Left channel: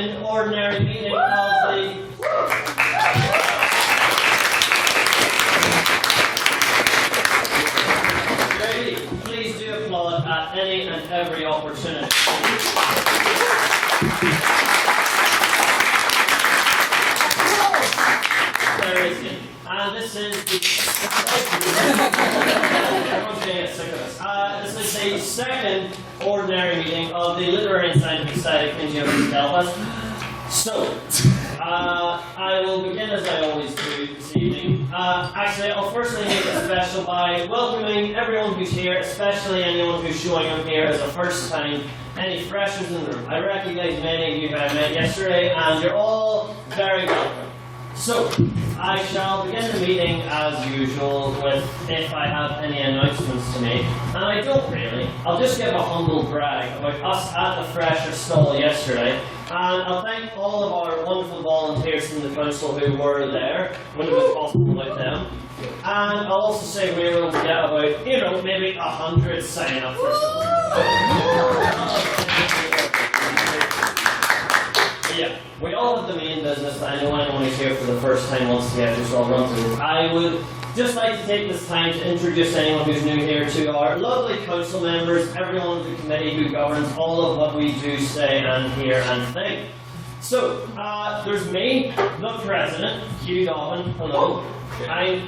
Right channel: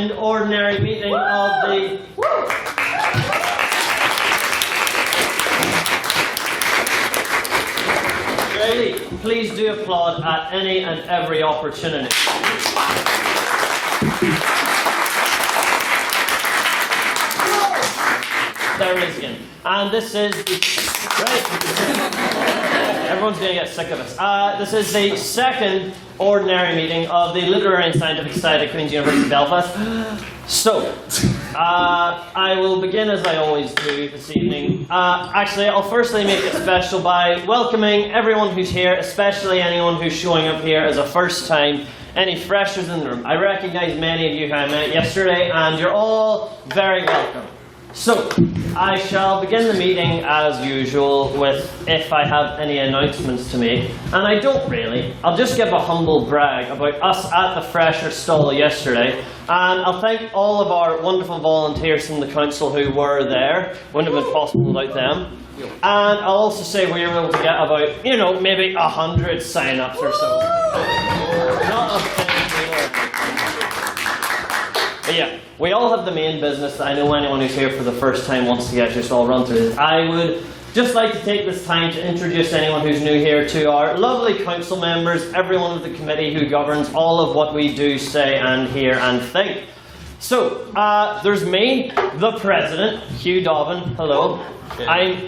second ordinary meeting of the... Please do applaud at any and every opportunity. There is him. And this is everyone's going to get sick of this. This is the second ordinary meeting of the Literary and Scientific Society of Queen's University Belfast. So, I will begin as I always do this evening. Actually, I'll firstly make it special by welcoming everyone who's here, especially anyone who's showing up here as a first time, any freshers in the room. I recognise many of you who I met yesterday, and you're all very welcome. So, I shall begin the meeting as usual with if I have any announcements to make. And I don't really. I'll just give a humble brag about us at the Fresher stall yesterday. And I'll thank all of our wonderful volunteers from the council who were there. Wouldn't have been possible without them. And I'll also say we were able to get about, you know, maybe 100 sign-ups or so. Yeah, we all have the main business. I know anyone who's here for the first time wants to get just all run through this. I would just like to take this time to introduce anyone who's new here to our lovely council members, everyone of the committee who governs all of what we do, say and hear and think. So, there's me, the President, Hugh Dobbin, hello. I'm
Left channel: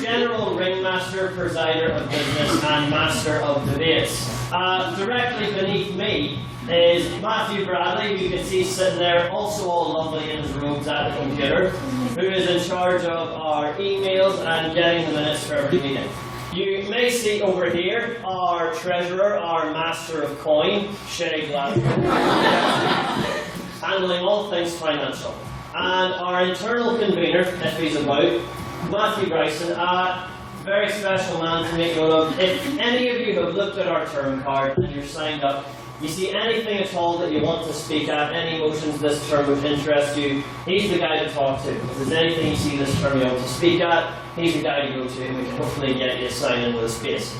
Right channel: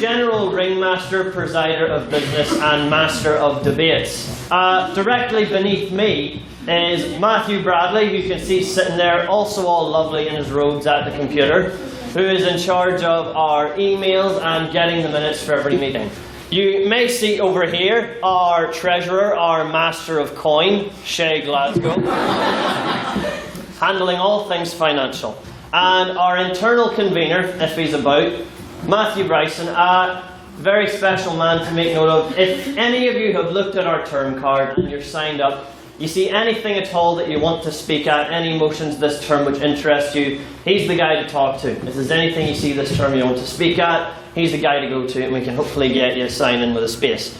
General Ringmaster, Presider of Business and Master of Debates. Directly beneath me is Matthew Bradley, who you can see sitting there, also all lovely in his robes at the computer, who is in charge of our emails and getting the minutes for every meeting. You may see over here our Treasurer, our Master of Coin, Shay Glasgow, handling all things financial. And our internal convener, if he's about, Matthew Bryson, a very special man to make note of. If any of you have looked at our term card and you're signed up, you see anything at all that you want to speak at, any motions this term which interest you, he's the guy to talk to. If there's anything you see this term you want to speak at, he's the guy to go to, and we can hopefully get you to sign in with a space.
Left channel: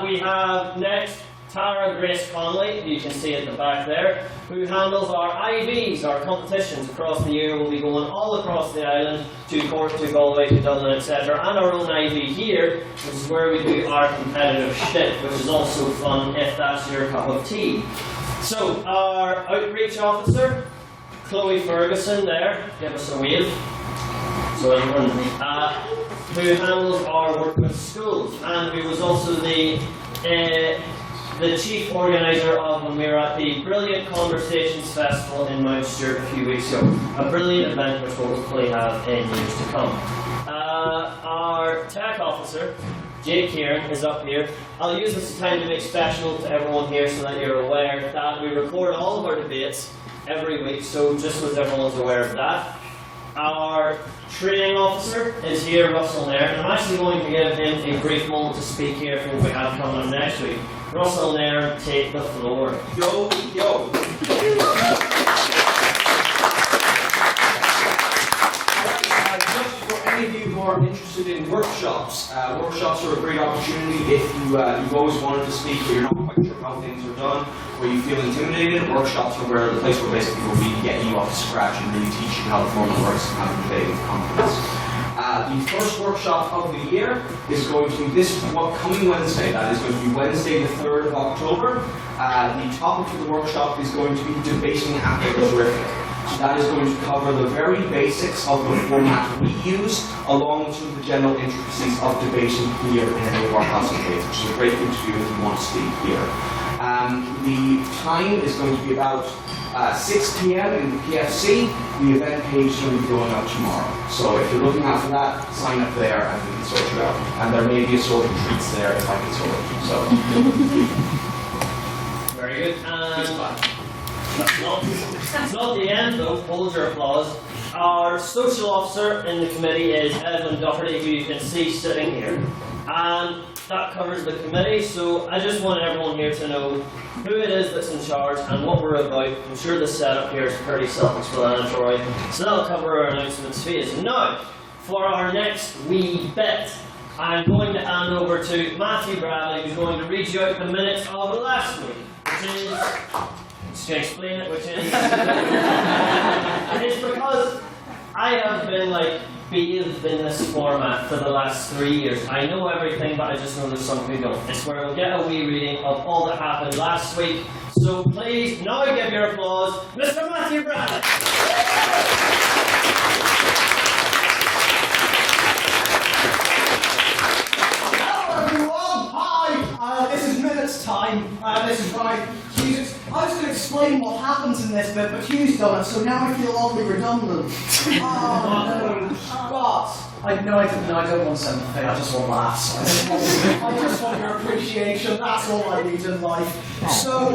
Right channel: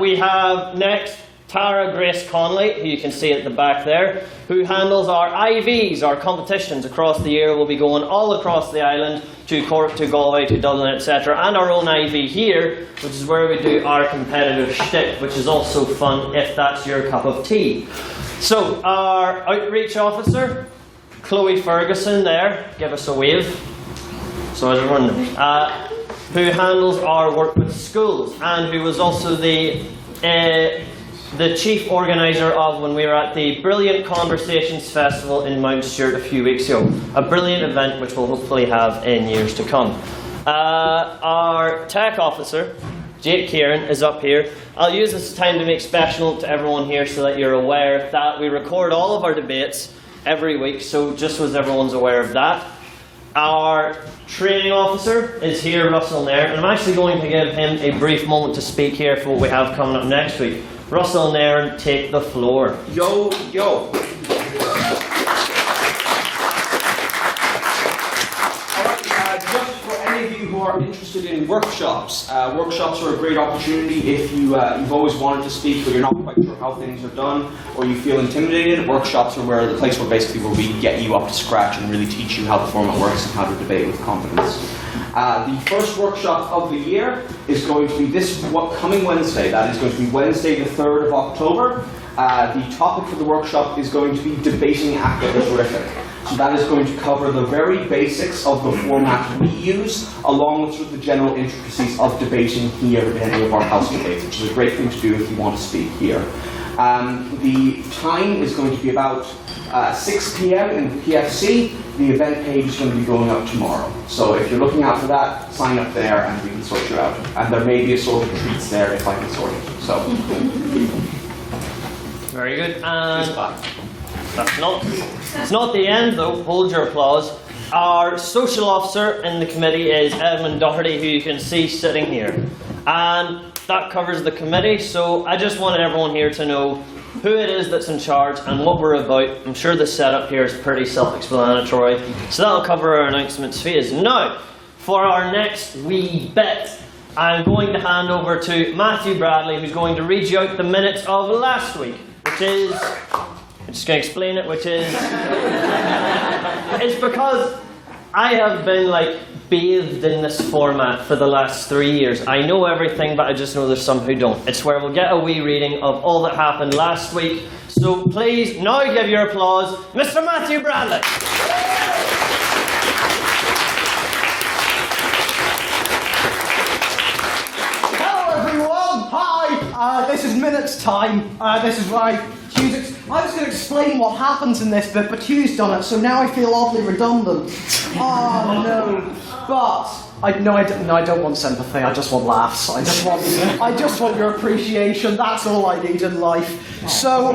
We have next Tara Grace Conley, who you can see at the back there, who handles our IVs, our competitions across the year. We'll be going all across the island, to Cork, to Galway, to Dublin, etc. And our own IV here, which is where we do our competitive shit, which is also fun if that's your cup of tea. So, our outreach officer, Chloe Ferguson there, give us a wave. So everyone, who handles our work with schools, and who was also the chief organiser of when we were at the Brilliant Conversations Festival in Mount Stewart a few weeks ago. A brilliant event which we'll hopefully have in years to come. Our tech officer, Jake Kieran, is up here. I'll use this time to make special to everyone here so that you're aware that we record all of our debates every week, so just so everyone's aware of that. Our training officer is here, Russell Nairn, and I'm actually going to give him a brief moment to speak here for what we have coming up next week. Russell Nairn, take the floor. Yo, yo. Just for any of you who are interested in workshops, workshops are a great opportunity if you've always wanted to speak but you're not quite sure how things are done, or you feel intimidated. Workshops are the place where basically we get you up to scratch and really teach you how the format works and how to debate with confidence. The first workshop of the year is going to be this coming Wednesday. That is going to be Wednesday the 3rd of October. The topic for the workshop is going to be debating after horrific. So that is going to cover the very basics of the format we use, along with sort of the general intricacies of debating here at any of our house debates, which is a great thing to do if you want to speak here. The time is going to be about 6 p.m. in the PFC. The event page is going to be going up tomorrow. So if you're looking out for that, sign up there and we can sort you out. And there may be a sort of treats there if I can sort it. So. Very good. That's not the end though. Hold your applause. Our social officer in the committee is Edmund Doherty, who you can see sitting here. And that covers the committee, so I just wanted everyone here to know who it is that's in charge and what we're about. I'm sure the setup here is pretty self-explanatory, so that'll cover our announcements phase. Now, for our next wee bit, I'm going to hand over to Matthew Bradley, who's going to read you out the minutes of last week, which is just going to explain it, which is... it's because I have been, like, bathed in this format for the last 3 years. I know everything, but I just know there's some who don't. It's where we'll get a wee reading of all that happened last week. So please, now give your applause, Mr. Matthew Bradley. Hello everyone, hi! This is minutes time. This is right. Jesus, I was going to explain what happens in this bit, but Hugh's done it, so now I feel oddly redundant. Oh no. But I don't want sympathy. I just want laughs. I just want your appreciation. That's all I need in life. So,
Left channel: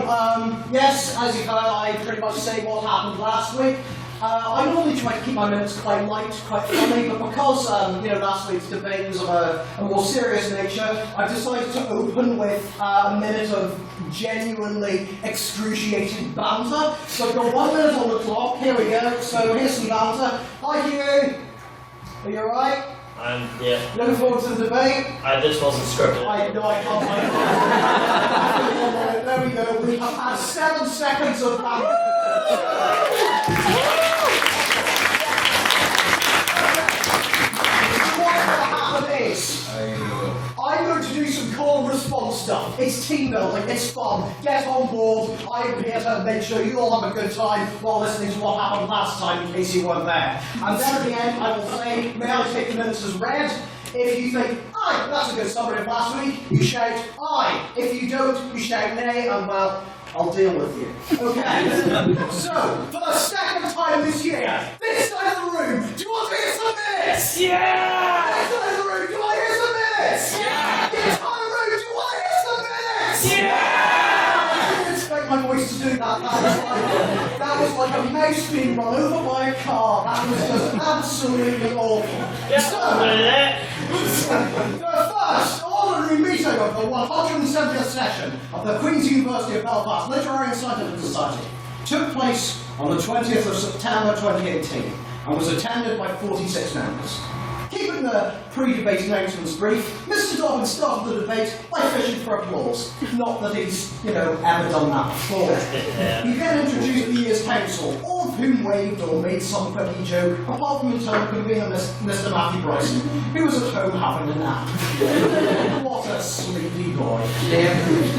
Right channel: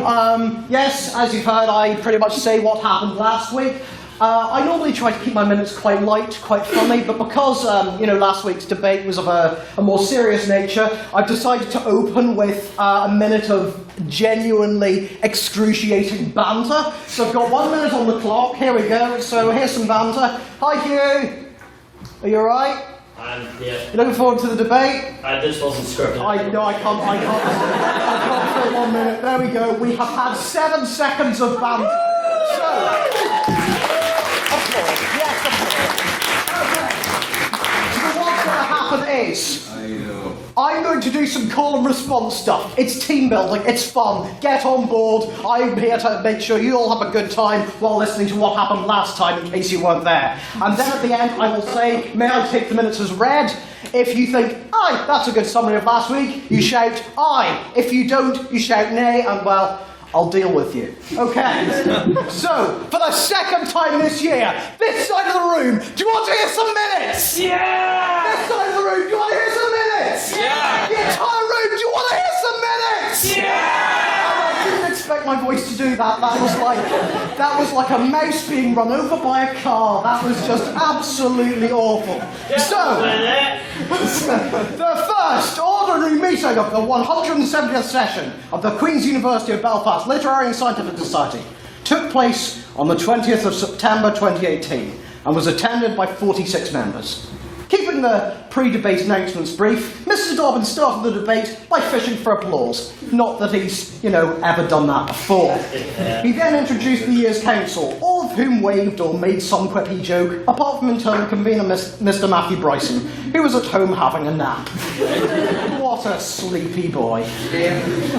yes, as you've heard, I pretty much say what happened last week. I normally try to keep my minutes quite light, quite funny, but because last week's debate was of a more serious nature, I've decided to open with a minute of genuinely excruciating banter. So I've got 1 minute on the clock. Here we go. So here's some banter. Hi, Hugh. Are you alright? Yeah. Looking forward to the debate? This wasn't scripted. I can't. 1 minute. There we go. We have had 7 seconds of banter. I'm going to do some call and response stuff. It's team building, it's fun. Get on board. I'm here to make sure you all have a good time while listening to what happened last time in case you weren't there. And then at the end I will say, may I take the minutes as read? If you think, aye, that's a good summary of last week, you shout aye. If you don't, you shout nay, and well, I'll deal with you. Okay. So, for the second time this year, this side of the room, do you want to hear some minutes? Yeah! This side of the room, do you want to hear some minutes? Yeah! The entire room, do you want to hear some minutes? Yeah! I didn't expect my voice to do that. That was like a mouse being run over by a car. That was just absolutely awful. The first ordinary meeting of the 170th session of the Queen's University of Belfast Literary and Scientific Society took place on the 20th of September 2018 and was attended by 46 members. Keeping the pre-debate announcements brief, Mr. Dobbin started the debate by fishing for applause. Not that he's, ever done that before. He then introduced the year's council, all of whom waved or made some quippy joke, apart from internal convener Mr. Matthew Bryson, who was at home having a nap. What a sleepy boy.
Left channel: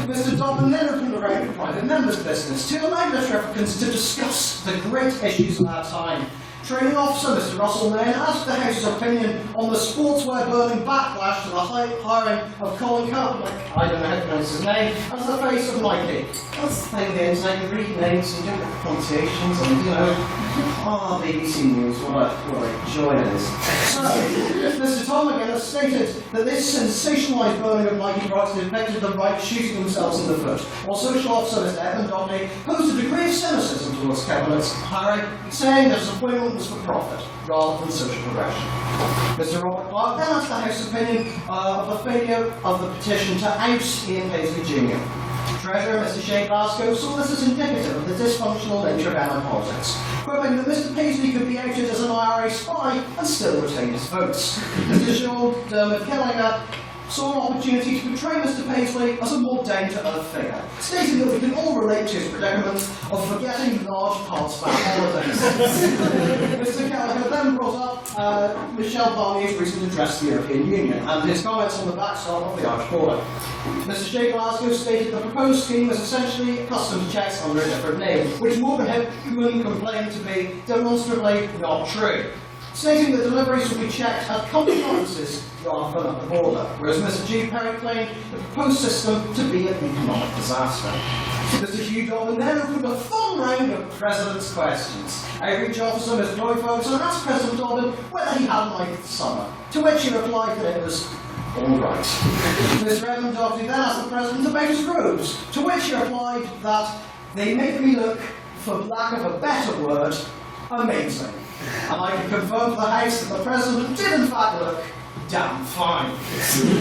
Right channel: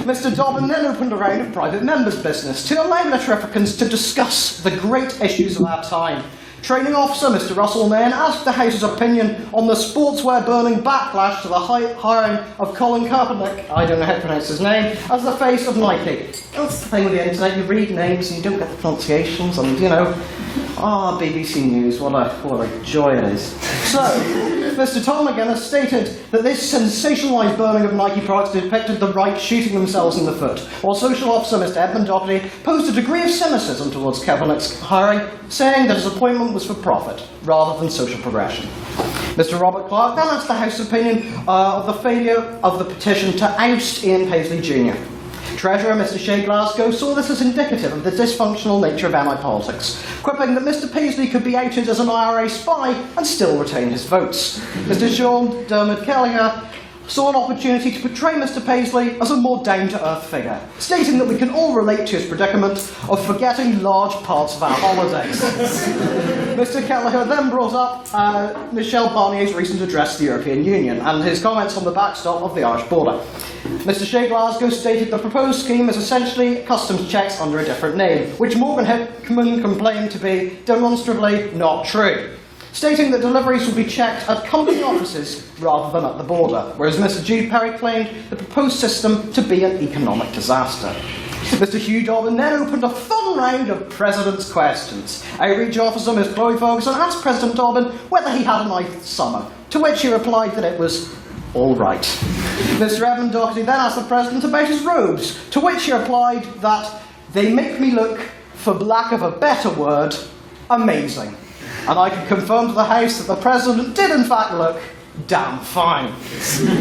Mr. Dobbin then opened a round of private members' business to allow Litterificans to discuss the great issues of our time. Training officer Mr. Russell then asked the House's opinion on the sportswear burning backlash to the hiring of Colin Kaepernick, I don't know how to pronounce his name, as the face of Nike. That's the thing with the internet, you read names and you don't get the pronunciations, and BBC News, what a joy it is. So, Mr. Tom again has stated that this sensationalised burning of Nike products depicted the right shooting themselves in the foot, while social officer Mr. Edmund Doherty posed a degree of cynicism towards Kaepernick's hiring, saying that his appointment was for profit rather than social progression. Mr. Robert Clark then asked the House opinion of the failure of the petition to oust Ian Paisley Jr. Treasurer Mr. Shea Glasgow saw this as indicative of the dysfunctional nature of MI politics, quipping that Mr. Paisley could be outed as an IRA spy and still retain his votes. Mr. Sean Dermot Kelliher saw an opportunity to portray Mr. Paisley as a more down-to-earth figure, stating that we can all relate to his predicament of forgetting large parts of our holidays. Mr. Kelleher then brought up Michel Barnier's recent address to the European Union and his comments on the backstop of the Irish border. Mr. Shea Glasgow stated the proposed scheme is essentially customs checks under a different name, which Morgan Hickman complained to be demonstrably not true, stating that deliveries would be checked at company offices rather than at the border, whereas Mr. Jude Perry claimed the proposed system to be an economic disaster. Mr. Hugh Dobbin then opened a fun round of President's questions. Outreach officer Ms. Chloe Ferguson asked President Dobbin whether he had a nice summer, to which he replied that it was all right. Mr. Edmund Doherty then asked the President about his robes, to which he replied that they make me look, for lack of a better word, amazing. And I can confirm to the House that the President did in fact look Damn fine.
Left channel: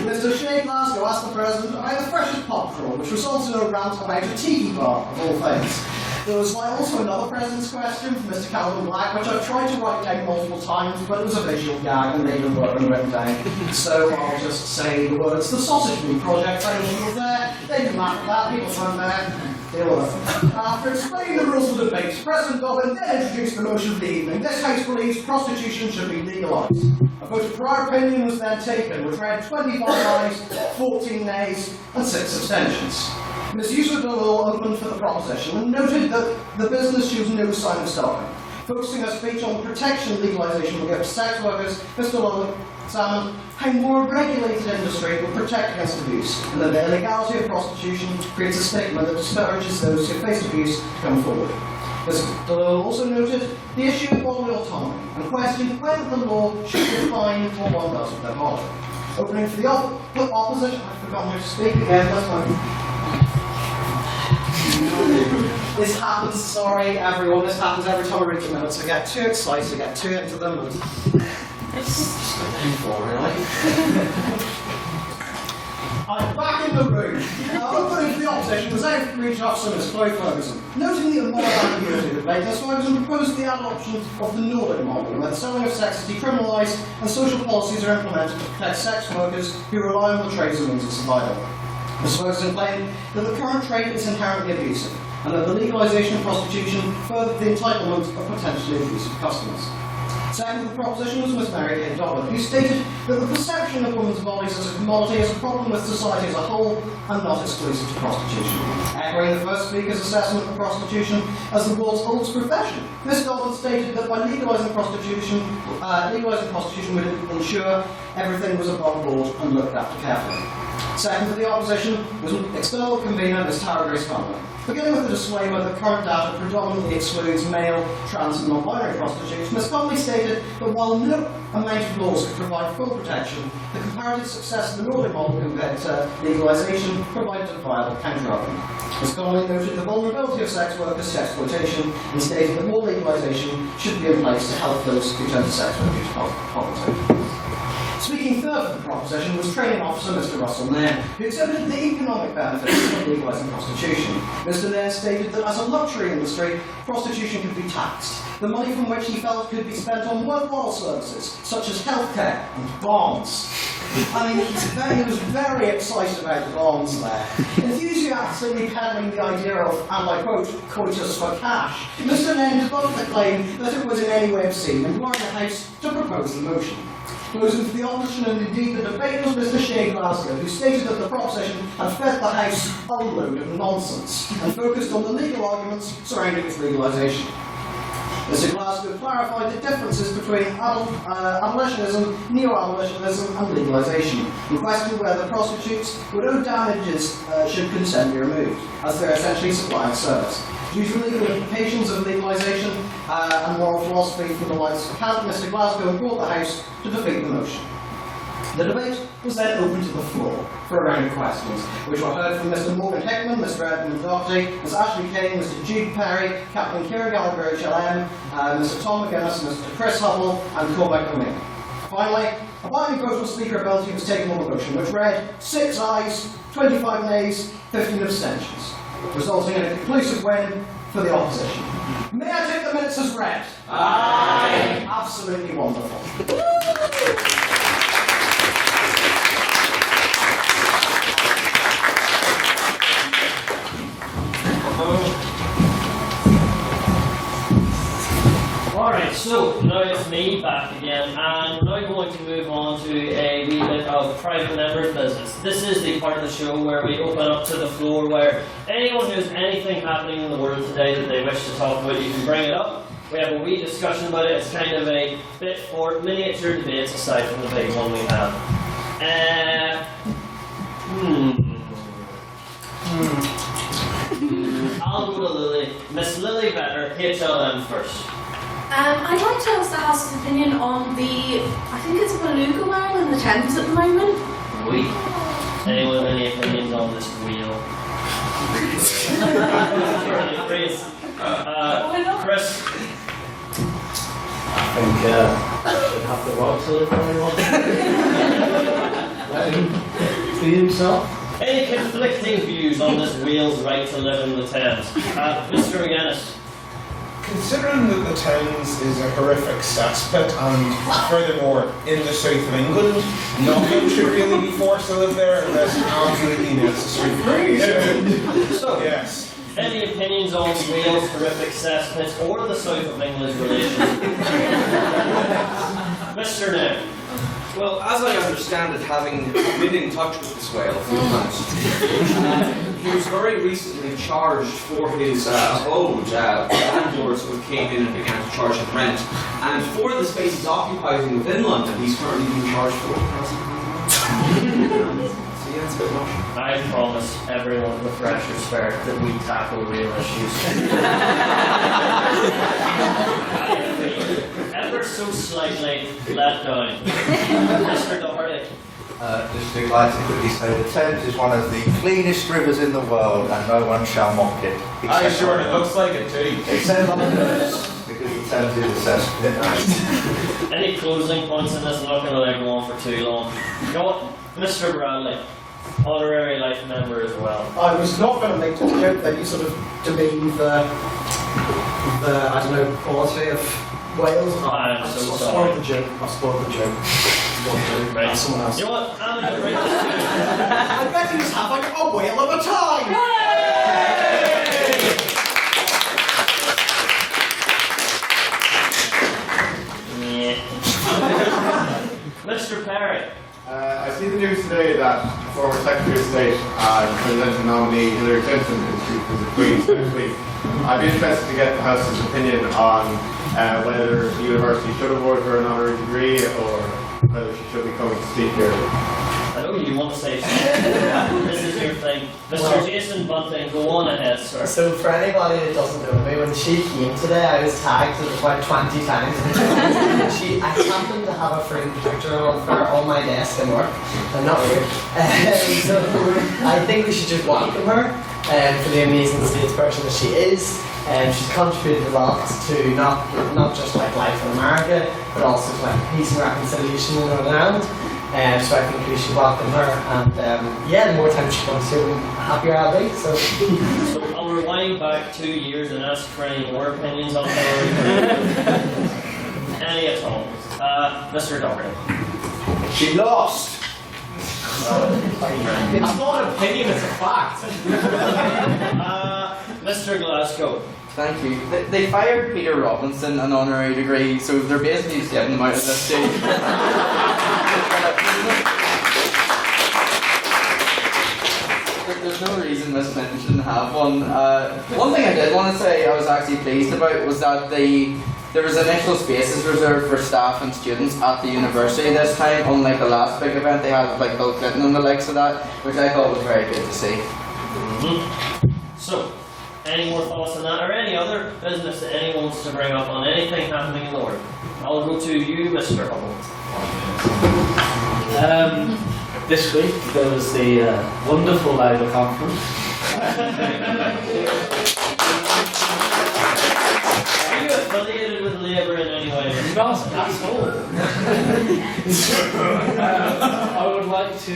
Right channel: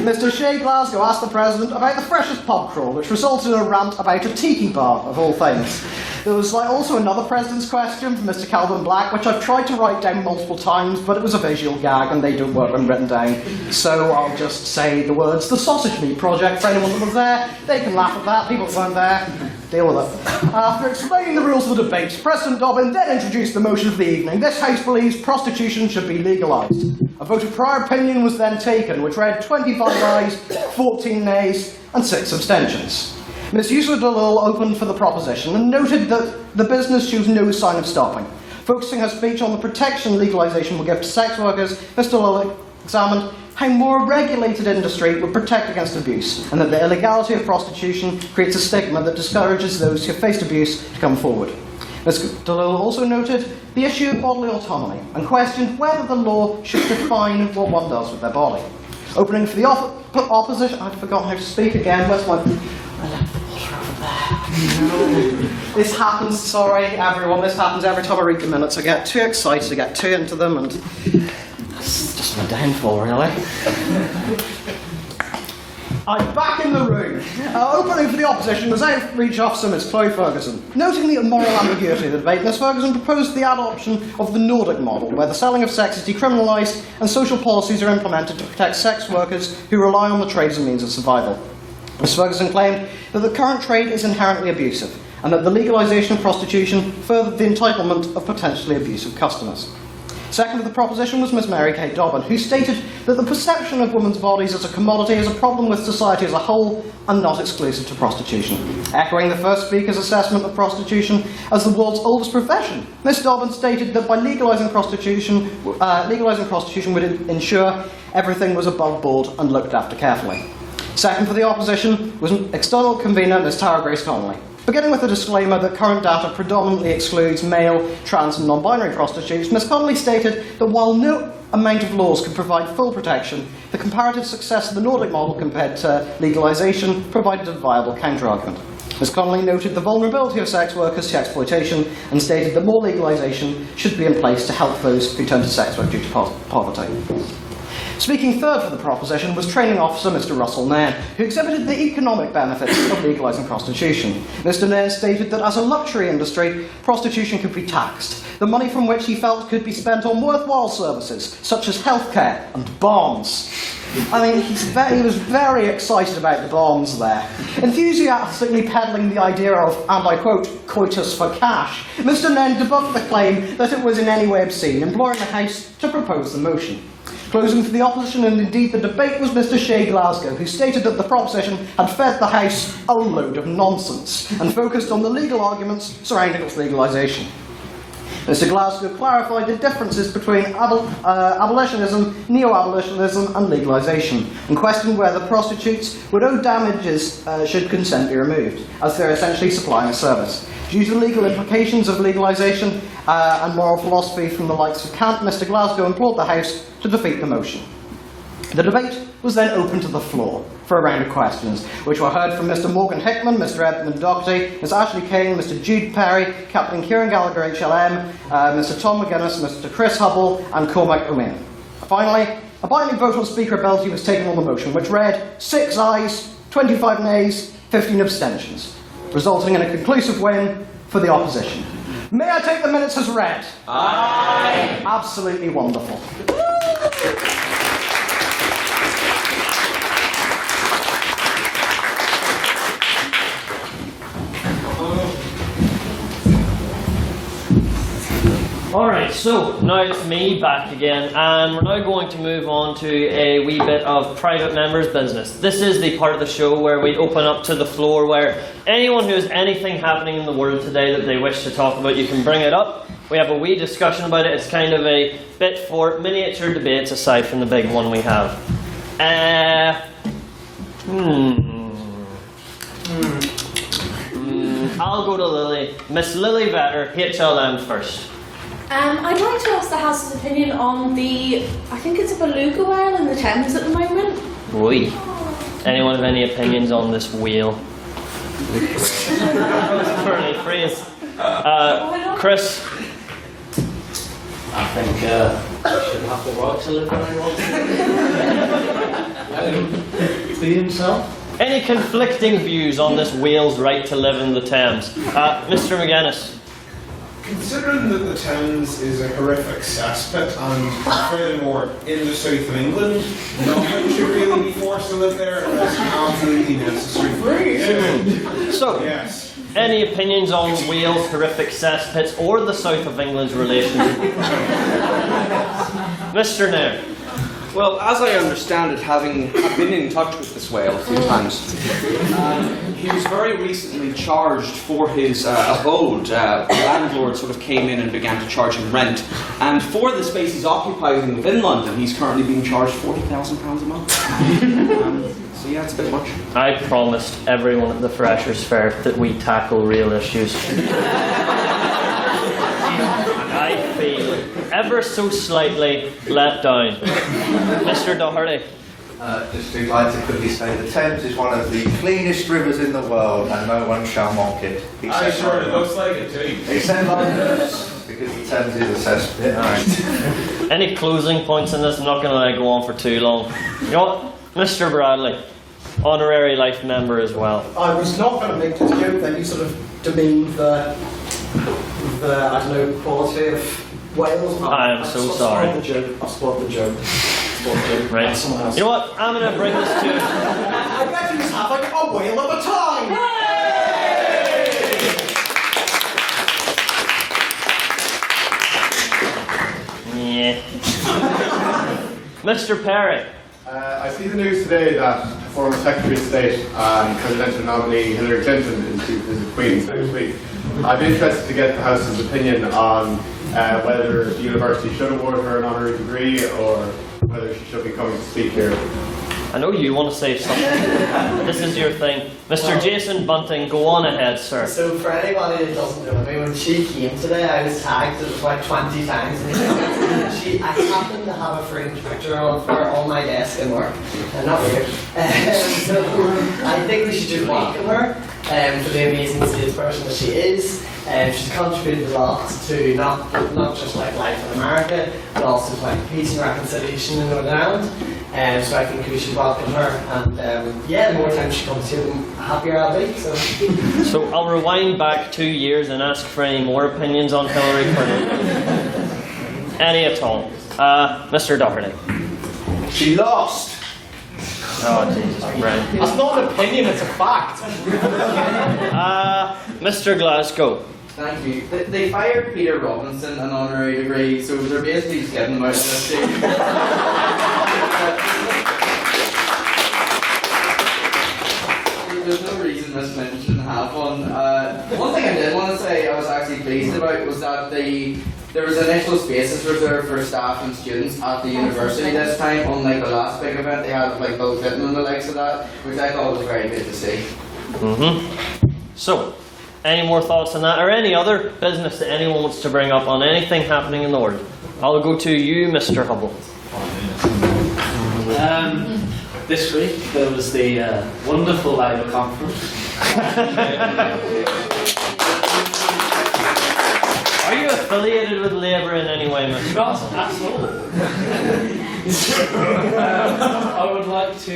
Mr. Shea Glasgow asked the President about the freshest pub crawl, which resulted in a rant about a tiki bar, of all things. There was also another President's question from Mr. Calvin Black, which I've tried to write down multiple times, but it was a visual gag and they don't work when written down. So I'll just say the words, the Sausage Meat Project, for anyone that was there. They can laugh at that, people weren't there. Deal with it. After explaining the rules of the debate, President Dobbin then introduced the motion of the evening. This House believes prostitution should be legalised. A vote of prior opinion was then taken, which read 25 ayes, 14 nays, and 6 abstentions. Ms. Yusuf Dalil opened for the proposition and noted that the business shows no sign of stopping. Focusing her speech on the protection legalisation will give to sex workers, Ms. Dalil examined how more regulated industry would protect against abuse, and that the illegality of prostitution creates a stigma that discourages those who have faced abuse to come forward. Ms. Dalil also noted the issue of bodily autonomy and questioned whether the law should define what one does with their body. Opening for the opposition, I'd forgotten how to speak again, that's one. This happens, sorry everyone, this happens every time I read the minutes. I get too excited, I get too into them, and it's just my downfall, really. I'm back in the room. Opening for the opposition was Outreach Officer Ms. Chloe Ferguson. Noting the moral ambiguity of the debate, Ms. Ferguson proposed the adoption of the Nordic model, where the selling of sex is decriminalised and social policies are implemented to protect sex workers who rely on the trade as a means of survival. Ms. Ferguson claimed that the current trade is inherently abusive, and that the legalisation of prostitution furthered the entitlement of potentially abusive customers. Second to the proposition was Ms. Mary Kay Dobbin, who stated that the perception of women's bodies as a commodity is a problem with society as a whole and not exclusive to prostitution. Echoing the first speaker's assessment of prostitution as the world's oldest profession, Ms. Dobbin stated that by legalising prostitution would ensure everything was above board and looked after carefully. Second for the opposition was external convener Ms. Tara Grace Connolly. Beginning with a disclaimer that current data predominantly excludes male, trans and non-binary prostitutes, Ms. Connolly stated that while no amount of laws could provide full protection, the comparative success of the Nordic model compared to legalisation provided a viable counter-argument. Ms. Connolly noted the vulnerability of sex workers to exploitation and stated that more legalisation should be in place to help those who turn to sex work due to poverty. Speaking third for the proposition was Training Officer Mr. Russell Nairn, who exhibited the economic benefits of legalising prostitution. Mr. Nairn stated that as a luxury industry, prostitution could be taxed, the money from which he felt could be spent on worthwhile services, such as healthcare and bonds. I mean, he was very excited about the bonds there, enthusiastically peddling the idea of, and I quote, coitus for cash. Mr. Nairn debunked the claim that it was in any way obscene, imploring the House to propose the motion. Closing for the opposition and indeed the debate was Mr. Shea Glasgow, who stated that the proposition had fed the House a load of nonsense and focused on the legal arguments surrounding its legalisation. Mr. Glasgow clarified the differences between abolitionism, neo-abolitionism and legalisation, and questioned whether prostitutes would owe damages should consent be removed, as they're essentially supplying a service. Due to legal implications of legalisation and moral philosophy from the likes of Kant, Mr. Glasgow implored the House to defeat the motion. The debate was then open to the floor for a round of questions, which were heard from Mr. Morgan Hickman, Mr. Edmund Doherty, Ms. Ashley King, Mr. Jude Perry, Captain Kieran Gallagher HLM, Mr. Tom McGuinness, Mr. Chris Hubble, and Cormac O'Meara. Finally, a binding vote on speakerability was taken on the motion, which read 6 ayes, 25 nays, 15 abstentions, resulting in a conclusive win for the opposition. May I take the minutes as read? Aye. Absolutely wonderful. Alright, so now it's me back again, and we're now going to move on to a wee bit of private members' business. This is the part of the show where we open up to the floor, where anyone who has anything happening in the world today that they wish to talk about, you can bring it up. We have a wee discussion about it. It's kind of a bit for miniature debates aside from the big one we have. I'll go to Lily. Miss Lily Vetter, HLM first. I'd like to ask the House's opinion on the, I think it's a beluga whale in the Thames at the moment. Oi. Anyone have any opinions on this wheel? Chris? I think I should have to watch a little bit. Be himself. Any conflicting views on this Wales right to live in the Thames? Mr. McGuinness. Considering that the Thames is a horrific cesspit and furthermore in the south of England, no one should really be forced to live there unless absolutely necessary. So, Yes. any opinions on Wales' horrific cesspits or the south of England's relation? Mr. Nair. Well, as I understand it, having been in touch with this whale a few times, he was very recently charged for his abode. The landlord sort of came in and began to charge him rent. And for the space he's occupying within London, he's currently being charged £40,000 a month. So yeah, it's a bit much. I promised everyone at the Freshers' Fair that we tackle real issues. I feel ever so slightly let down. Mr. Doherty. Just to like to quickly say, the Thames is one of the cleanest rivers in the world, and no one shall mock it. Aye, sure, it looks like it too. Except Londoners, because the Thames is a cesspit. Any closing points in this? I'm not going to let it go on for too long. You know what? Mr. Bradley, honorary life member as well. I was not going to make the joke that you sort of demeaned the I don't know, quality of Wales. I'm so sorry. I've spoiled the joke. Right. Someone else. You know what? I'm going to bring this to... I'd like to just have like a whale at a time! Yeah. Mr. Perry. I see the news today that former Secretary of State and presidential nominee Hillary Clinton is due to visit Queen's next week. I'd be interested to get the House's opinion on whether the university should award her an honorary degree or whether she should be coming to speak here. I know you want to say something. This is your thing. Mr. Jason Bunting, go on ahead, sir. So for anybody that doesn't know me, when she came today, I was tagged about 20 times. I happened to have a framed picture of her on my desk in work. Not weird. So I think we should just welcome her for the amazing statesperson that she is. She's contributed a lot to not just like life in America, but also to like peace and reconciliation in Northern Ireland. So I think we should welcome her, and yeah, the more time she comes here, the happier I'll be. So I'll rewind back 2 years and ask for any more opinions on Hillary Clinton. Any at all. Mr. Doherty. She lost! it's not an opinion, it's a fact. Mr. Glasgow. Thank you. They fired Peter Robinson an honorary degree, so they're basically just getting him out of this stage. There's no reason Miss Clinton shouldn't have one. One thing I did want to say I was actually pleased about was that there was initial spaces reserved for staff and students at the university this time, unlike the last big event they had with like Bill Clinton and the likes of that, which I thought was very good to see. So, any more thoughts on that, or any other business that anyone wants to bring up on anything happening in the world? I'll go to you, Mr. Hubble. This week there was the wonderful Labour conference. Are you affiliated with Labour in any way, Mr. Not at all. I would like to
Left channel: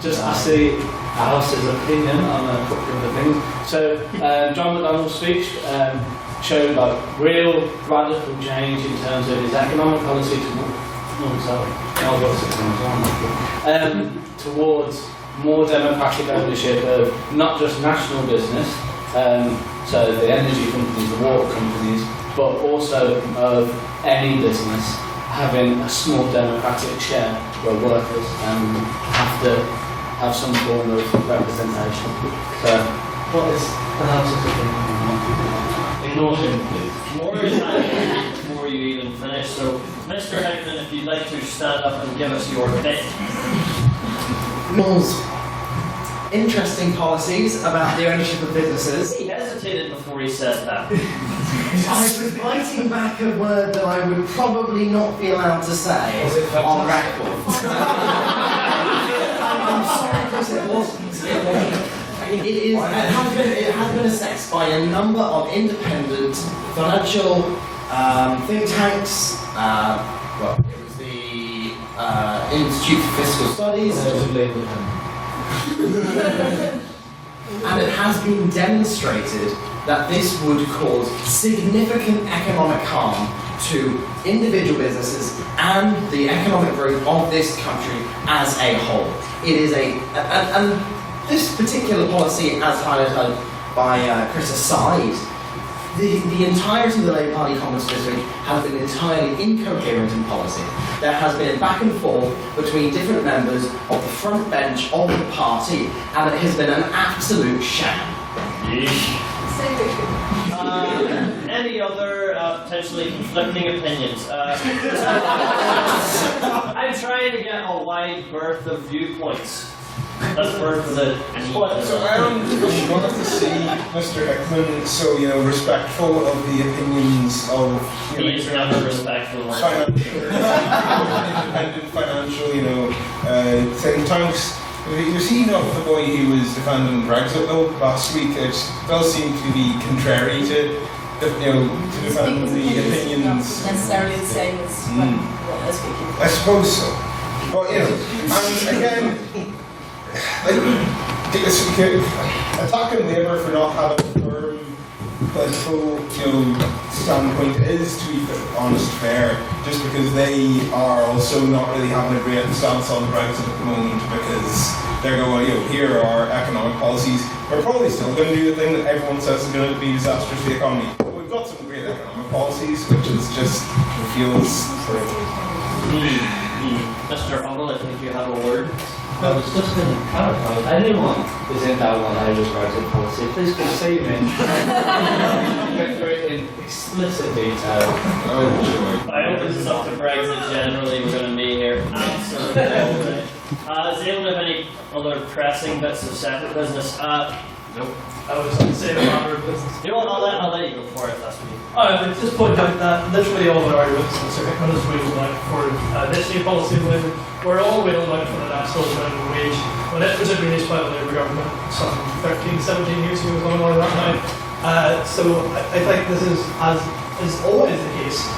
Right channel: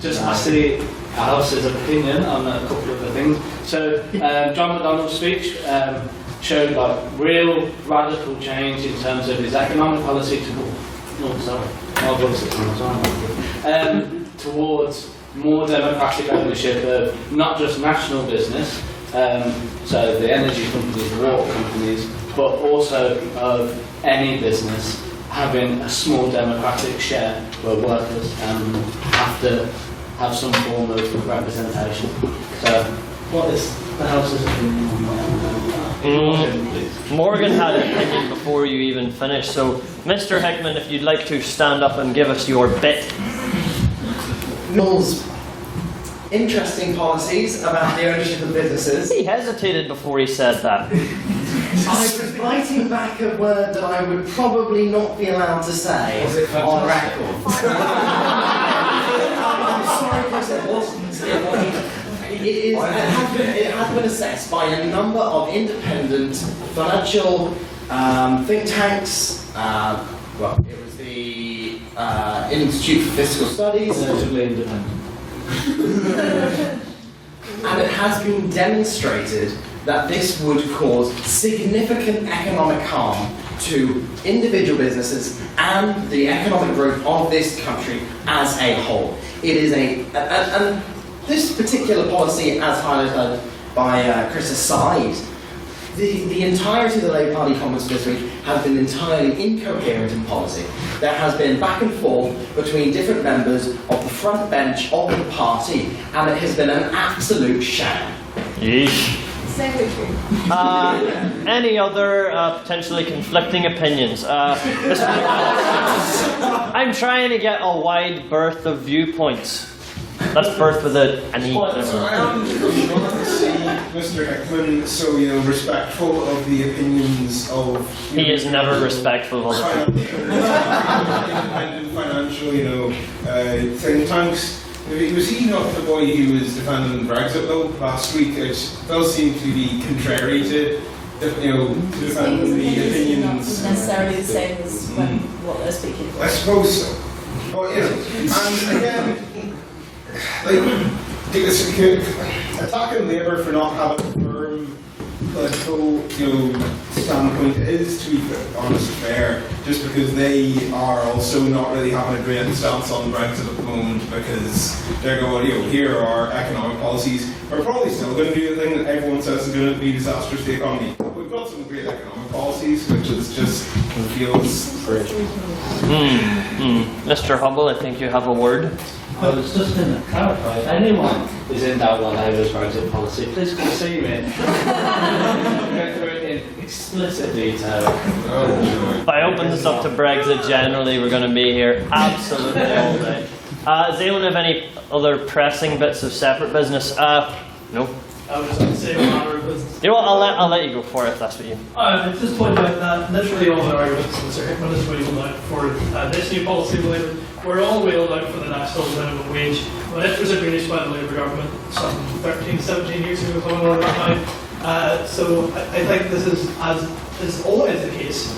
just ask the House's opinion on a couple of the things. So, John McDonnell's speech showed like real radical change in terms of his economic policy towards more democratic ownership of not just national business, so the energy companies, the water companies, but also of any business having a small democratic share where workers have to have some form of representation. So, what is the House's opinion on that? Morgan had an opinion before you even finished, so Mr. Hickman, if you'd like to stand up and give us your bit. Mill's interesting policies about the ownership of businesses. He hesitated before he said that. I was biting back a word that I would probably not be allowed to say on record. I'm sorry, because it wasn't. It has been assessed by a number of independent financial think tanks. Well, it was the Institute for Fiscal Studies. And it has been demonstrated that this would cause significant economic harm to individual businesses and the economic growth of this country as a whole. It is and this particular policy, as highlighted by Chris aside, the entirety of the Labour Party comments this week has been entirely incoherent in policy. There has been back and forth between different members of the front bench of the party, and it has been an absolute sham. Yeesh. Any other potentially conflicting opinions? I'm trying to get a wide berth of viewpoints. That's berth with an E. So I'm glad to see Mr. Hickman so, respectful of the opinions of... He is never respectful of independent financial, think tanks. Was he not the boy who was defending Brexit though last week? It does seem to be contrary to defending the opinions. Necessarily the same as what they're speaking. I suppose so. But and again, attacking Labour for not having a firm political standpoint is, to be honest, fair, just because they are also not really having a great stance on Brexit at the moment, because they're going, here are our economic policies. We're probably still going to do the thing that everyone says is going to be disastrous to the economy. But we've got some great economic policies, which is just feels great. Mr. Humble, I think you have a word. I was just going to clarify, if anyone is in doubt on Labour's Brexit policy, please come see me. Go through it in explicit detail. If I open this up to Brexit generally, we're going to be here absolutely all day. Does anyone have any other pressing bits of separate business? No. I was on the same matter of business. You know what, I'll let you go for it if that's what you... I would just point out that literally all the arguments Mr. Hickman has wheeled out for this new policy of Labour were all wheeled out for the national minimum wage when it was agreed by the Labour government some 13, 17 years ago, something like that now. So I think this is, as is always the case,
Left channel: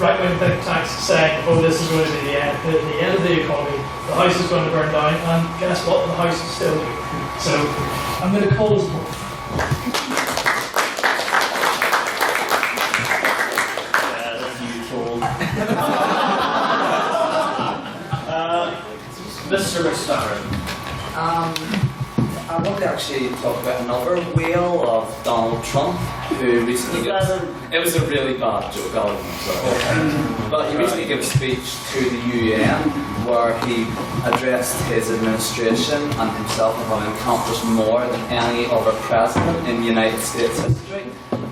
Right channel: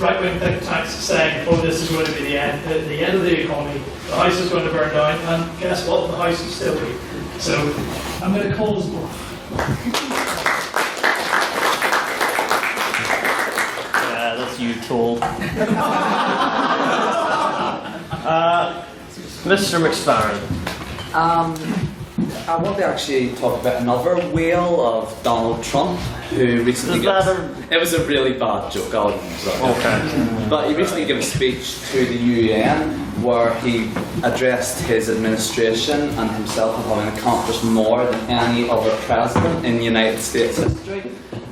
right-wing think tanks saying, this is going to be the end of the economy, the house is going to burn down, and guess what, the house is still here. So I'm going to call us both. Yeah, that's you, tool. Mr. McSparren. I want to actually talk about another whale of Donald Trump, who recently it was a really bad joke, I'll but he recently gave a speech to the UN where he addressed his administration and himself as having accomplished more than any other president in the United States history.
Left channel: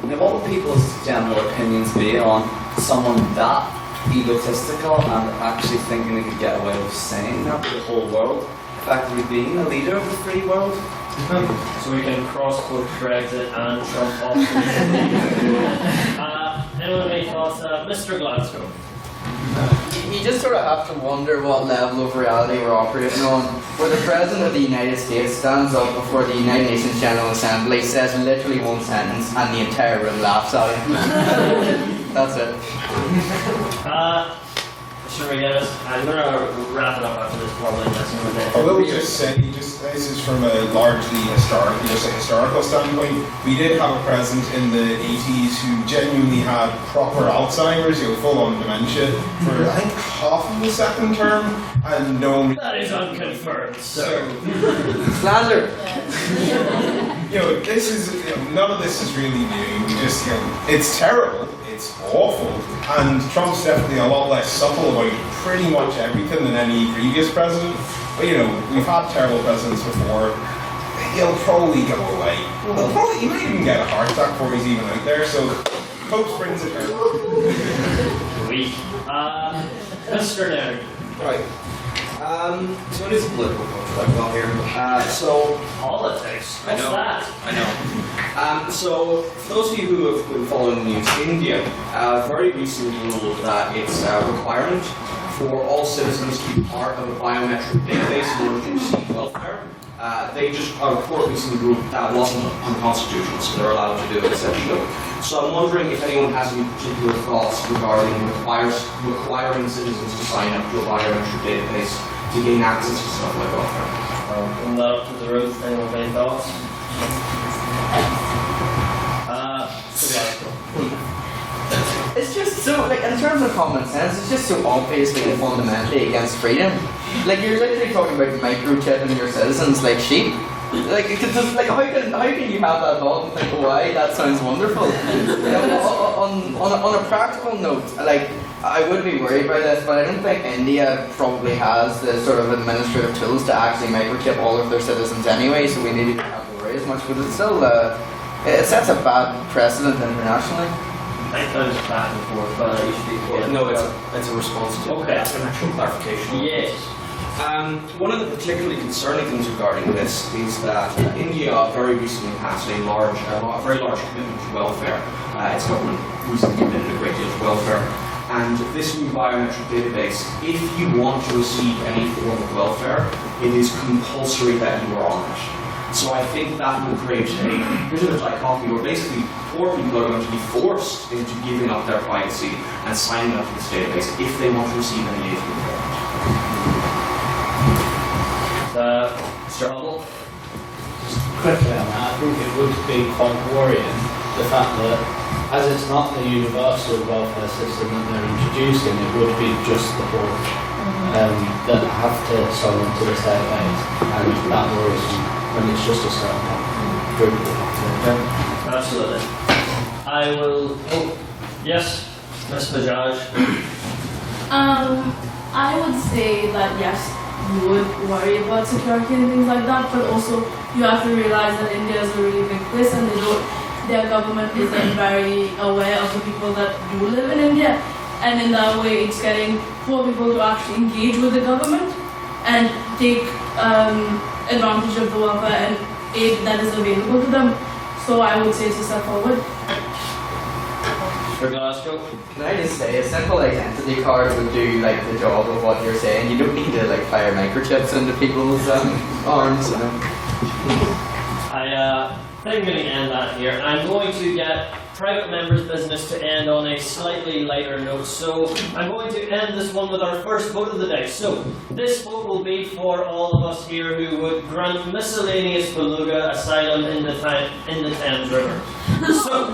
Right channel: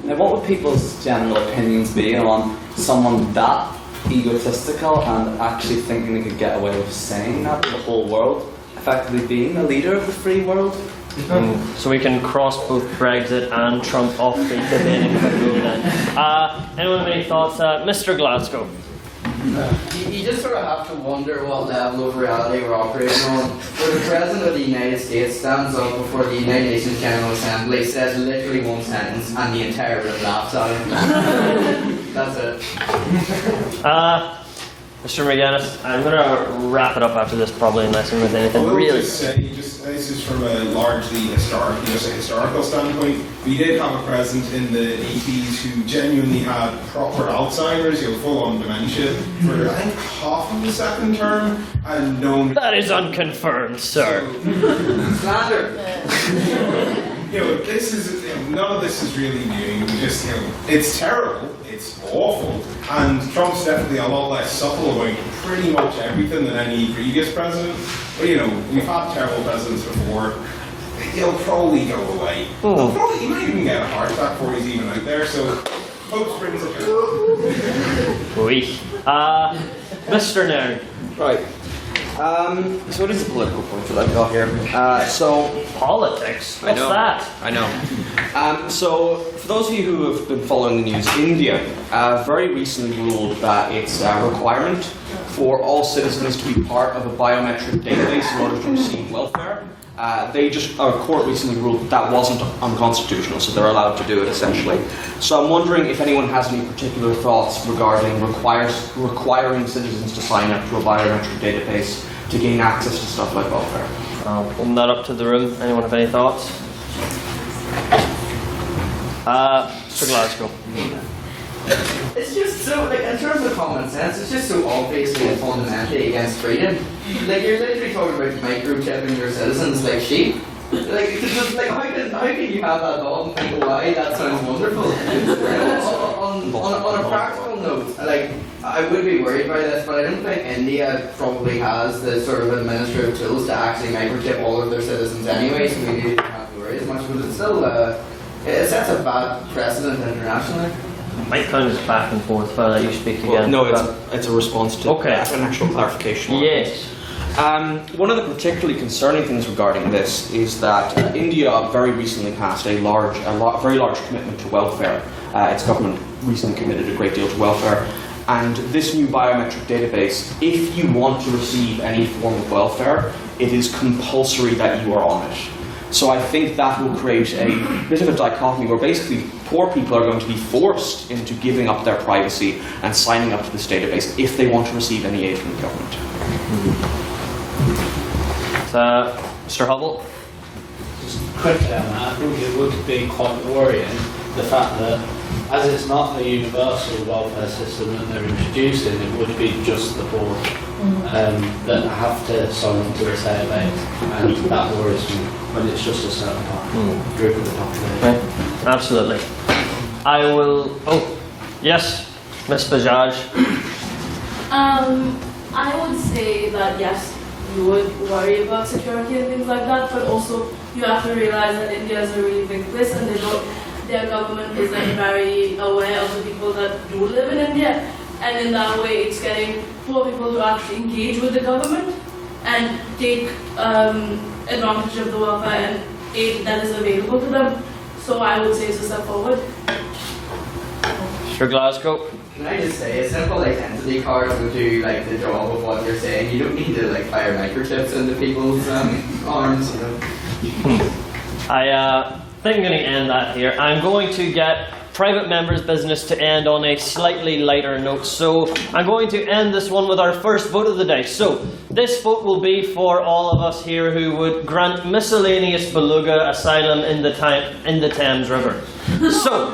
Now, what would people's general opinions be on someone that egotistical and actually thinking they could get away with saying that to the whole world? Effectively being a leader of the free world. So we can cross both Brexit and Trump off the debate. Anyone have any thoughts? Mr. Glasgow. You just sort of have to wonder what level of reality we're operating on. Where the President of the United States stands up before the United Nations General Assembly, says literally one sentence, and the entire room laughs at him. That's it. Mr. McGinnis, I'm going to wrap it up after this, probably, unless you're with anything. I will really. just say, this is from a largely historical standpoint. We did have a president in the 80s who genuinely had proper Alzheimer's, full-on dementia, for I think half of the second term, and no one... That is unconfirmed, sir. Slander. This is none of this is really new. It's terrible. It's awful, and Trump's definitely a lot less subtle about pretty much everything than any previous president. But we've had terrible presidents before. He'll probably go away. He might even get a heart attack before he's even out there. So, hope brings it down. Mr. Nerd. Right. So it is a political culture that I've got here. Politics? What's that? I know. So, for those of you who have been following the news, India very recently ruled that it's a requirement for all citizens to be part of a biometric database in order to receive welfare. Our court recently ruled that wasn't unconstitutional, so they're allowed to do it essentially. So I'm wondering if anyone has any particular thoughts regarding requiring citizens to sign up to a biometric database to gain access to stuff like welfare. I'll open that up to the room. Anyone have any thoughts? Mr. Glasgow. It's just so, like, in terms of common sense, it's just so obviously and fundamentally against freedom. Like, you're literally talking about microchipping your citizens like sheep. Like, how can you have that thought and think, oh, why, that sounds wonderful? On a practical note, like, I would be worried by this, but I don't think India probably has the sort of administrative tools to actually microchip all of their citizens anyway, so we maybe don't have to worry as much, but it's still, it sets a bad precedent internationally. Might kind of back and forth, but you speak again. No, it's a response to an actual clarification. Yes. One of the particularly concerning things regarding this is that India very recently passed a very large commitment to welfare. Its government recently committed a great deal to welfare. And this new biometric database, if you want to receive any form of welfare, it is compulsory that you are on it. So I think that will create a bit of a dichotomy where basically poor people are going to be forced into giving up their privacy and signing up to this database if they want to receive any aid from the government. Mr. Hubble? Just quickly on that, I think it would be quite worrying, the fact that as it's not a universal welfare system that they're introducing, it would be just the poor that have to sign on to this database, and that worries me when it's just a certain group of the population. Absolutely. I will. Oh, yes, Ms. Bajaj. I would say that yes, you would worry about security and things like that, but also you have to realize that India is a really big place, and their government isn't very aware of the people that do live in India, and in that way it's getting poor people to actually engage with the government and take advantage of the welfare and aid that is available to them. So I would say it's a step forward. Mr. Glasgow? Can I just say, a simple identity card would do like the job of what you're saying. You don't need to like fire microchips into people's arms, you know. I think I'm going to end that here. I'm going to get private members' business to end on a slightly lighter note. So I'm going to end this one with our first vote of the day. So this vote will be for all of us here who would grant miscellaneous beluga asylum in the Thames River. So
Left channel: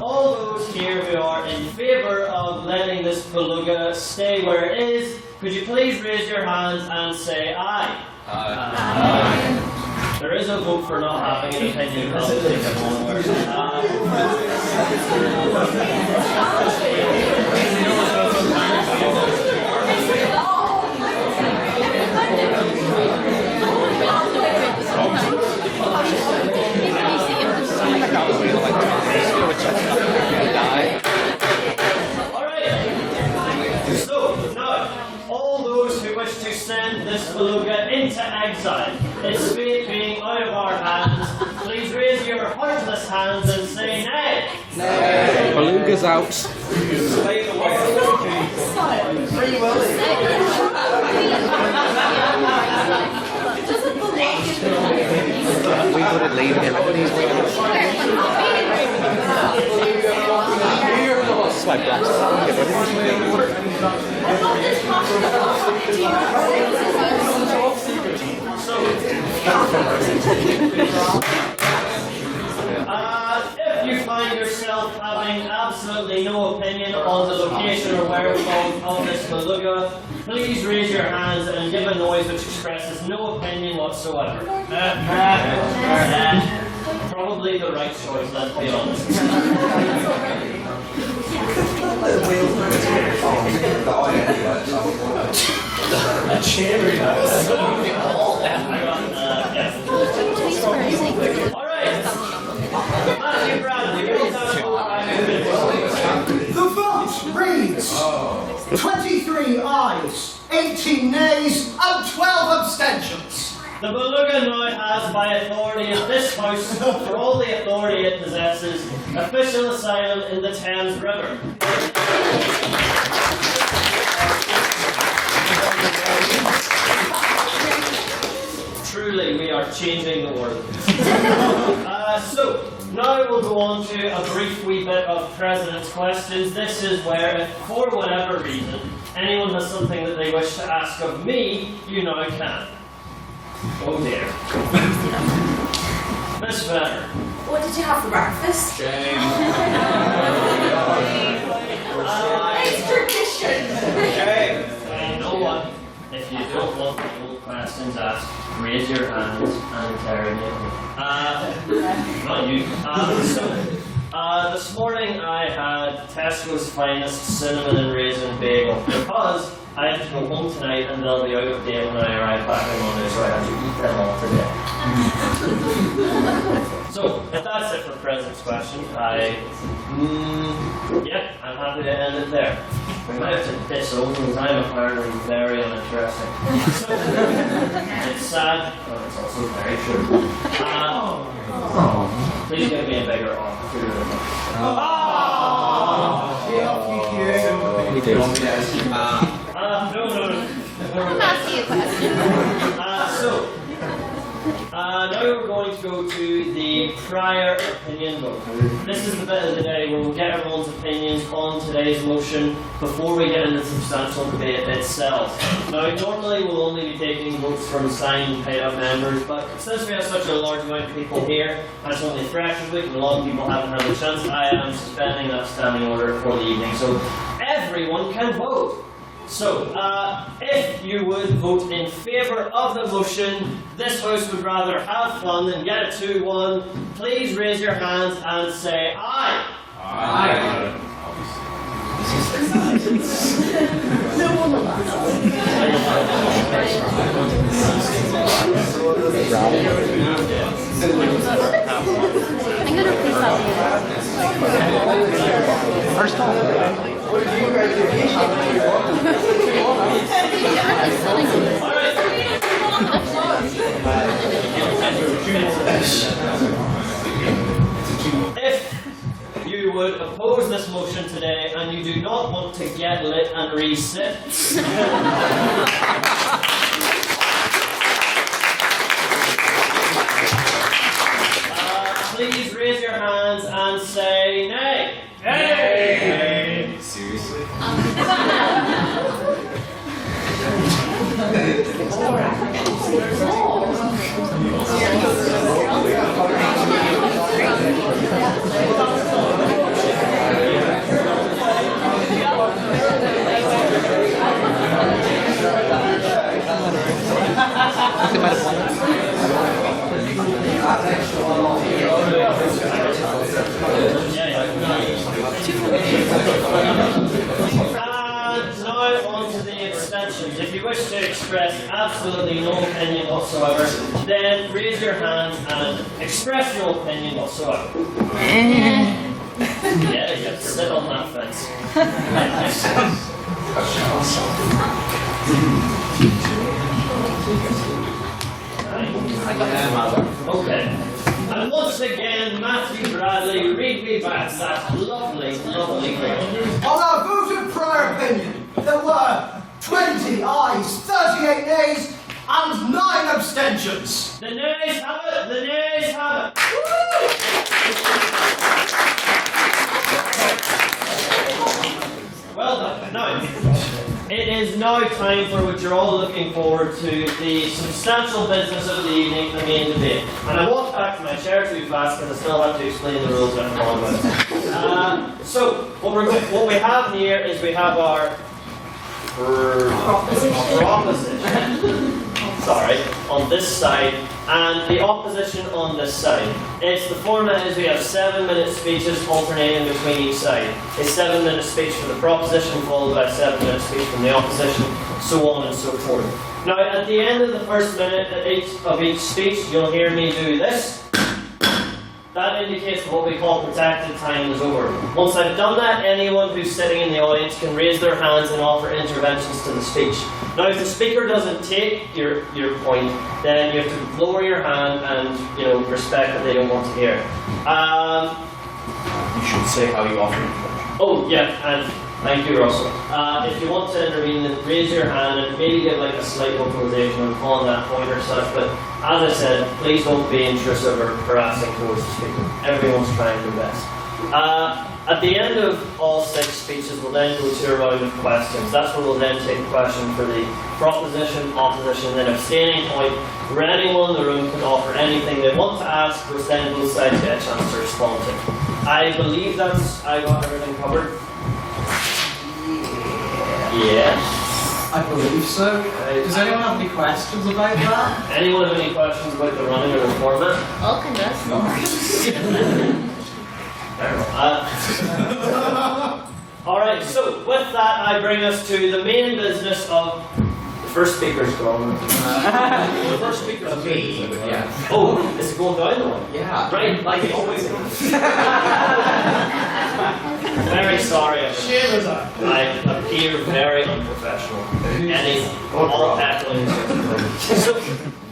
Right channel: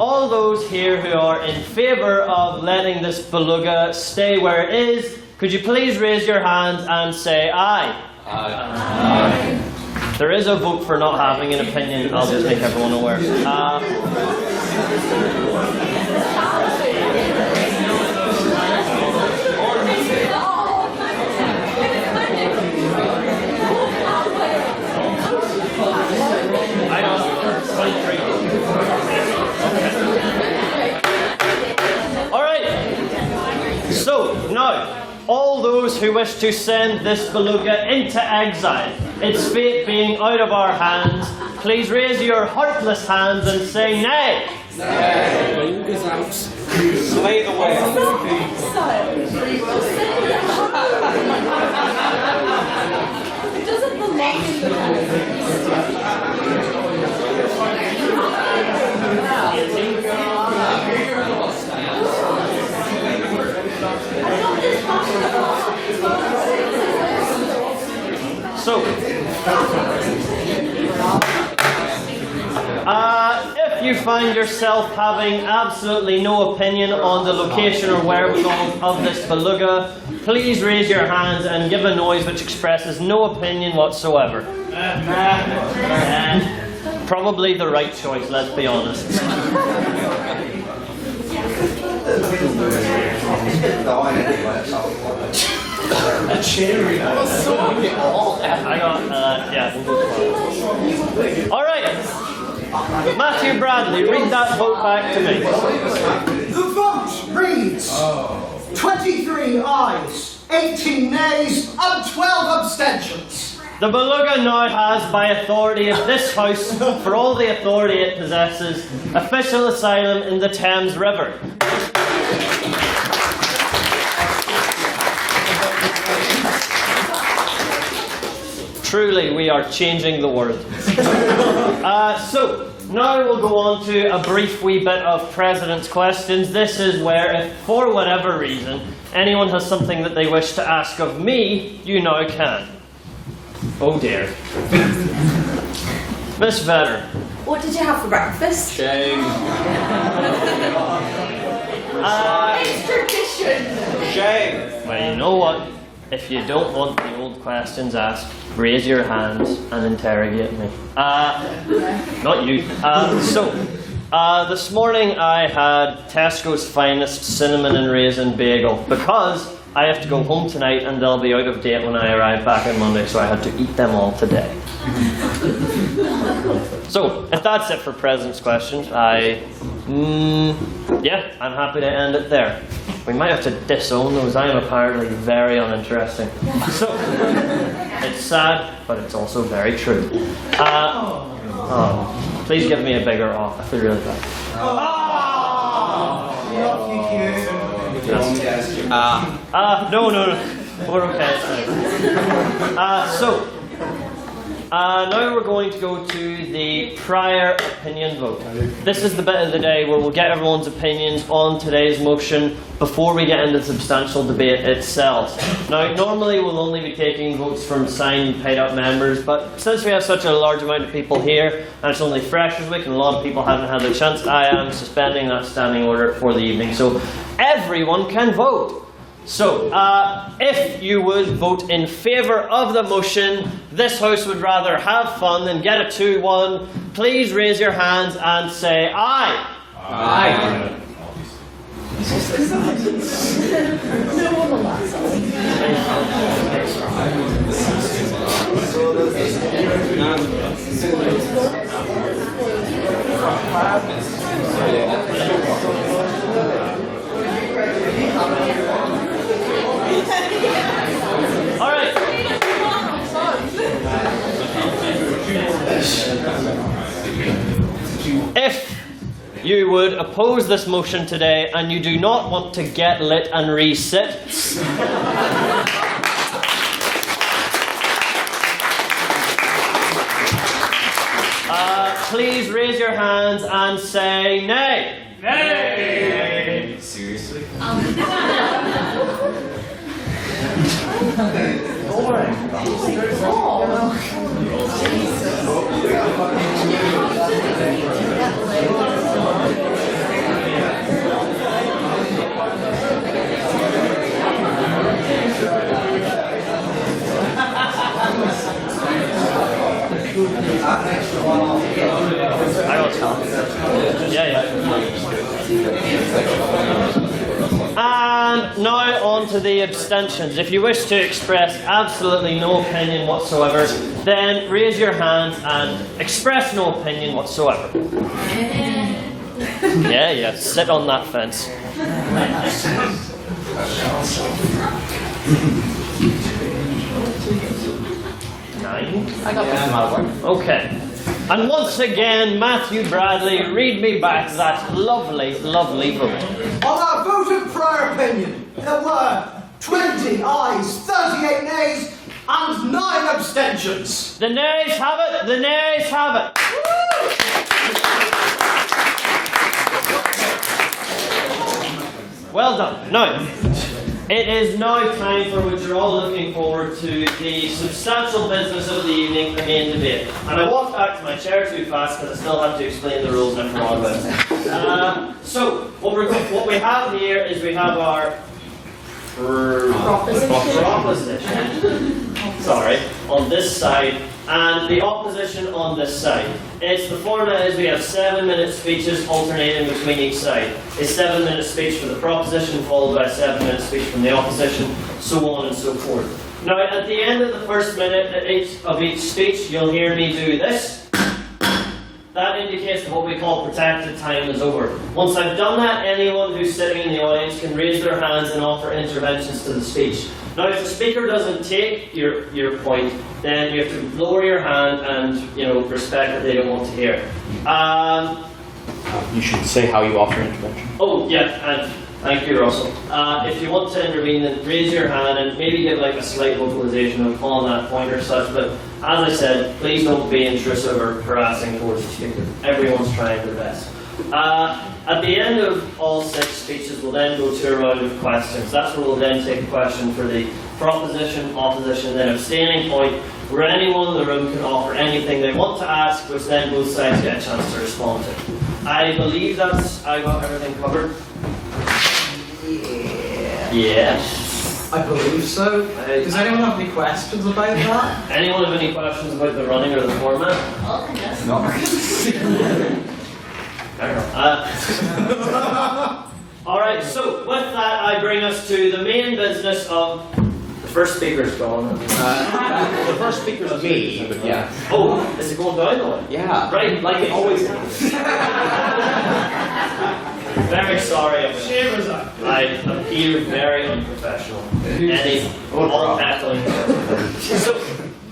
all those here who are in favour of letting this beluga stay where it is, could you please raise your hands and say aye? Aye. There is a vote for not having an opinion. I'll just make everyone aware. Who wish to send this beluga into exile, its fate being out of our hands, please raise your heartless hands and say nay. Nay. Beluga's out. Slave away. Free will. Doesn't belong So, if you find yourself having absolutely no opinion on the location or whereabouts of this beluga, please raise your hands and give a noise which expresses no opinion whatsoever. Probably the right choice, let's be honest. A cherry. I got yeah. All right, Matthew Bradley, read that vote back to me. The vote reads 23 ayes, 18 nays, and 12 abstentions. The beluga now has, by authority of this House, for all the authority it possesses, official asylum in the Thames River. Truly, we are changing the world. So, now we'll go on to a brief wee bit of President's Questions. This is where, if for whatever reason, anyone has something that they wish to ask of me, you now can. Oh dear. Miss Venner. What did you have for breakfast? Shame. It's tradition. Shame. Well, you know what? If you don't want the old questions asked, raise your hands and interrogate me. Not you. This morning I had Tesco's finest cinnamon and raisin bagel because I have to go home tonight and they'll be out of date when I arrive back on Monday, so I have to eat them all today. So, if that's it for President's Questions, I'm happy to end it there. We might have to disown those. I am apparently very uninteresting. So, it's sad, but it's also very true. Please give me a bigger off. I really like it. No. What are we now we're going to go to the prior opinion vote. This is the bit of the day where we'll get everyone's opinions on today's motion before we get into the substantial debate itself. Now, normally we'll only be taking votes from signed and paid out members, but since we have such a large amount of people here, and it's only Freshers Week and a lot of people haven't had the chance, I am suspending that standing order for the evening, so everyone can vote. So, if you would vote in favour of the motion, this House would rather have fun than get a 2-1, please raise your hands and say aye. Aye. Alright. If you would oppose this motion today and you do not want to get lit and resit, please raise your hands and say nay. Nay! Seriously? And now on to the abstentions. If you wish to express absolutely no opinion whatsoever, then raise your hands and express no opinion whatsoever. Yeah, sit on that fence. Okay. And once again, Matthew Bradley, read me back that lovely, lovely vote. On our vote of prior opinion, there were 20 ayes, 38 nays, and 9 abstentions. The nays have it, the nays have it. Well done. Now, it is now time for what you're all looking forward to, the substantial business of the evening, the main debate. And I walked back to my chair too fast because I still have to explain the rules after all of it. So, what we have here is we have our proposition. Sorry, on this side, and the opposition on this side. The format is we have 7-minute speeches alternating between each side. A 7-minute speech for the proposition followed by a 7-minute speech from the opposition, so on and so forth. Now, at the end of the first minute of each speech, you'll hear me do this. That indicates what we call protected time is over. Once I've done that, anyone who's sitting in the audience can raise their hands and offer interventions to the speech. Now, if the speaker doesn't take your point, then you have to lower your hand and respect that they don't want to hear. You should say how you offer intervention. Oh, yeah, and thank you, Russell. If you want to intervene, then raise your hand and maybe get like a slight vocalization on calling that point or such, but As I said, please don't be intrusive or harassing towards the speaker. Everyone's trying their best. At the end of all 6 speeches, we'll then go to a round of questions. That's where we'll then take a question for the proposition, opposition, then abstaining point, where anyone in the room can offer anything they want to ask, which then both sides get a chance to respond to. I believe I got everything covered. Yeah. I believe so. Does anyone have any questions about that? Anyone have any questions about the running or the format? Okay, yes. Alright, so with that, I bring us to the main business of... The first speaker's gone. The first speaker's me, but yeah. Oh, is it going down the one? Yeah. Right, like it always is. Very sorry. Shame is that. I appear very unprofessional. All tackling. So,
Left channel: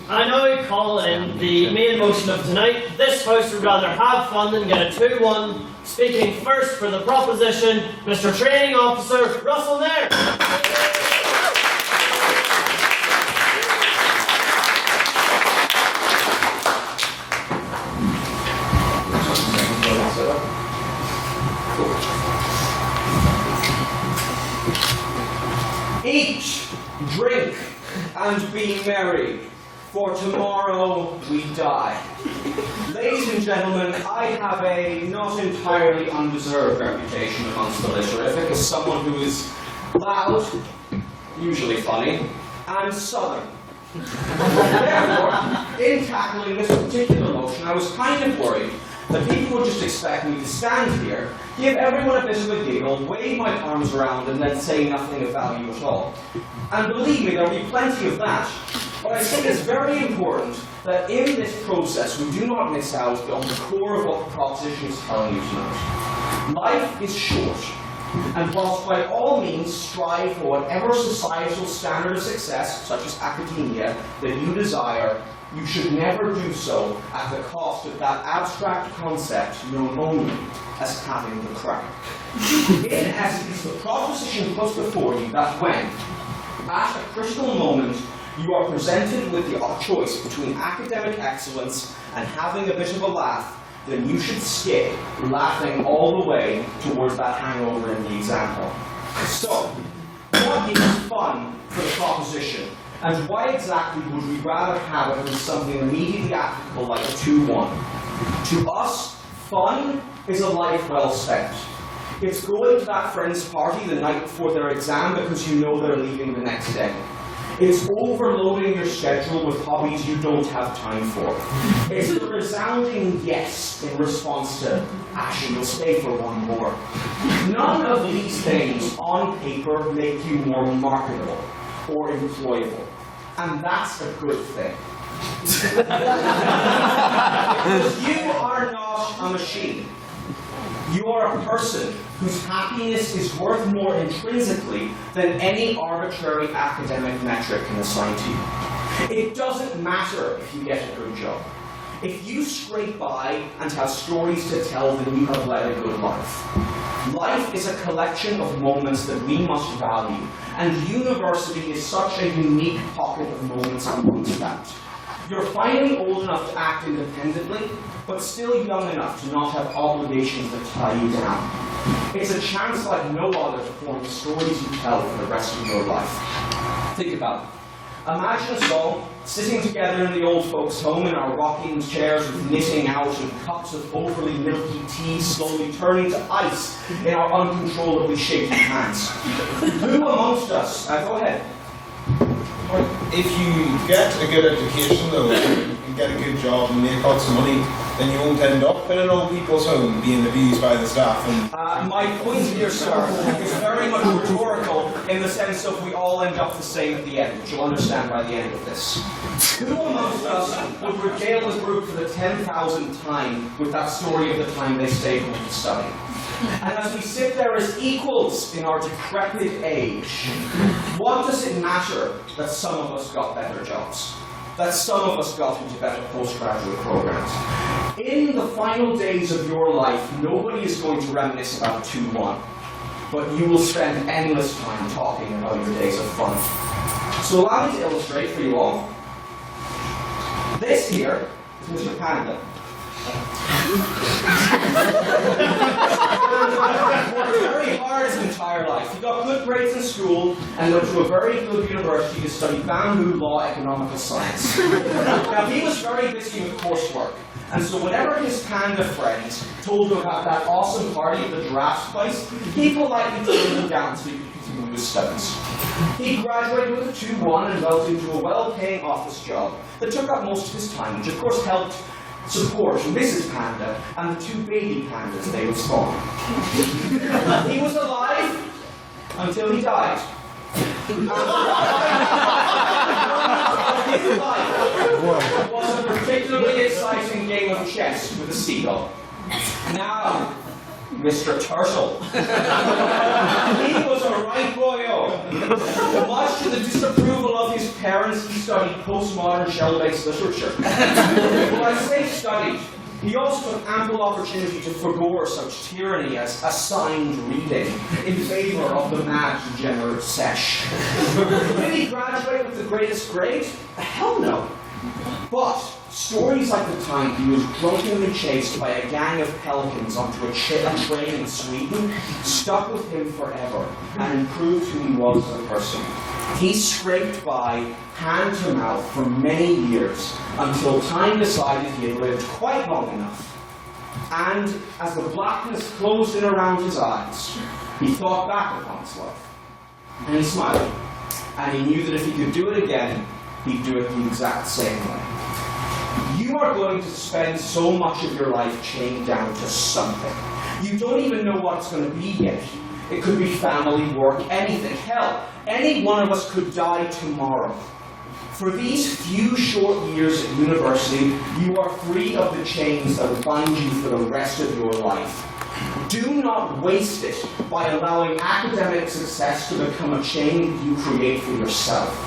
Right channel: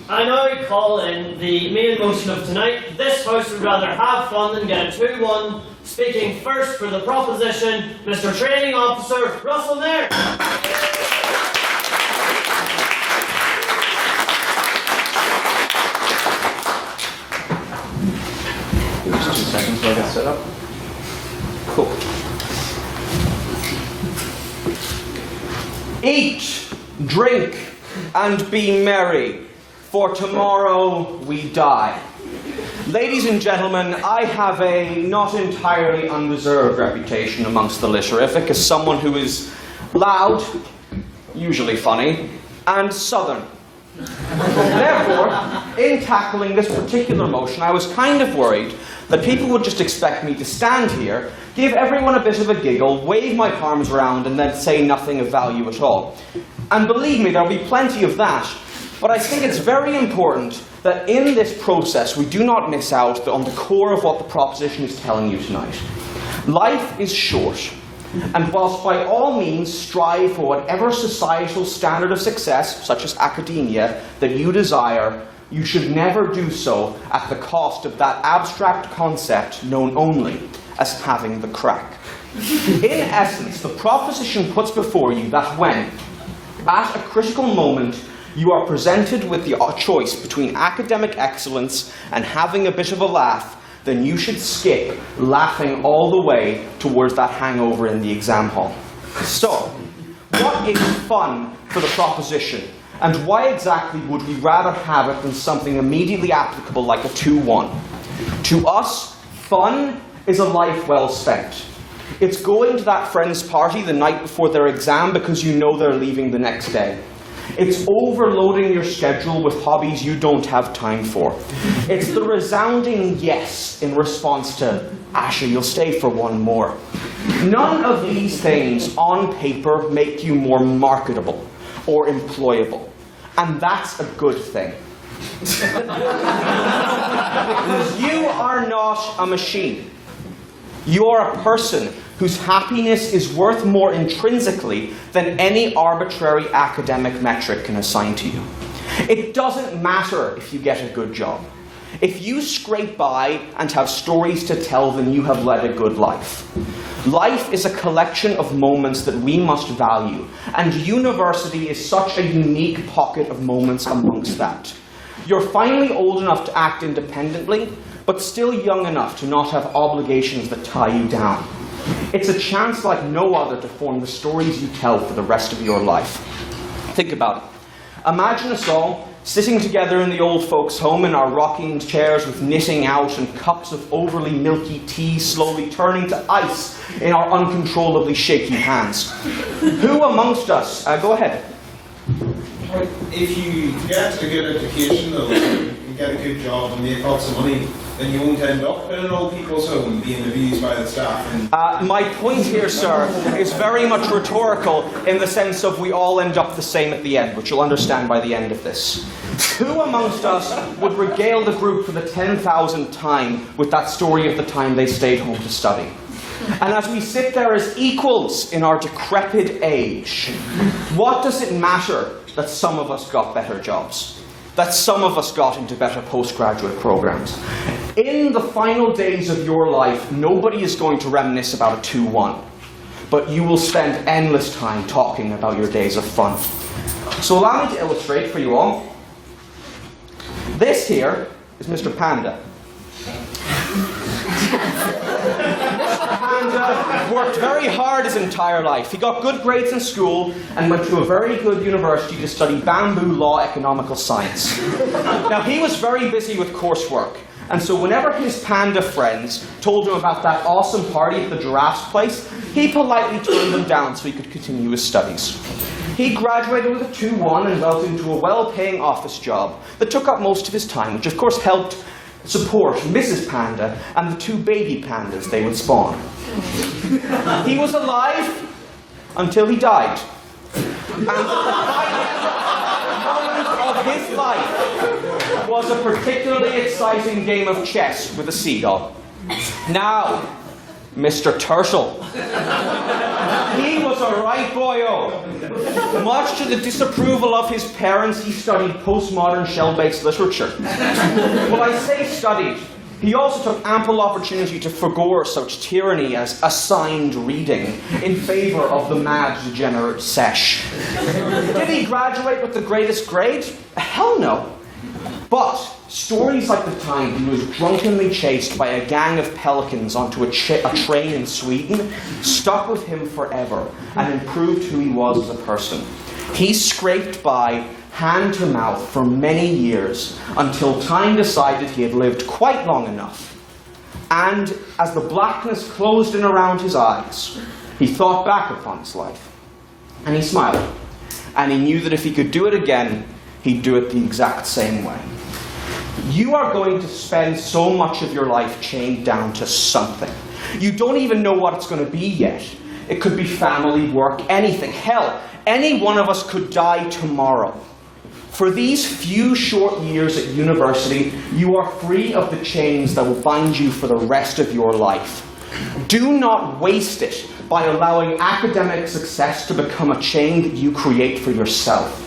I now call in the main motion of tonight. This House would rather have fun than get a 2-1. Speaking first for the proposition, Mr. Training Officer Russell Nairn. Eat, drink, and be merry, for tomorrow we die. Ladies and gentlemen, I have a not entirely undeserved reputation amongst the litterific as someone who is loud, usually funny, and southern. Therefore, in tackling this particular motion, I was kind of worried that people would just expect me to stand here, give everyone a bit of a giggle, wave my arms around, and then say nothing of value at all. And believe me, there'll be plenty of that. But I think it's very important that in this process we do not miss out on the core of what the proposition is telling you tonight. Life is short, and whilst by all means strive for whatever societal standard of success, such as academia, that you desire, you should never do so at the cost of that abstract concept known only as having the crack. In essence, the proposition puts before you that when, at a critical moment, you are presented with the choice between academic excellence and having a bit of a laugh, then you should skip laughing all the way towards that hangover in the exam hall. So, what is fun for the proposition? And why exactly would we rather have it than something immediately applicable like a 2-1? To us, fun is a life well spent. It's going to that friend's party the night before their exam because you know they're leaving the next day. It's overloading your schedule with hobbies you don't have time for. It's the resounding yes in response to, Asher, you'll stay for one more. None of these things on paper make you more marketable or employable. And that's a good thing. Because you are not a machine. You are a person whose happiness is worth more intrinsically than any arbitrary academic metric can assign to you. It doesn't matter if you get a good job. If you scrape by and have stories to tell, then you have led a good life. Life is a collection of moments that we must value, and university is such a unique pocket of moments amongst that. You're finally old enough to act independently, but still young enough to not have obligations that tie you down. It's a chance like no other to form the stories you tell for the rest of your life. Think about it. Imagine us all sitting together in the old folks' home in our rocking chairs with knitting out and cups of overly milky tea slowly turning to ice in our uncontrollably shaky hands. Who amongst us, go ahead. If you get a good education though, and get a good job and make lots of money, then you won't end up in an old people's home being abused by the staff. And my point here, sir, is very much rhetorical in the sense of we all end up the same at the end, which you'll understand by the end of this. Who amongst us would regale the group for the 10,000th time with that story of the time they stayed home to study? And as we sit there as equals in our decrepit age, what does it matter that some of us got better jobs? That some of us got into better postgraduate programs? In the final days of your life, nobody is going to reminisce about a 2-1, but you will spend endless time talking about your days of fun. So allow me to illustrate for you all. This here is Mr. Panda. Panda worked very hard his entire life. He got good grades in school and went to a very good university to study bamboo law economical science. Now, he was very busy with coursework, and so whenever his panda friends told him about that awesome party at the giraffe's place, he politely turned them down so he could continue his studies. He graduated with a 2-1 and went into a well-paying office job that took up most of his time, which of course helped support Mrs. Panda and the 2 baby pandas they would spawn. He was alive until he died. And the his life was a particularly exciting game of chess with a seagull. Now, Mr. Turtle. He was a right boyo. Much to the disapproval of his parents, he studied postmodern shell-based literature. When I say studied, he also took ample opportunity to forgo such tyranny as assigned reading in favour of the mad degenerate sesh. Did he graduate with the greatest grade? Hell no. But stories like the time he was drunkenly chased by a gang of pelicans onto a train in Sweden stuck with him forever and improved who he was as a person. He scraped by hand to mouth for many years until time decided he had lived quite long enough. And as the blackness closed in around his eyes, he thought back upon his life. And he smiled. And he knew that if he could do it again, he'd do it the exact same way. You are going to spend so much of your life chained down to something. You don't even know what it's going to be yet. It could be family, work, anything. Hell, any one of us could die tomorrow. For these few short years at university, you are free of the chains that will bind you for the rest of your life. Do not waste it by allowing academic success to become a chain that you create for yourself.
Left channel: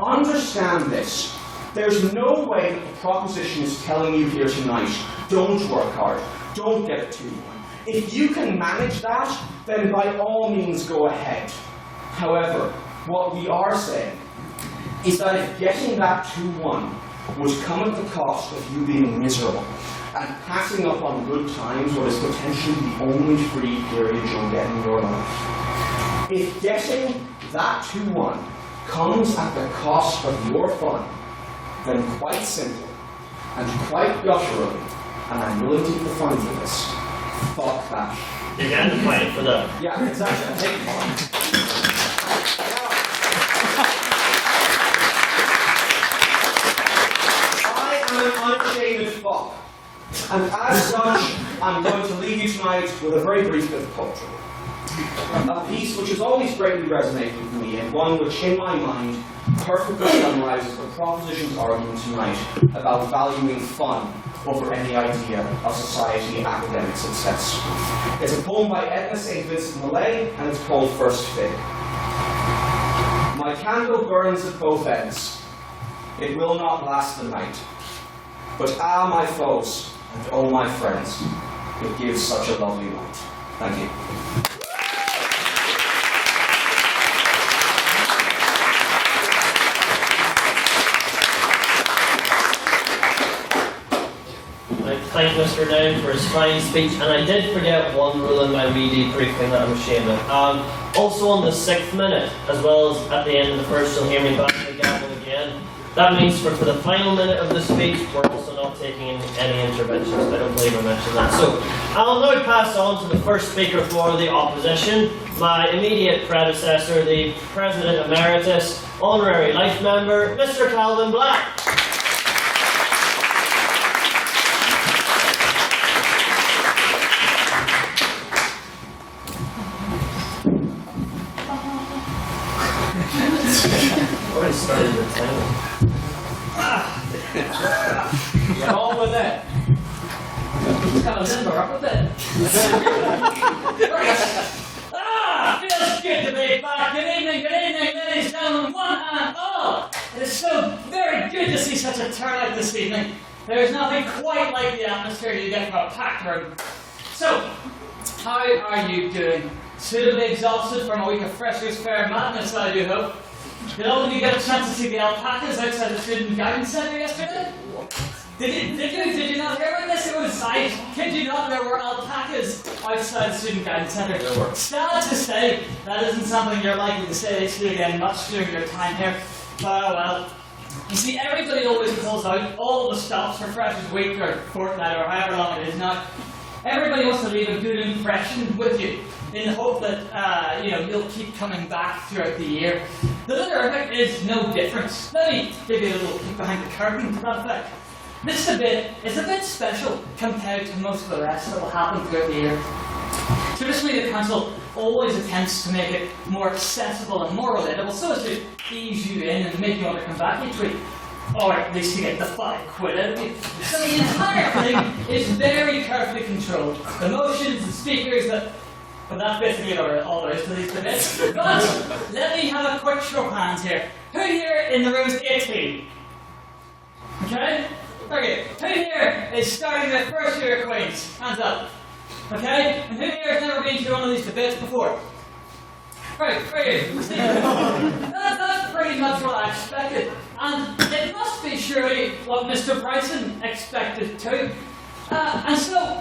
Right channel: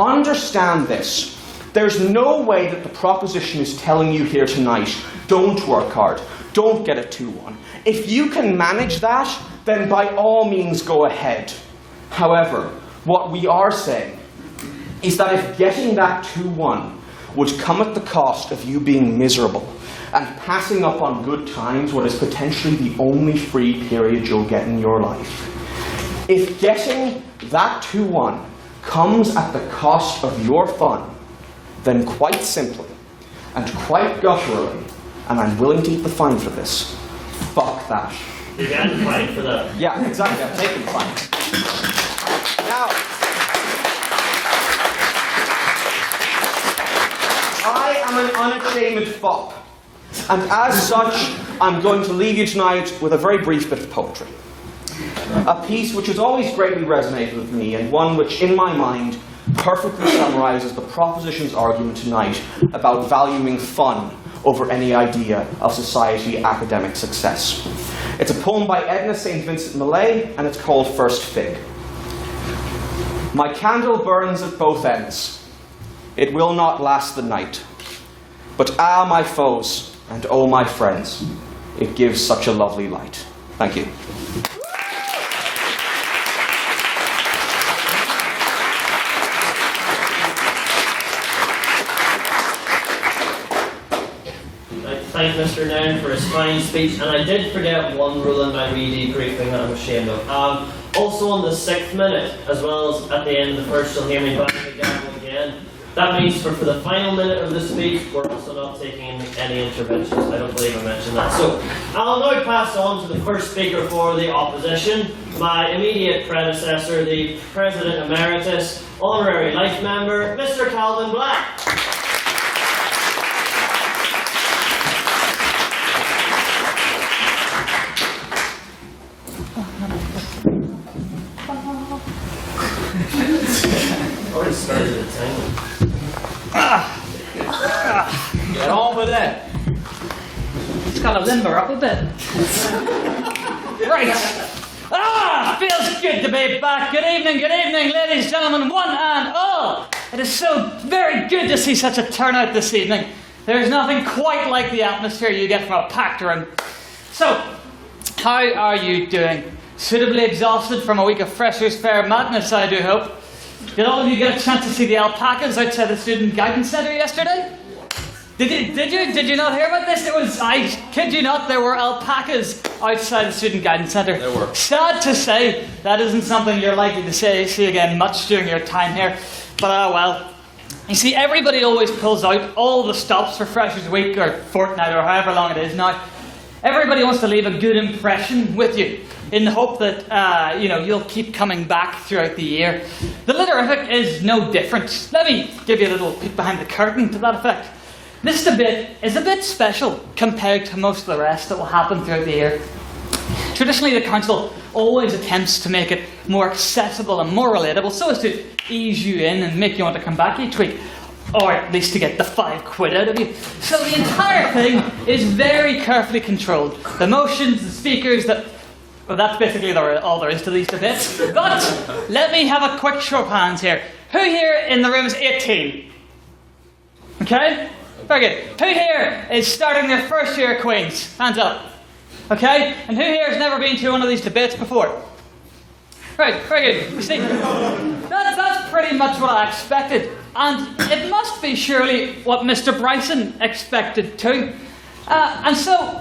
Understand this. There's no way that the proposition is telling you here tonight, don't work hard, don't get a 2-1. If you can manage that, then by all means go ahead. However, what we are saying is that if getting that 2-1 would come at the cost of you being miserable and passing up on good times what is potentially the only free period you'll get in your life, if getting that 2-1 comes at the cost of your fun, then quite simply, and quite gutturally, and I'm willing to take the fine for this, fuck that. You're getting the fine for that? Yeah, exactly, I'm taking the fine. Now, I am an unashamed fop, and as such, I'm going to leave you tonight with a very brief bit of poetry. A piece which has always greatly resonated with me, and one which, in my mind, perfectly summarizes the proposition's argument tonight about valuing fun over any idea of society academic success. It's a poem by Edna St. Vincent Millay, and it's called First Fig. My candle burns at both ends. It will not last the night. But ah, my foes, and oh, my friends, it gives such a lovely light. Thank you. Thank Mr. Down for his fine speech, and I did forget one rule in my wee debriefing that I'm ashamed of. Also on the 6th minute, as well as at the end of the first, you'll hear me bang the gavel again. That means for the final minute of the speech, we're also not taking any interventions. I don't believe I mentioned that. So, I'll now pass on to the first speaker for the opposition, my immediate predecessor, the President Emeritus, Honorary Life Member, Mr. Calvin Black. Already started the tangle. Get on with it. It's got to limber up a bit. Right. Feels good to be back. Good evening, ladies, gentlemen, one and all. It is so very good to see such a turnout this evening. There is nothing quite like the atmosphere you get from a packed room. So, how are you doing? Suitably exhausted from a week of Freshers' Fair madness, I do hope. Did all of you get a chance to see the alpacas outside the Student Guidance Centre yesterday? Did you not hear about this? It was, I kid you not, there were alpacas outside the Student Guidance Centre. There were. Sad to say, that isn't something you're likely to see again much during your time here. But well. You see, everybody always pulls out all the stops for Freshers Week or fortnight or however long it is now. Everybody wants to leave a good impression with you in the hope that you'll keep coming back throughout the year. The Literific is no different. Let me give you a little peek behind the curtain to that effect. This debate is a bit special compared to most of the rest that will happen throughout the year. Traditionally, the council always attempts to make it more accessible and more relatable so as to ease you in and make you want to come back each week. Or at least to get the £5 out of you. So the entire thing is very carefully controlled. The motions, the speakers, well, that's basically all there is to these debates. But let me have a quick show of hands here. Who here in the room is 18? Okay? Very good. Who here is starting their first year at Queen's? Hands up. Okay? And who here has never been to one of these debates before? Right, very good. You see, that's pretty much what I expected. And it must be surely what Mr. Bryson expected too. And so,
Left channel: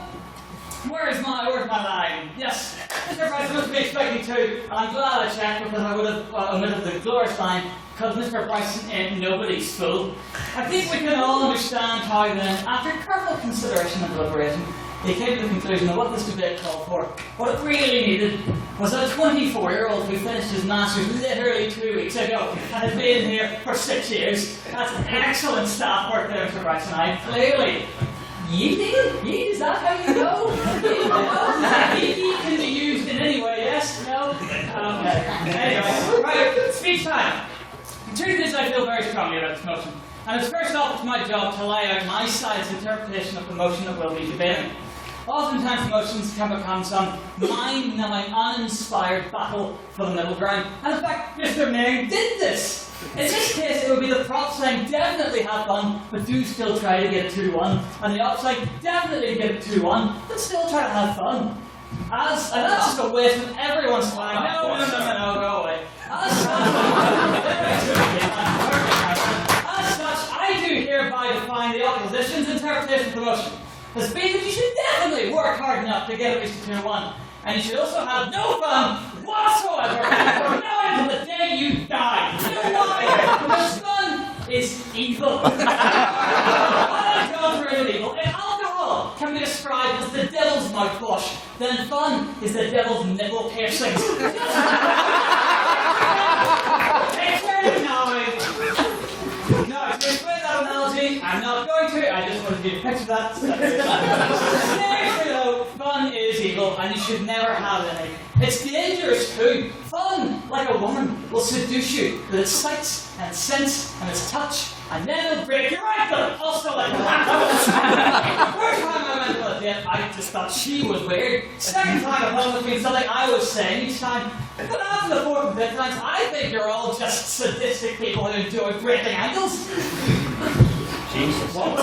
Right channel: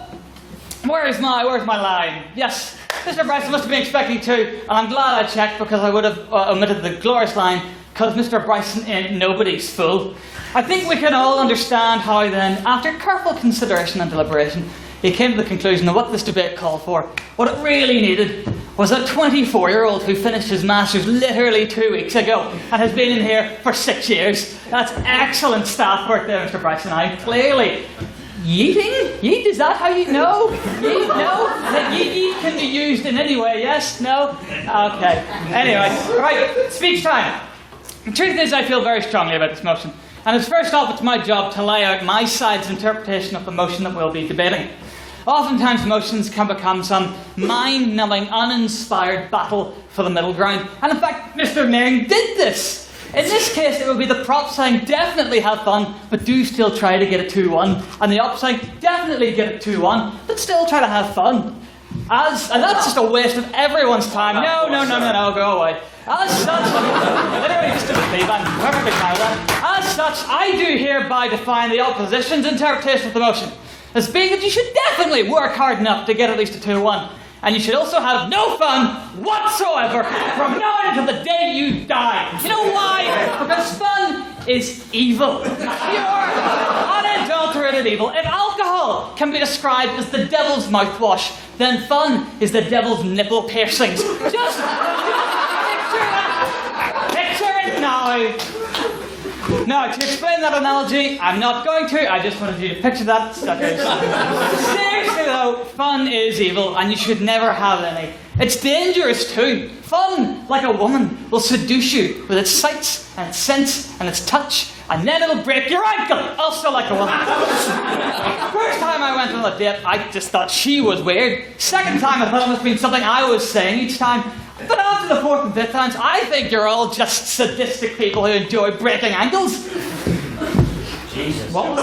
where's my line? Yes, Mr. Bryson must have been expecting too. And I'm glad I checked because I would have omitted the glorious line, because Mr. Bryson ain't nobody's fool. I think we can all understand how then, after careful consideration and deliberation, he came to the conclusion that what this debate called for, what it really needed, was a 24-year-old who finished his Masters literally 2 weeks ago and has been in here for 6 years. That's excellent staff work there, Mr. Bryson. I clearly... Yeeting? Yeet, is that how you know? Yeet, no? Yeet can be used in any way, yes? No? Okay. Anyway, right, speech time. The truth is I feel very strongly about this motion. And as first off, it's my job to lay out my side's interpretation of the motion that we'll be debating. Oftentimes motions can become some mind-numbing, uninspired battle for the middle ground. And in fact, Mr. Ming did this. In this case, it would be the prop saying definitely have fun, but do still try to get a 2-1. And the op saying definitely get a 2-1, but still try to have fun. And that's just a waste of everyone's time. No, go away. As such, I do hereby define the opposition's interpretation of the motion as being that you should definitely work hard enough to get at least a 2-1. And you should also have no fun whatsoever from now until the day you die. You know why? Because fun is evil. Unadulterated evil. If alcohol can be described as the devil's mouthwash, then fun is the devil's nipple piercings. Just picture it now. Now, to explain that analogy, I'm not going to. I just wanted you to picture that. Seriously though, fun is evil, and you should never have any. It's dangerous too. Fun, like a woman, will seduce you with its sights and its scents and its touch, and then it'll break your ankle, also like a woman. First time I went on a date, I just thought she was weird. Second time, I thought it must have been something I was saying each time. But after the fourth and fifth times, I think you're all just sadistic people who enjoy breaking ankles. Jesus. What?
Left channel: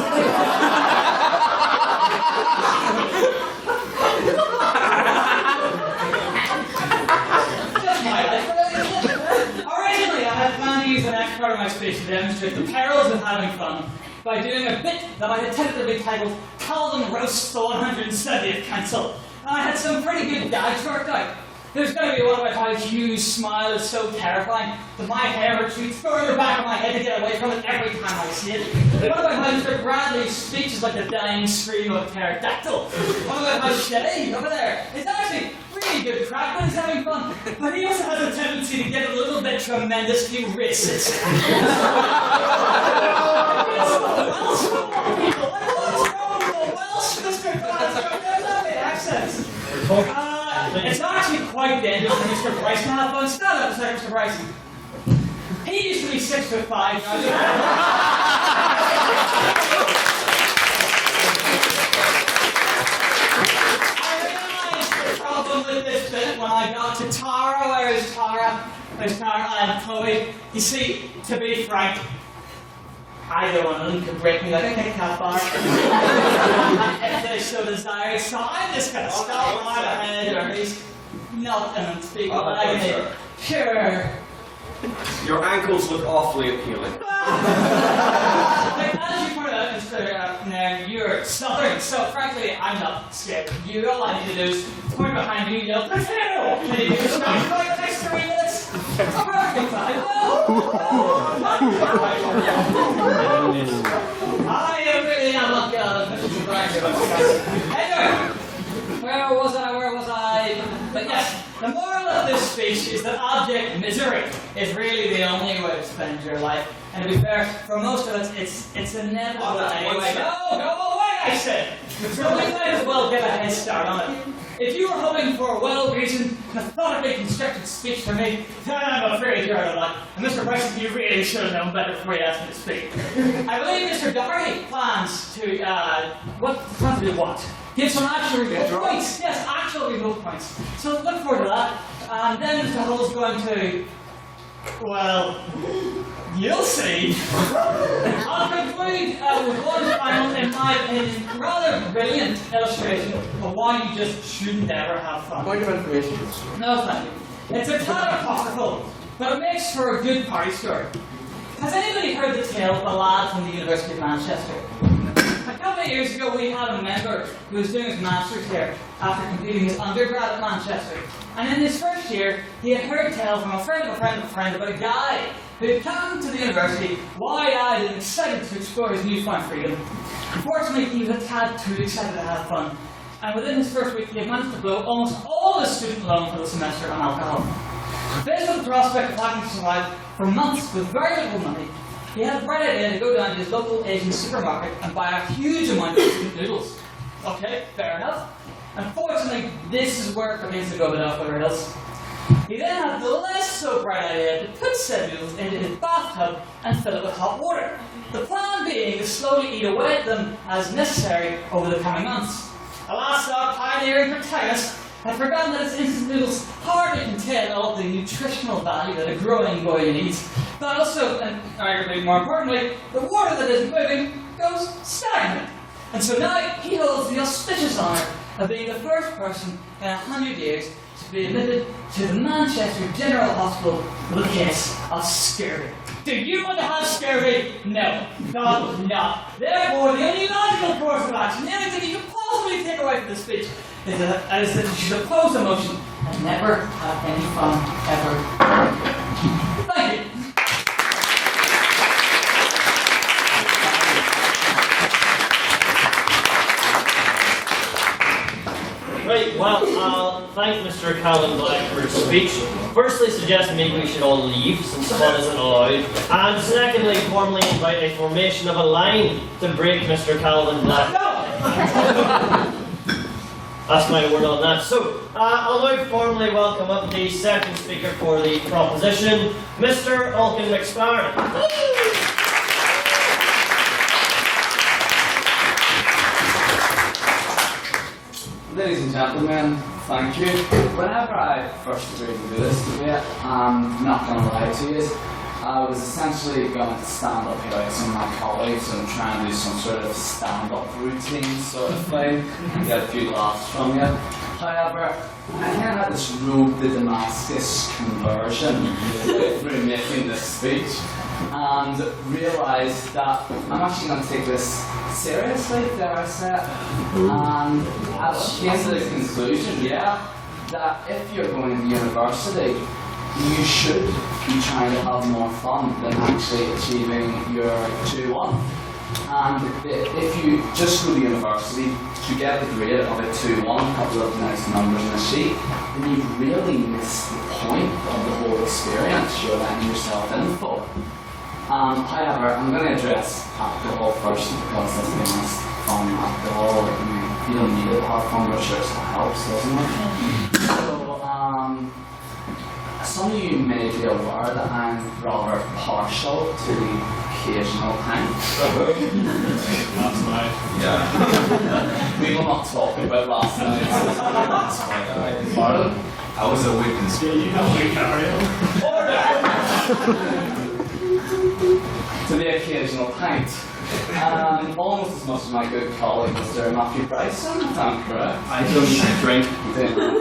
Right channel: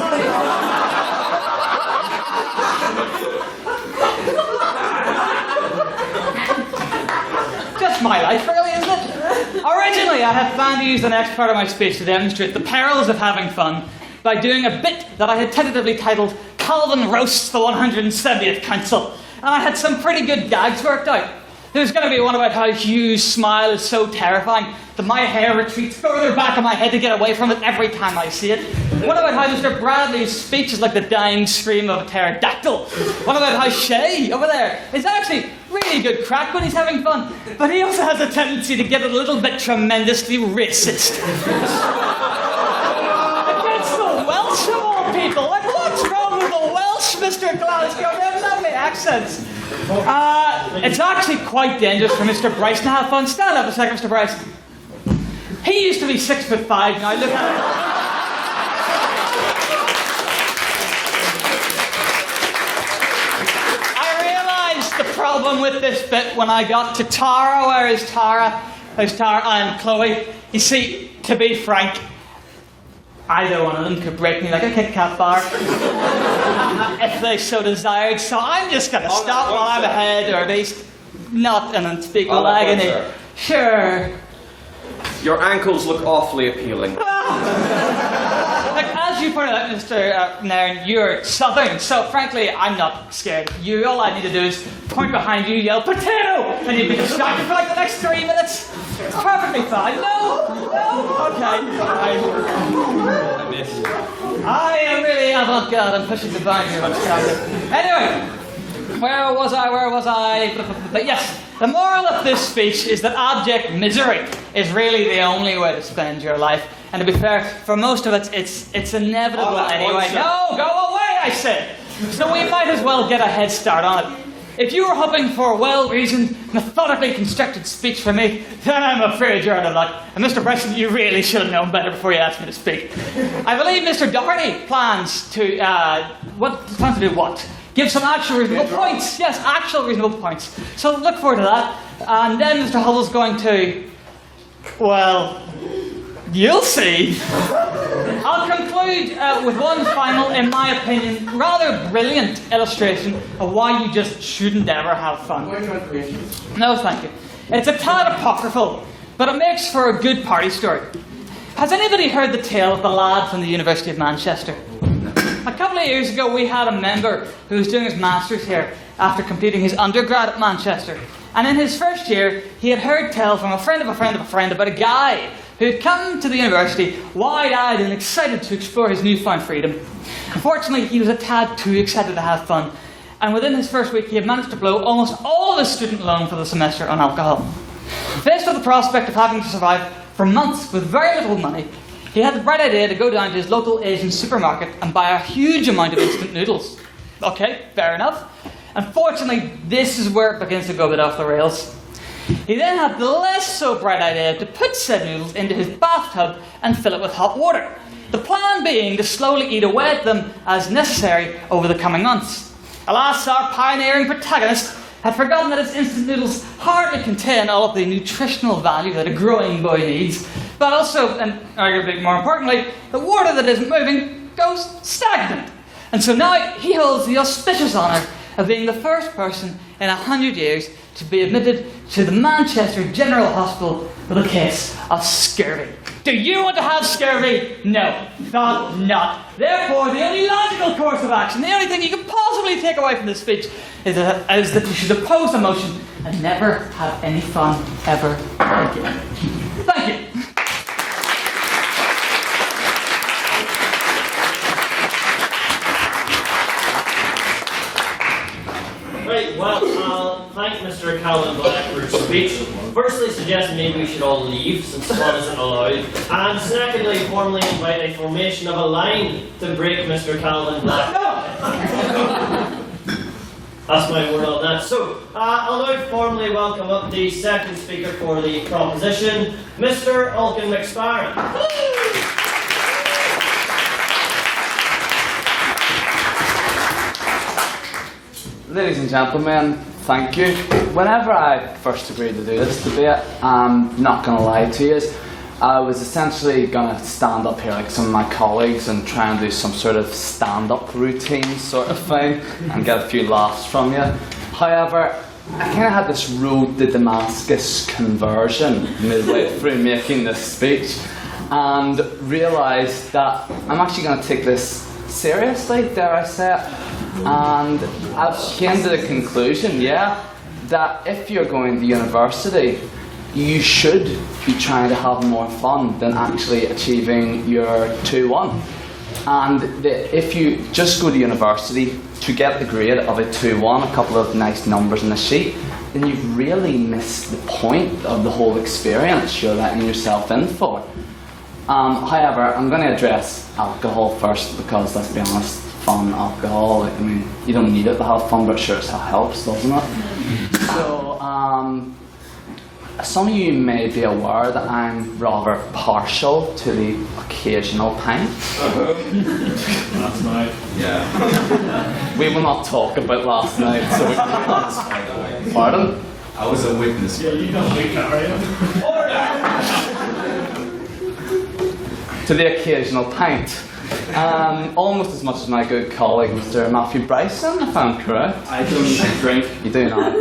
Just my life, really, isn't it? Originally, I had planned to use the next part of my speech to demonstrate the perils of having fun by doing a bit that I had tentatively titled Calvin Roasts the 170th Council. And I had some pretty good gags worked out. There's going to be one about how Hugh's smile is so terrifying that my hair retreats further back on my head to get away from it every time I see it. One about how Mr. Bradley's speech is like the dying scream of a pterodactyl. One about how Shay, over there, is actually really good crack when he's having fun, but he also has a tendency to get a little bit tremendously racist. It's the Welsh of all people. Like, what's wrong with the Welsh, Mr. Glasgow? They have lovely accents. It's actually quite dangerous for Mr. Bryson to have fun. Stand up a second, Mr. Bryson. He used to be 6'5", now look at him. I realised the problem with this bit when I got to Tara. Where is Tara? Where's Tara? I am Chloe. You see, to be frank, either one of them could break me like a Kit Kat bar if they so desired, so I'm just going to stop while I'm ahead, or at least not in unspeakable agony. Sure. Your ankles look awfully appealing. Like, as as you pointed out, Mr. Nairn, you're southern, so frankly, I'm not scared. You, all I need to do is point behind you, yell, potato! And you can shout for like the next 3 minutes. It's perfectly fine. No! Okay. I am really avant-garde and pushing the back here. Anyway, where was I? But yes, the moral of this speech is that abject misery is really the only way to spend your life. And to be fair, for most of it, it's inevitable anyway. No, go away, I said! So we might as well get a head start on it. If you were hoping for a well-reasoned, methodically constructed speech from me, then I'm afraid you're out of luck. And Mr. Bryson, you really should have known better before you asked me to speak. I believe Mr. Doherty plans to, do what? Give some actual reasonable points. Yes, actual reasonable points. So look forward to that. And then Mr. Hubble's going to, well, you'll see. I'll conclude with one final, in my opinion, rather brilliant illustration of why you just shouldn't ever have fun. Point of information. No, thank you. It's a tad apocryphal, but it makes for a good party story. Has anybody heard the tale of the lad from the University of Manchester? A couple of years ago, we had a member who was doing his master's here after completing his undergrad at Manchester. And in his first year, he had heard tell from a friend of a friend of a friend about a guy who had come to the university wide-eyed and excited to explore his newfound freedom. Unfortunately, he was a tad too excited to have fun, and within his first week, he had managed to blow almost all of his student loan for the semester on alcohol. Faced with the prospect of having to survive for months with very little money, he had the bright idea to go down to his local Asian supermarket and buy a huge amount of instant noodles. Okay, fair enough. Unfortunately, this is where it begins to go a bit off the rails. He then had the less so bright idea to put said noodles into his bathtub and fill it with hot water. The plan being to slowly eat away at them as necessary over the coming months. Alas, our pioneering protagonist had forgotten that his instant noodles hardly contain all of the nutritional value that a growing boy needs, but also, and arguably more importantly, the water that isn't moving goes stagnant. And so now he holds the auspicious honour of being the first person in 100 years to be admitted to the Manchester General Hospital with a case of scurvy. Do you want to have scurvy? No, not. Therefore, the only logical course of action, the only thing you can possibly take away from this speech is that you should oppose the motion and never have any fun ever again. Thank you. Right, well, I'll thank Mr. Calvin Black for his speech. Firstly, suggesting maybe we should all leave, since fun isn't allowed. And secondly, formally invite a formation of a line to break Mr. Calvin Black. No! That's my word on that. So, I'll now formally welcome up the second speaker for the proposition, Mr. Ulkin McSparran. Ladies and gentlemen, thank you. Whenever I first agreed to do this debate, I'm not going to lie to you, I was essentially going to stand up here like some of my colleagues and try and do some sort of stand-up routine sort of thing and get a few laughs from you. However, I kind of had this road to Damascus conversion midway through making this speech and realised that I'm actually going to take this seriously, dare I say it, and I've came to the conclusion, that if you're going to university, you should be trying to have more fun than actually achieving your 2-1. And if you just go to university to get the grade of a 2-1, a couple of nice numbers in a sheet, then you've really missed the point of the whole experience you're letting yourself in for. However, I'm going to address alcohol first because, let's be honest, fun alcohol, like, I mean, you don't need it to have fun, but sure it helps, doesn't it? So, some of you may be aware that I'm rather partial to the occasional pint. Last night? Yeah. We will not talk about last night. So. Pardon? I was a witness. Yeah, you know we carry To the occasional pint. Almost as much as my good colleague, Mr. Matthew Bryson, if I'm correct. I don't drink. You do not.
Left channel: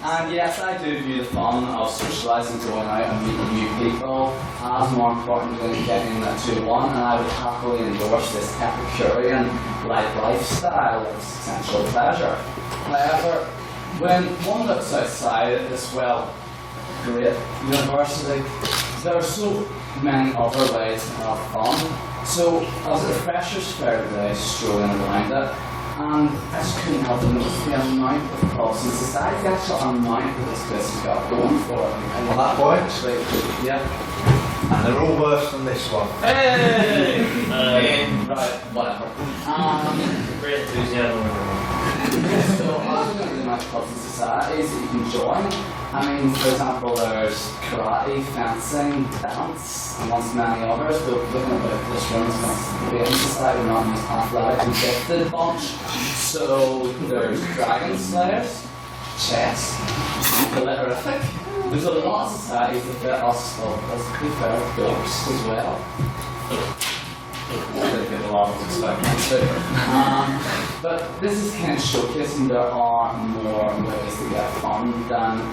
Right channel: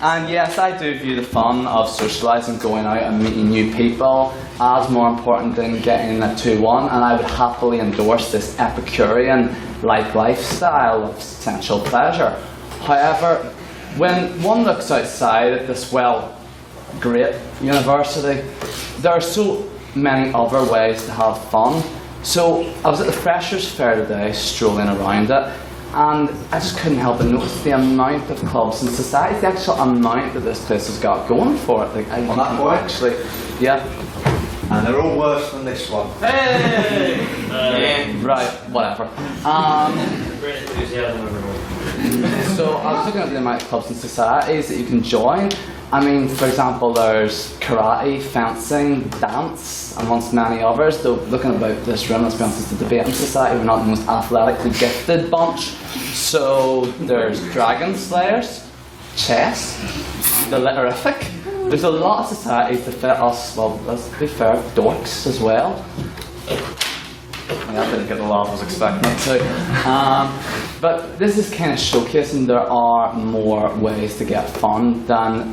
And yes, I do view the fun of socialising, going out and meeting new people as more important than getting a 2-1, and I would happily endorse this Epicurean-like lifestyle of potential pleasure. However, when one looks outside at this, well, great university, there are so many other ways to have fun. So I was at the Freshers' Fair today, strolling around it, and I just couldn't help but notice the amount of clubs in society, the actual amount that this place has got going for it. Like, On that point, actually, yeah. and they're all worse than this one. Hey! Right, whatever. Great enthusiasm, everyone. So I was looking at the amount of clubs and societies that you can join. I mean, for example, there's karate, fencing, dance, amongst many others. Though looking about this room, for instance, the debating society, we're not the most athletically gifted bunch. So there's dragon slayers, chess, the litterific. There's a lot of societies that fit us, well, let's be fair, dorks as well. I didn't get the laugh I was expecting. But this is kind of showcasing there are more ways to get fun than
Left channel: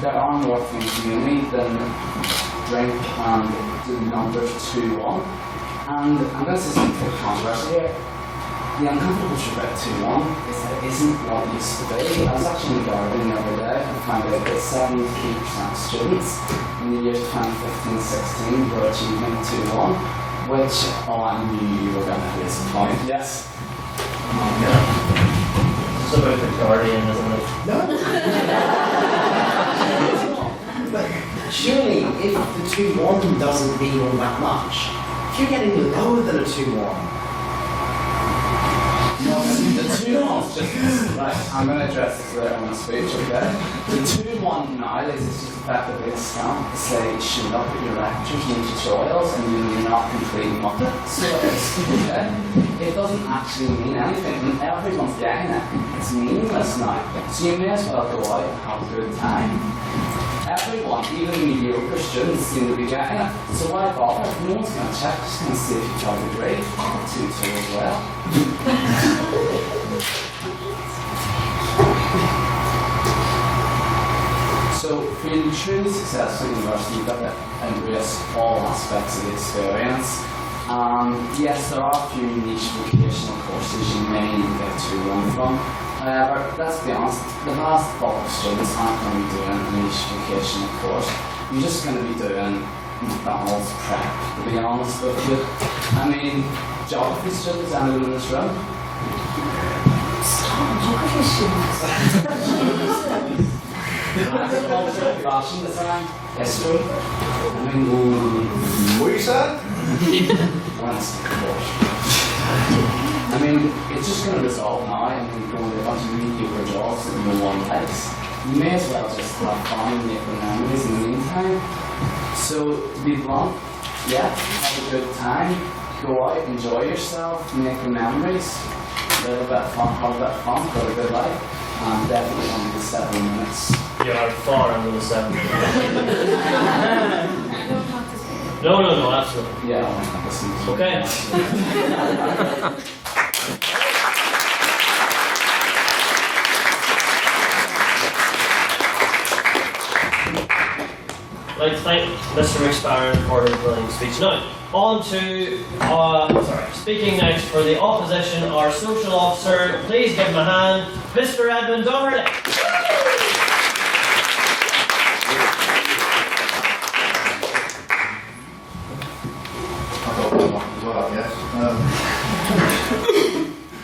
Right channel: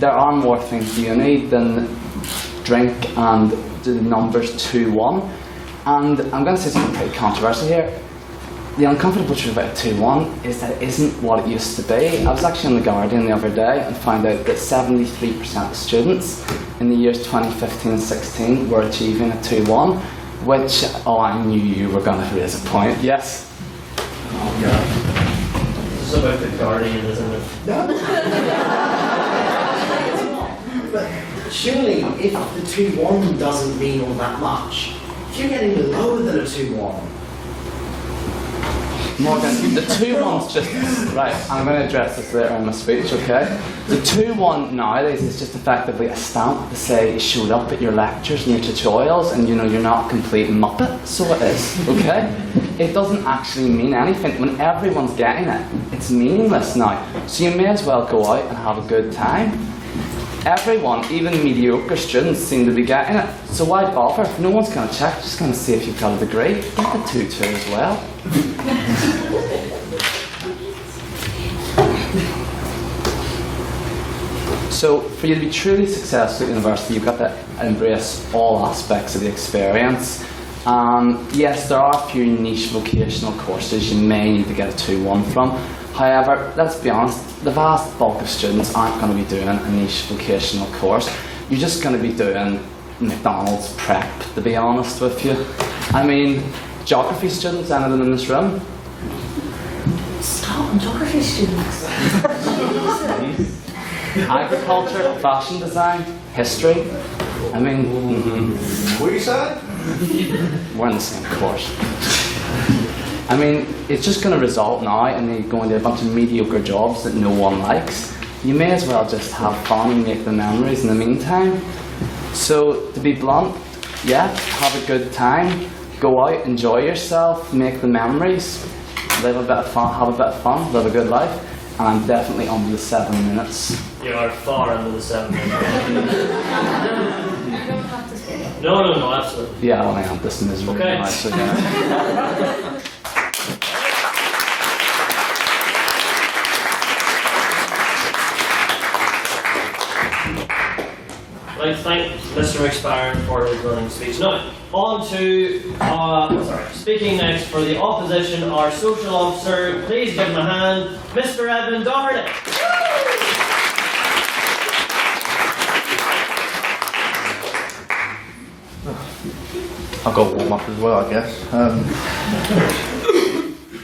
there are more things you need than drink and do the numbers 2-1. And I'm going to say something pretty controversial here. The uncomfortable truth about 2-1 is that it isn't what it used to be. I was actually in The Guardian the other day and found out that 73% of students in the years 2015 and 16 were achieving a 2-1, which, oh, I knew you were going to raise a point. Yes? This is about The Guardian, isn't it? No. But surely, if the 2-1 doesn't mean all that much, if you're getting lower than a 2-1, No, the 2-1's just, right, I'm going to address this later in my speech, okay? The 2-1 nowadays is just effectively a stamp to say you showed up at your lectures and your tutorials and you know you're not a complete muppet, so it is, okay? It doesn't actually mean anything. When everyone's getting it, it's meaningless now. So you may as well go out and have a good time. Everyone, even mediocre students, seem to be getting it. So why bother? No one's going to check, just going to see if you've got a degree. Get a 2-2 as well. So for you to be truly successful at university, you've got to embrace all aspects of the experience. Yes, there are a few niche vocational courses you may need to get a 2-1 from. However, let's be honest, the vast bulk of students aren't going to be doing a niche vocational course. You're just going to be doing McDonald's prep, to be honest with you. I mean, geography students, anyone in this room? Stop, geography students. Agriculture, fashion design, history. I mean, What are you saying? we're in the same course. I mean, it's just going to result now in me going to a bunch of mediocre jobs that no one likes. You may as well just have fun and make the memories in the meantime. So, to be blunt, yeah, have a good time, go out, enjoy yourself, make the memories, live a bit of fun, have a bit of fun, live a good life, and I'm definitely under the 7 minutes. You are far under the 7 minutes. I don't have to say it. No, absolutely. Yeah, I'll hang on, this is Okay. I'd like to thank Mr. McSparren for his brilliant speech. Now, on to, speaking next for the opposition, our social officer. Please give him a hand, Mr. Edmund Doherty. I've got warm up as well, I guess.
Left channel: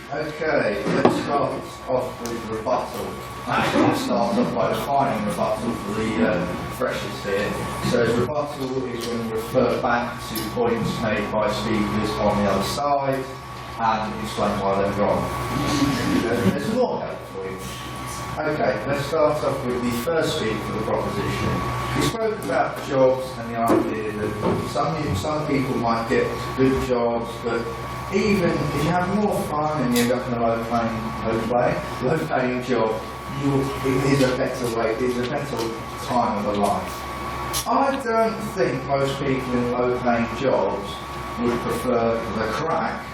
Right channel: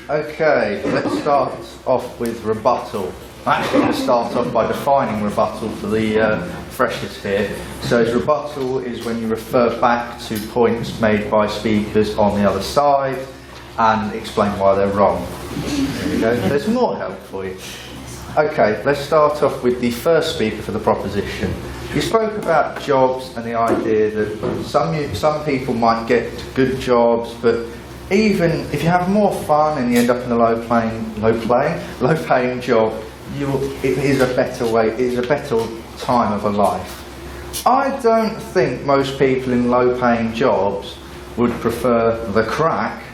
Okay, let's start off with rebuttal. I'm actually going to start off by defining rebuttal for the freshers here. So rebuttal is when you refer back to points made by speakers on the other side and explain why they're wrong. There we go. There's more help for you. Okay, let's start off with the first speaker for the proposition. You spoke about jobs and the idea that some people might get good jobs, but even if you have more fun and you end up in a low-paying job, it is a better way. It is a better time of a life. I don't think most people in low-paying jobs would prefer the crack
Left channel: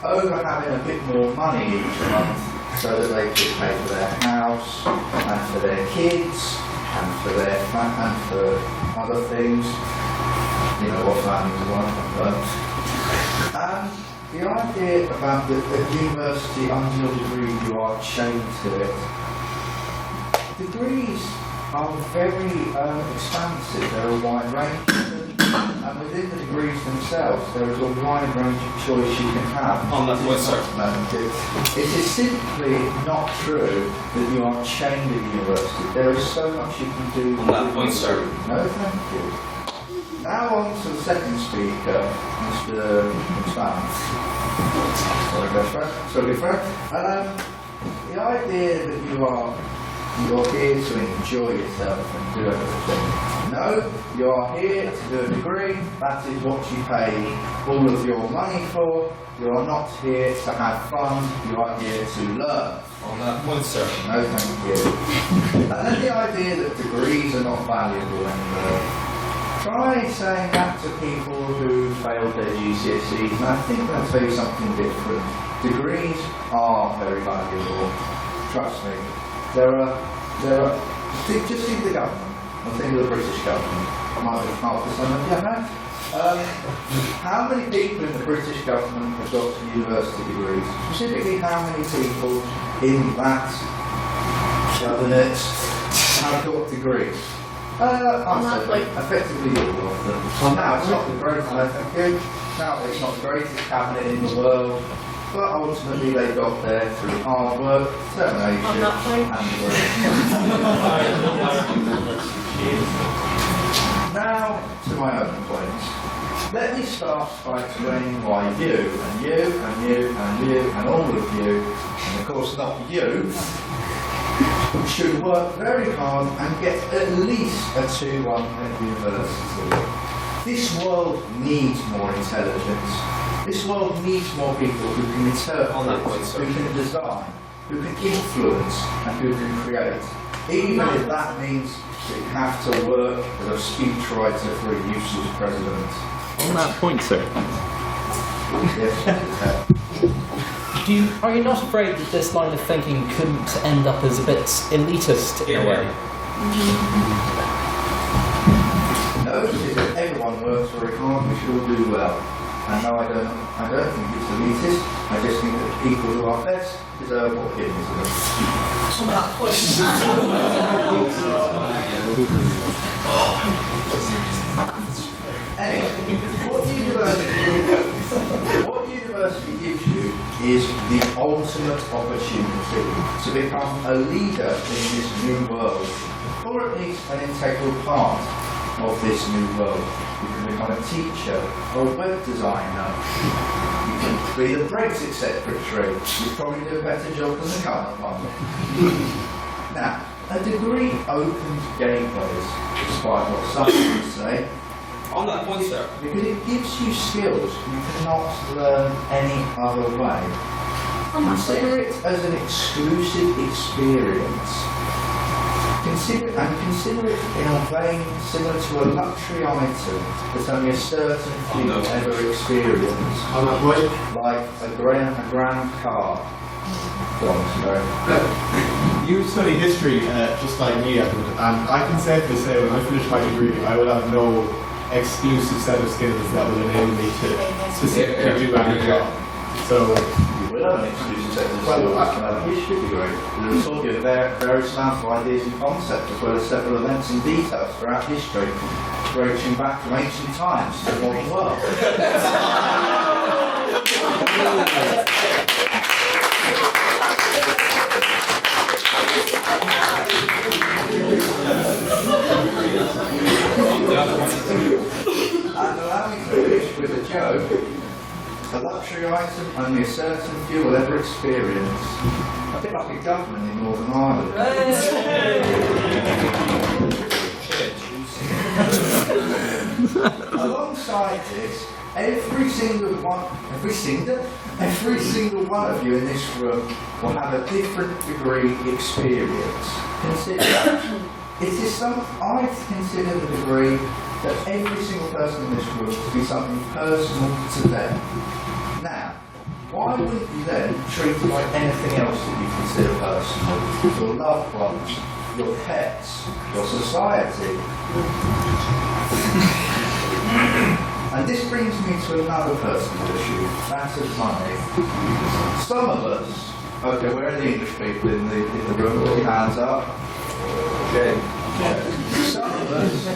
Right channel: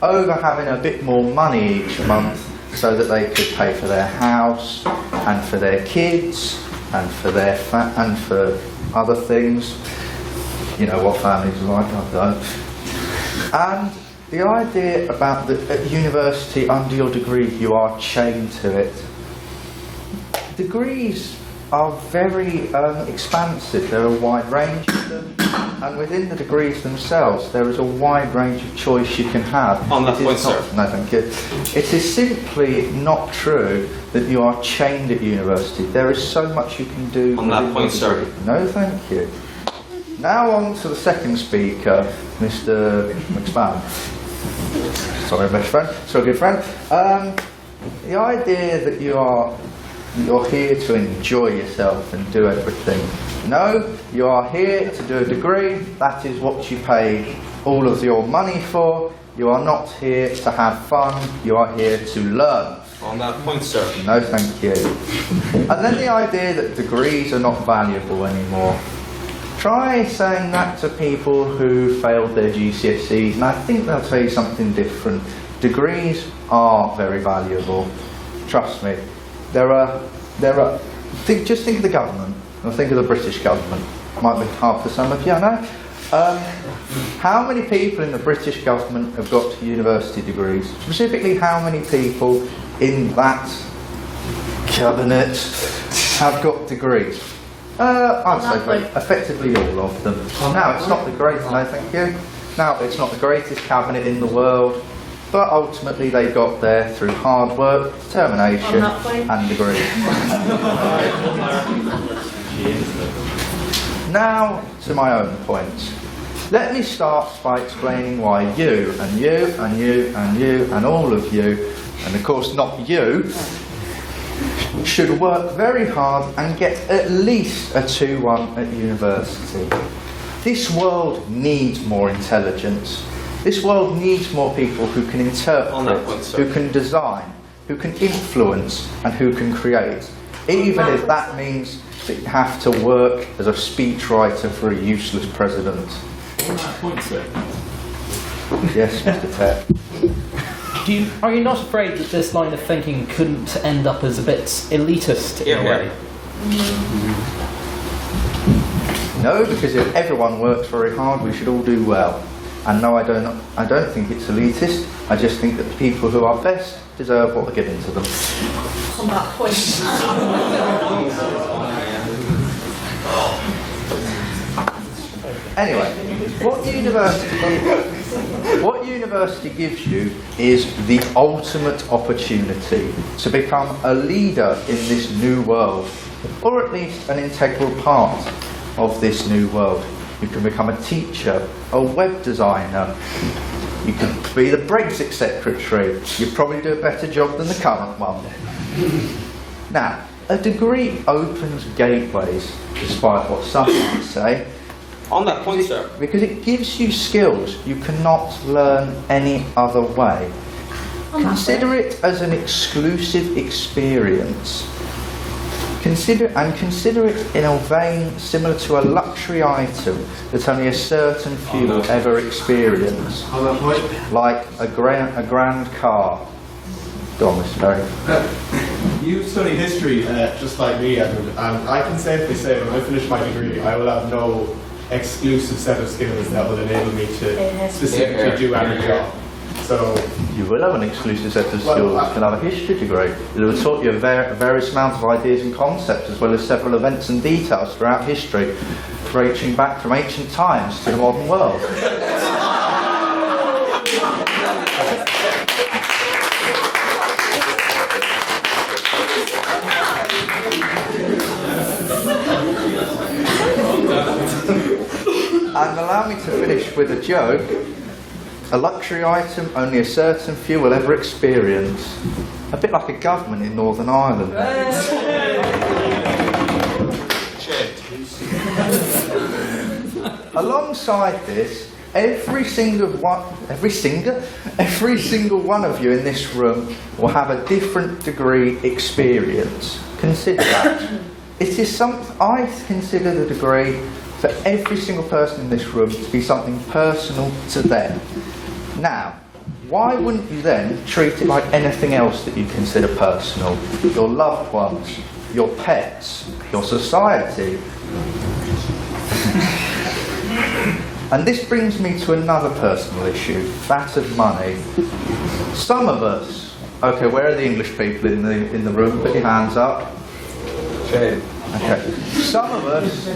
over having a bit more money each month so that they could pay for their house and for their kids and for their and for other things. You know what families are like, I don't. And the idea about at university, under your degree, you are chained to it. Degrees are very expansive. There are a wide range of them, and within the degrees themselves, there is a wide range of choice you can have. On that point, sir. No, thank you. It is simply not true that you are chained at university. There is so much you can do. On that point, sir. No, thank you. Now on to the second speaker, Mr. McSpan. Sorry, my friend. So good friend. The idea that you're here to enjoy yourself and do everything. No, you are here to do a degree. That is what you pay all of your money for. You are not here to have fun. You are here to learn. On that point, sir. No, thank you. And then the idea that degrees are not valuable anymore. Try saying that to people who failed their GCSEs, and I think they'll tell you something different. Degrees are very valuable. Trust me. Just think of the government, and think of the British government. Might be hard for some of you, I know. How many people in the British government have got university degrees? Specifically, how many people in that cabinet have got degrees? I'd say effectively all of them. Now, it's not the greatest, no thank you. Now, it's not the greatest cabinet in the world, but ultimately they got there through hard work, determination, and degrees. Now, to my own points. Let me start by explaining why you, and you, and you, and you, and all of you, and of course not you, should work very hard and get at least a 2-1 at university. This world needs more intelligence. This world needs more people who can interpret, who can design, who can influence, and who can create. Even if that means that you have to work as a speechwriter for a useless president. On that point, sir. Yes, Mr. Pett. Are you not afraid that this line of thinking couldn't end up as a bit elitist in a way? No, because if everyone works very hard, we should all do well. And no, I don't think it's elitist. I just think that people who are best deserve what they get into them. On that point. Anyway, what university gives you is the ultimate opportunity to become a leader in this new world, or at least an integral part of this new world. You can become a teacher, a web designer, you can be the Brexit secretary. You probably do a better job than the current one. Now, a degree opens gateways, despite what some people say. On that point, sir. Because it gives you skills you cannot learn any other way. Consider it as an exclusive experience. Consider it in a vein similar to a luxury item that only a certain few ever experience. Like a grand car. Go on, Mr. Barry. You study history just like me, Edward, and I can safely say when I finish my degree, I will have no exclusive set of skills that will enable me to specifically do any job. So you will have an exclusive set of skills. You can have a history degree. It will taught you a various amounts of ideas and concepts, as well as several events and details throughout history, reaching back from ancient times to the modern world. And allow me to finish with a joke. A luxury item only a certain few will ever experience. A bit like a government in Northern Ireland. Alongside this, every single one of you in this room will have a different degree experience. Consider that. It is I consider the degree for every single person in this room to be something personal to them. Now, why wouldn't you then treat it like anything else that you consider personal? Your loved ones, your pets, your society. And this brings me to another personal issue, that of money. Some of us, okay, where are the English people in the room? Put your hands up. Okay. Some of us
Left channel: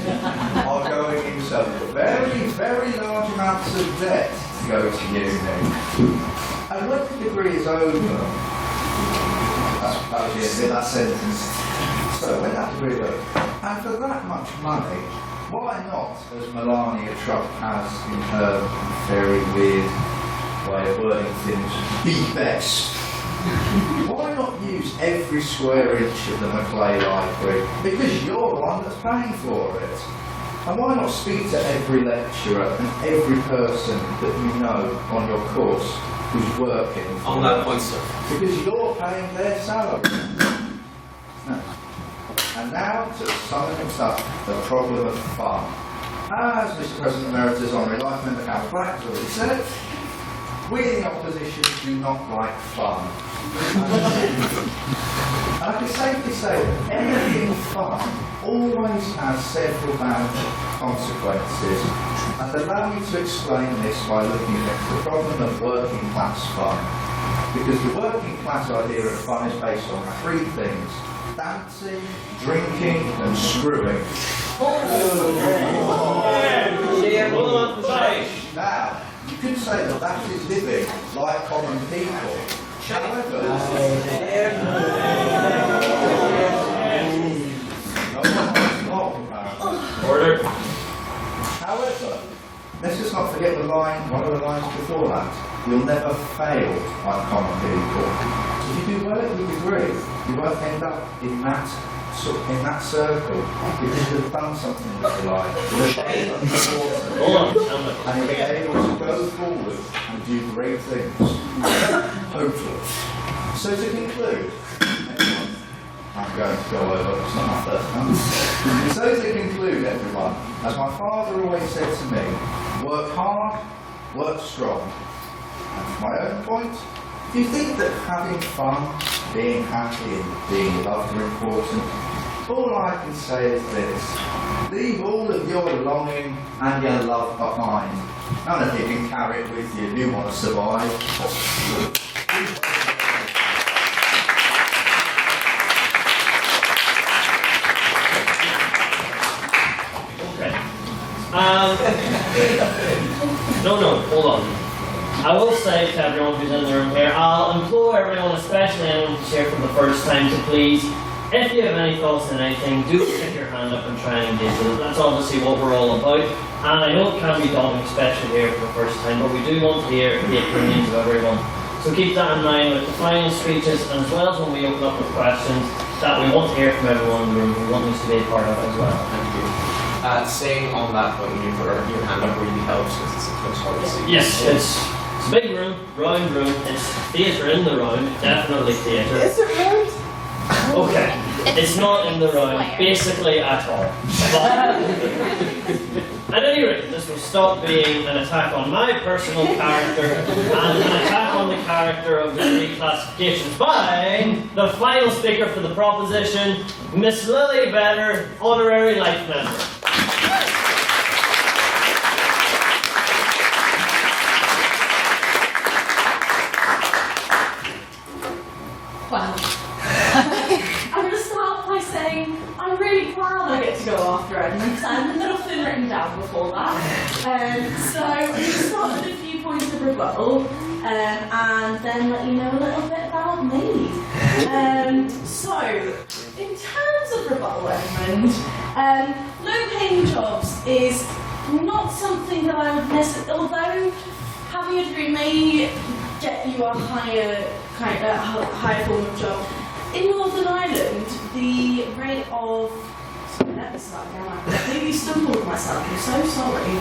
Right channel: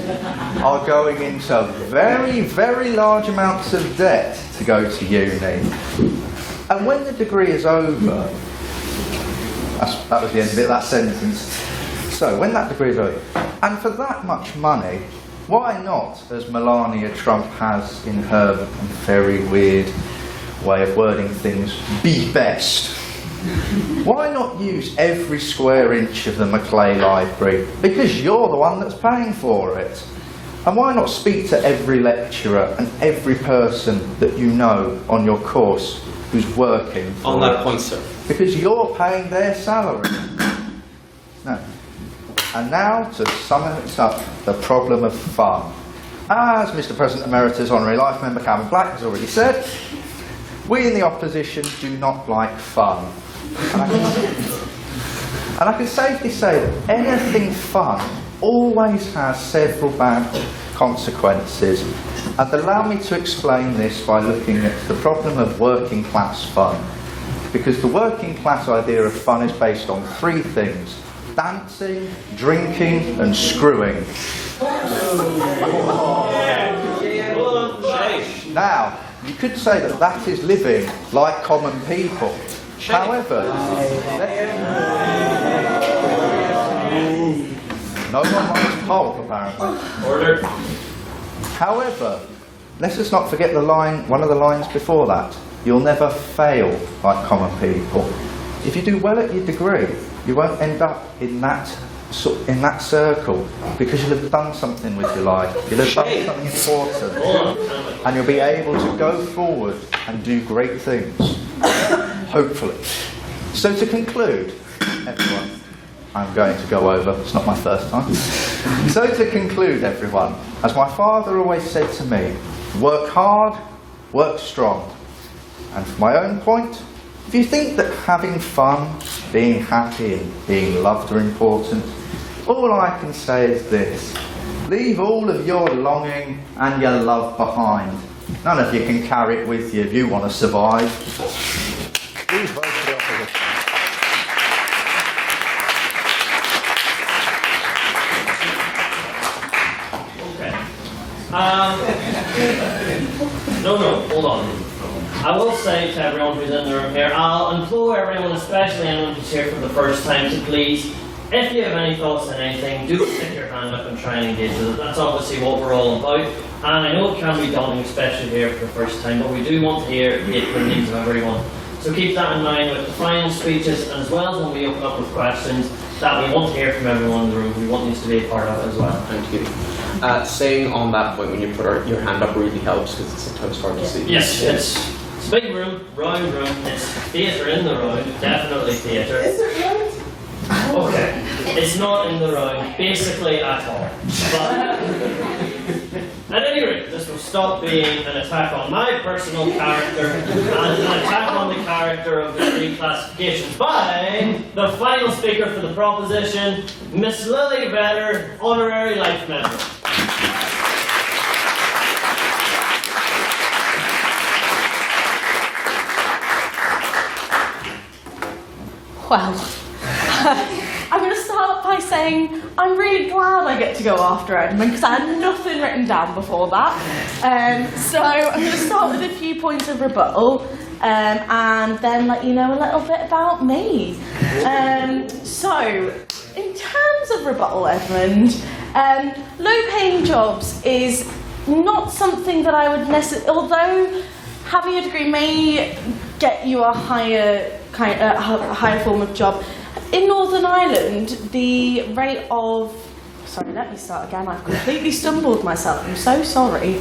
are going into very, very large amounts of debt to go to uni. And when the degree is over, that was the end of that sentence. So when that degree is over, and for that much money, why not, as Melania Trump has in her very weird way of wording things, be best? Why not use every square inch of the Maclay Library? Because you're the one that's paying for it. And why not speak to every lecturer and every person that you know on your course who's working for On that point, sir. Because you're paying their salary. No. And now, to sum it up, the problem of fun. As Mr. President Emeritus Honorary Life Member Calvin Black has already said, we in the opposition do not like fun. And I can safely say that anything fun always has several bad consequences. And allow me to explain this by looking at the problem of working class fun. Because the working class idea of fun is based on three things: dancing, drinking and screwing. Now, you could say that that is living like common people. However, no one wants to hold, apparently. Order. However, let's just not forget the line, one of the lines before that. You'll never fail like common people. If you do well at your degree, you won't end up in that circle because you'll have done something with your life. You'll have done something important, and you'll be able to go forward and do great things. Hopefully. So to conclude, everyone, I'm going to go over. It's not my first time. So to conclude, everyone, as my father always said to me, work hard, work strong. And from my own point, if you think that having fun, being happy and being loved are important, all I can say is this: leave all of your longing and your love behind. None of you can carry it with you if you want to survive. Okay. No, hold on. I will say to everyone who's in the room here, I'll implore everyone, especially anyone who's here for the first time, to please, if you have any thoughts on anything, do stick your hand up and try and engage with it. That's obviously what we're all about. And I know it can be daunting, especially here for the first time, but we do want to hear the opinions of everyone. So keep that in mind with the final speeches, and as well as when we open up with questions, that we want to hear from everyone in the room who wants to be a part of it as well. Thank you. Saying on that point, when you put your hand up really helps because it's sometimes hard to see. Yes, it's a big room, round room, it's theatre in the round, definitely theatre. Is it round? Okay, it's not in the round, basically at all. But at any rate, this will stop being an attack on my personal character and an attack on the character of the three classifications by the final speaker for the proposition, Miss Lily Vedder, Honorary Life Member. Well, I'm going to start by saying I'm really glad I get to go after Edmund because I had nothing written down before that. So I'm going to start with a few points of rebuttal and then let you know a little bit about me. So, in terms of rebuttal, Edmund, low-paying jobs is not something that I would necessarily, although having a degree may get you a higher form of job. In Northern Ireland, the rate of... Sorry, let me start again. I completely stumbled myself. I'm so sorry.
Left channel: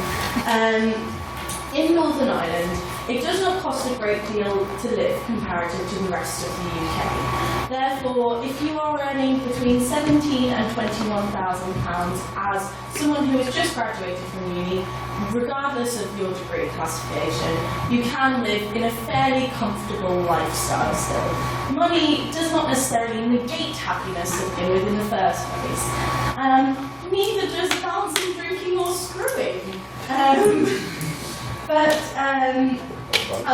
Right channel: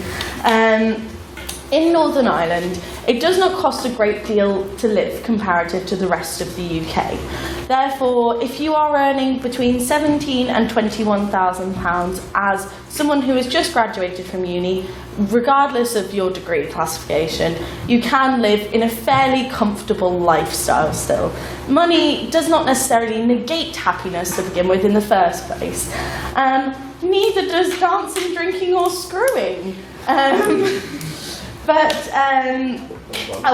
in Northern Ireland, it does not cost a great deal to live comparative to the rest of the UK. Therefore, if you are earning between £17,000 and £21,000 as someone who has just graduated from uni, regardless of your degree classification, you can live in a fairly comfortable lifestyle still. Money does not necessarily negate happiness to begin with in the first place. Neither does dancing, drinking or screwing. But I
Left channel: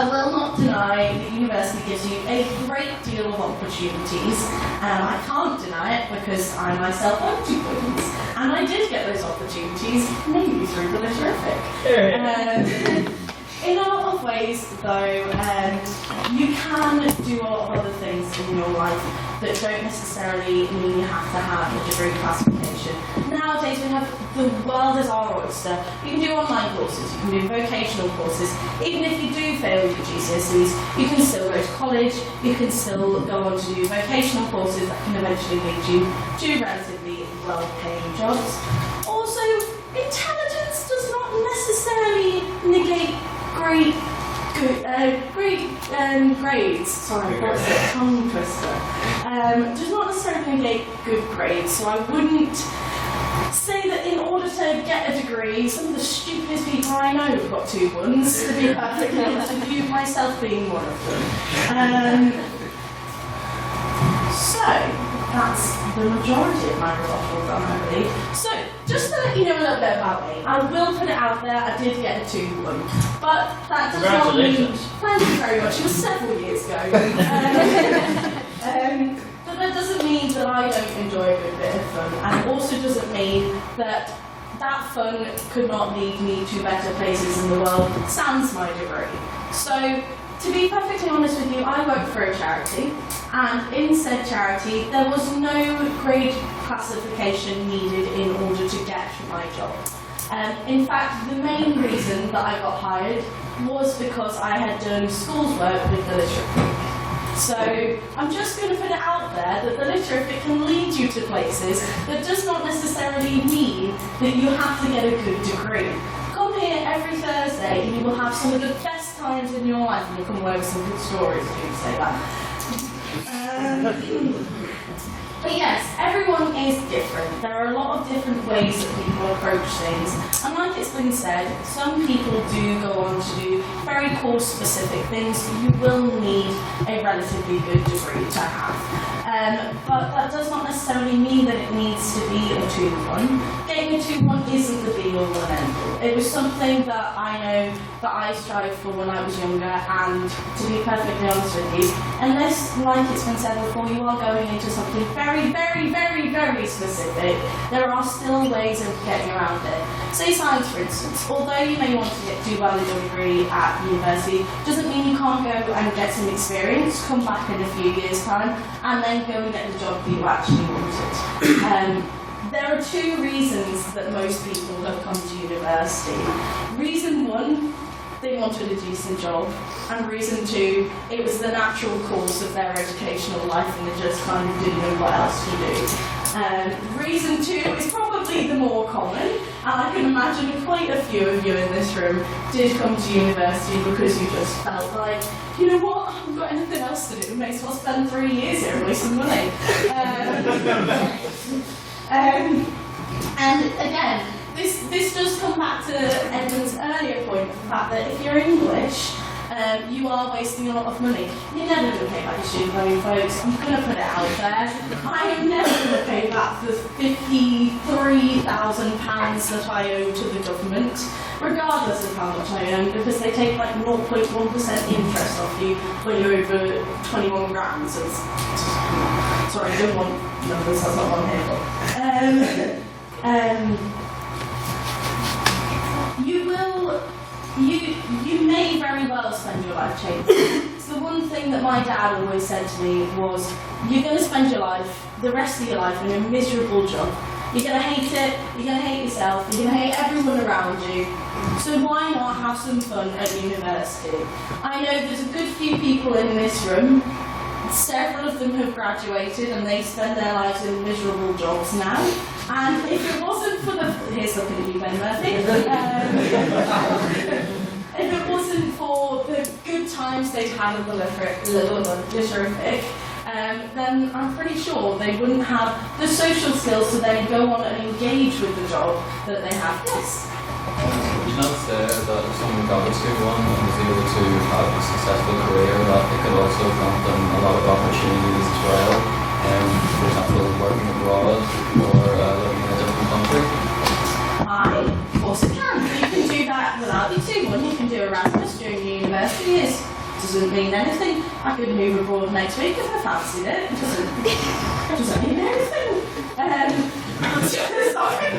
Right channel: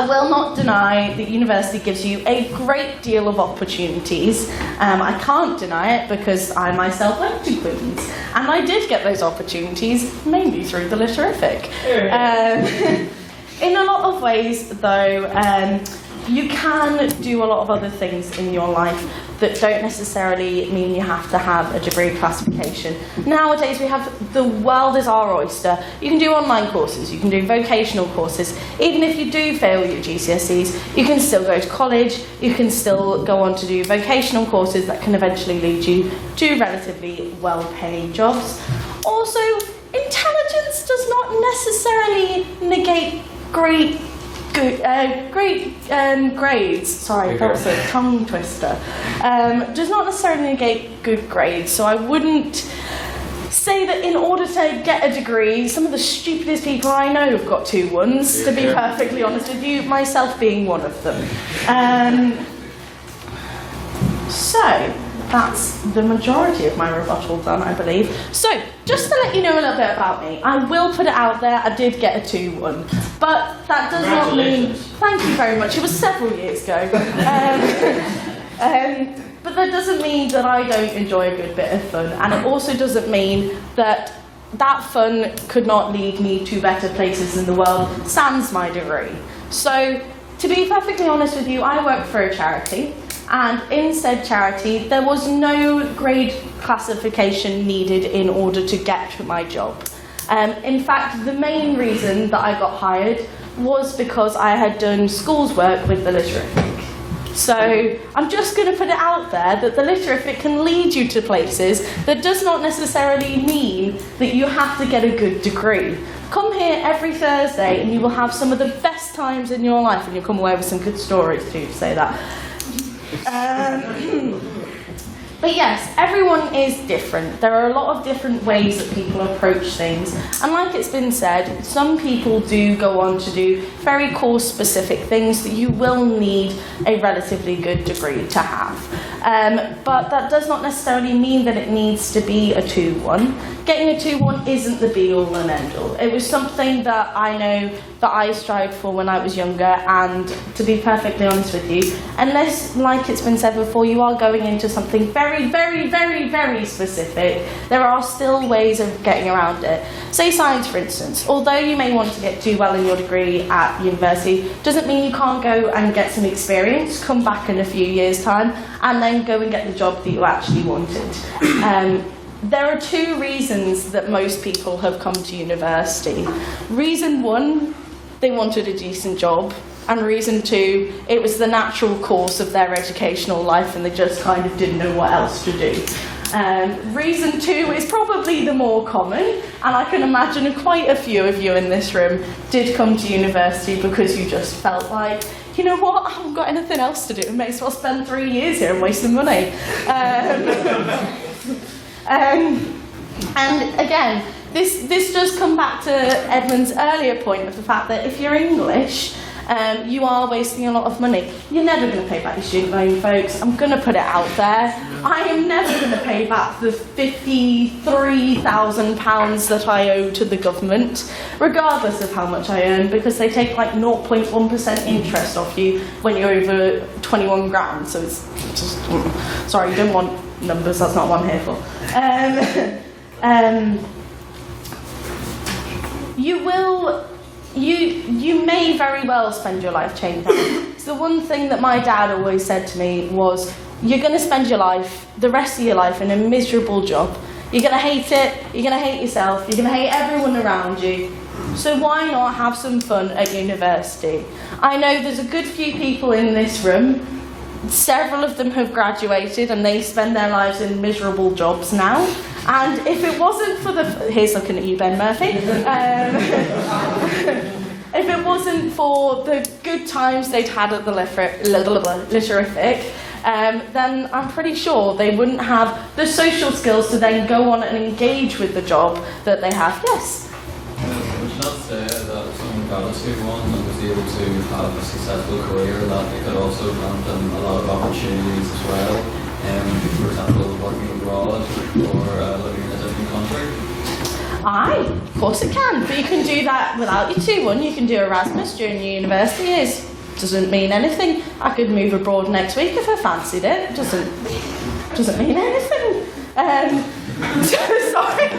will not deny that university gives you a great deal of opportunities. I can't deny it because I myself went to Queen's, and I did get those opportunities mainly through the Litterific. In a lot of ways, though, you can do a lot of other things in your life that don't necessarily mean you have to have a degree classification. Nowadays we have, the world is our oyster. You can do online courses, you can do vocational courses. Even if you do fail your GCSEs, you can still go to college, you can still go on to do vocational courses that can eventually lead you to relatively well-paying jobs. Also, intelligence does not necessarily negate grades. Sorry, what's it? Tongue twister. Does not necessarily negate good grades. So I wouldn't say that in order to get a degree, some of the stupidest people I know have got 2-1s. To be perfectly honest with you, myself being one of them. So that's the majority of my rebuttal done, I believe. So, just to let you know a little bit about me, I will put it out there, I did get a 2-1. But that does not mean... Thank you very much, it was several years ago. But that doesn't mean that I don't enjoy a good bit of fun, and it also doesn't mean that that fun could not lead me to better places in the world, sans my degree. So, to be perfectly honest with you, I work for a charity, and in said charity, there was no grade classification needed in order to get my job. In fact, the main reason that I got hired was because I had done school's work with the Litterific. So I'm just going to put it out there that the Litterific can lead you to places that does not necessarily mean that you have to get a good degree. Come here every Thursday and you will have some of the best times in your life, and you'll come away with some good stories too, to say that. But yes, everyone is different. There are a lot of different ways that people approach things. And like it's been said, some people do go on to do very course-specific things that you will need a relatively good degree to have. But that does not necessarily mean that it needs to be a 2-1. Getting a 2-1 isn't the be-all and end-all. It was something that I know that I strived for when I was younger, and to be perfectly honest with you, unless, like it's been said before, you are going into something very, very, very, very specific, there are still ways of getting around it. Say science, for instance. Although you may want to get too well in your degree at university, doesn't mean you can't go and get some experience, come back in a few years' time, and then go and get the job that you actually wanted. There are 2 reasons that most people have come to university. Reason 1, they wanted a decent job, and reason 2, it was the natural course of their educational life and they just kind of didn't know what else to do. Reason 2 is probably the more common, and I can imagine quite a few of you in this room did come to university because you just felt like, you know what, I haven't got anything else to do, may as well spend 3 years here and waste some money. And again, this does come back to Edmund's earlier point of the fact that if you're English, you are wasting a lot of money. You're never going to pay back your student loan, folks. I'm going to put it out there. I am never going to pay back the £53,000 that I owe to the government, regardless of how much I earn, because they take like 0.1% interest off you when you're over 21 grand. So it's just, sorry, you don't want numbers, that's not what I'm here for. You may very well spend your life changing. So the one thing that my dad always said to me was, you're going to spend your life, the rest of your life, in a miserable job. You're going to hate it, you're going to hate yourself, you're going to hate everyone around you. So why not have some fun at university? I know there's a good few people in this room. Several of them have graduated and they spend their lives in miserable jobs now. And if it wasn't for the... Here's looking at you, Ben Murphy. if it wasn't for the good times they'd had at the Litterific, then I'm pretty sure they wouldn't have the social skills to then go on and engage with the job that they have. Yes? Would you not say that if someone got a 2-1 and was able to have a successful career, that it could also grant them a lot of opportunities as well? For example, working abroad or living in a different country? Aye, of course it can. But you can do that without your 2-1. You can do Erasmus during your university years. Doesn't mean anything. I could move abroad next week if I fancied it. Doesn't mean anything. Sorry.